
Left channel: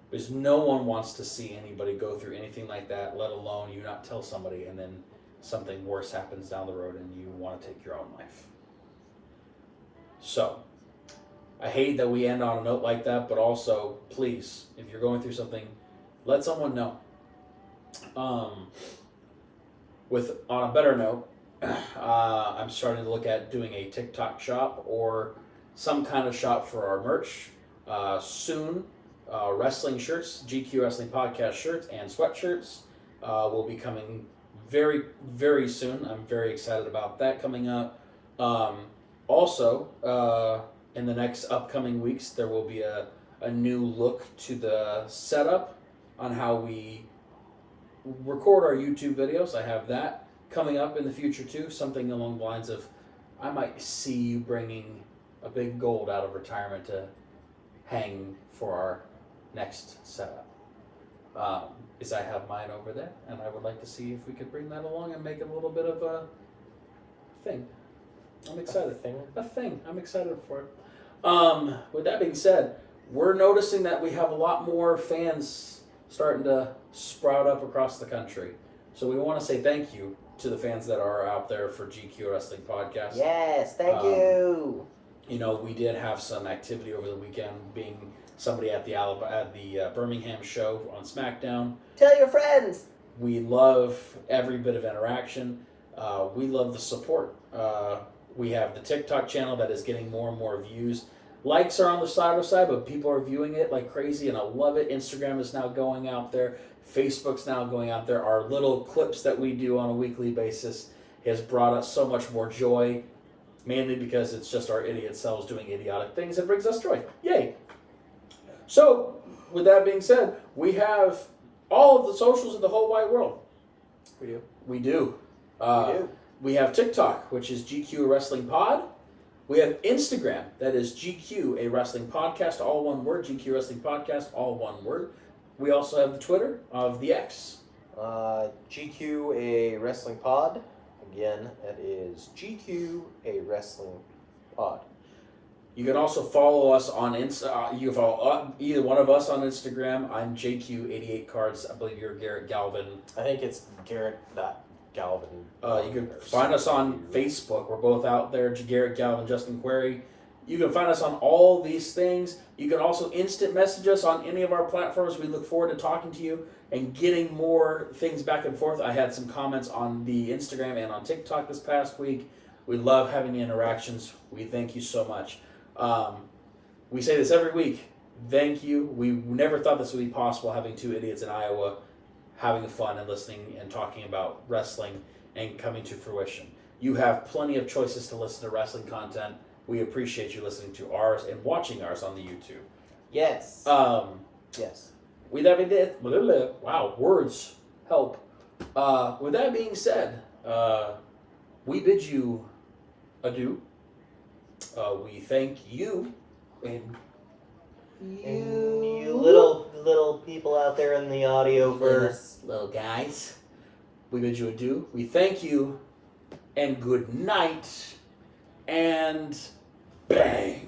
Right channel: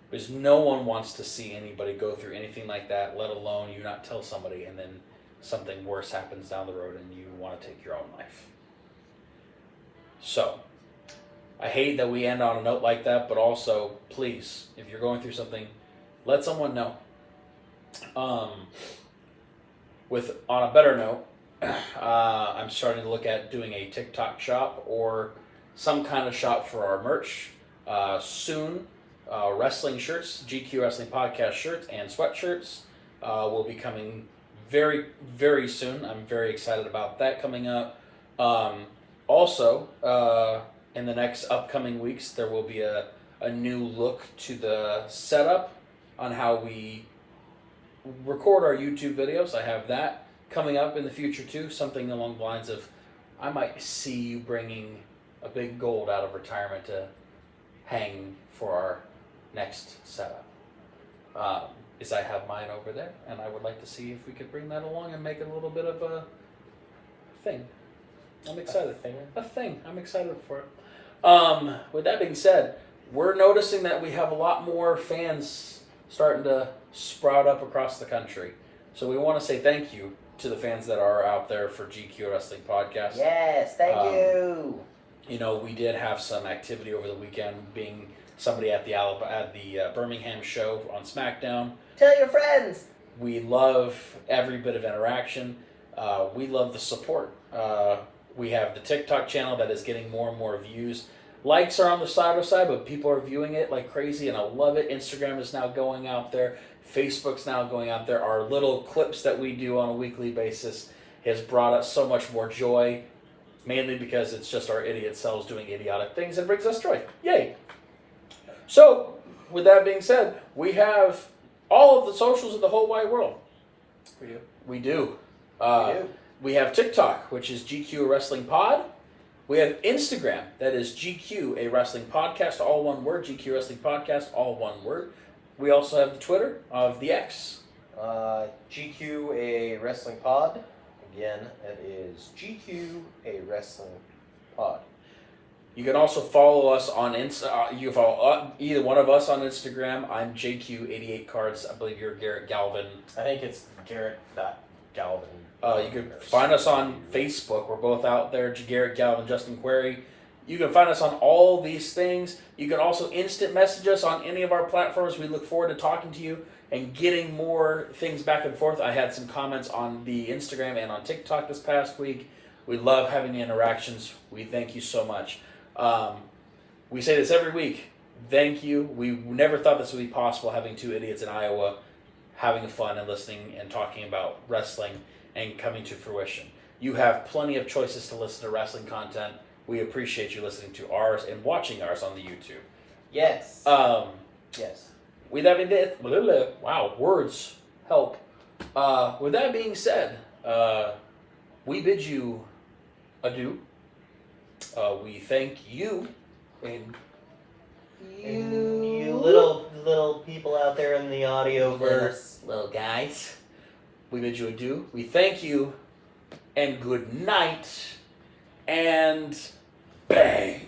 Because no one wants to see anybody go through anything like that, let alone you not tell somebody and then something worse happens down the road and you want to take your own life. So, I hate that we end on a note like that, but also, please, if you're going through something, let someone know. On a better note, I'm starting to look at doing a TikTok shop or some kind of shop for our merch soon. Wrestling shirts, GQ Wrestling Podcast shirts, and sweatshirts will be coming very, very soon. I'm very excited about that coming up. Also, in the next upcoming weeks, there will be a new look to the setup on how we record our YouTube videos. I have that coming up in the future too. Something along the lines of, I might see you bringing a big gold out of retirement to hang for our next setup. Is I have mine over there, and I would like to see if we could bring that along and make it a little bit of a thing. I'm excited. A thing. I'm excited for it. With that being said, we're noticing that we have a lot more fans starting to sprout up across the country. So we want to say thank you to the fans that are out there for GQ Wrestling Podcast. Yes, thank you. You know, we did have some activity over the weekend, being somebody at the Birmingham show on SmackDown. Tell your friends. We love every bit of interaction. We love the support. We have the TikTok channel that is getting more and more views. Likes are on the side, but people are viewing it like crazy, and I love it. Instagram is now going out there. Facebook's now going out there. Our little clips that we do on a weekly basis has brought us so much more joy, mainly because it's just our idiot selves doing idiotic things that brings us joy. Yay! So, with that being said, we have all of the socials of the whole wide world. We do. We do. We do. We have TikTok, which is GQ Wrestling Pod. We have Instagram, that is GQ A Wrestling Podcast, all one word. GQ Wrestling Podcast, all one word. We also have the Twitter of the X. GQ A Wrestling Pod. Again, that is GQ A Wrestling Pod. You can also follow us on you can follow either one of us on Instagram. I'm JQ88Cards. I believe you're Garrett Galvin. I think it's Garrett, not Galvin. You can find us on Facebook. We're both out there. Garrett Galvin, Justin Query. You can find us on all these things. You can also instant message us on any of our platforms. We look forward to talking to you and getting more things back and forth. I had some comments on the Instagram and on TikTok this past week. We love having the interactions. We thank you so much. We say this every week. thank you. We never thought this would be possible, having two idiots in Iowa having fun and listening and talking about wrestling and coming to fruition. You have plenty of choices to listen to wrestling content. We appreciate you listening to ours and watching ours on the YouTube. Yes. Yes. With that being said, wow, words help. With that being said, we bid you adieu. We thank you and you little people out there in the audioverse, little guys. We bid you adieu. We thank you and good night and bang.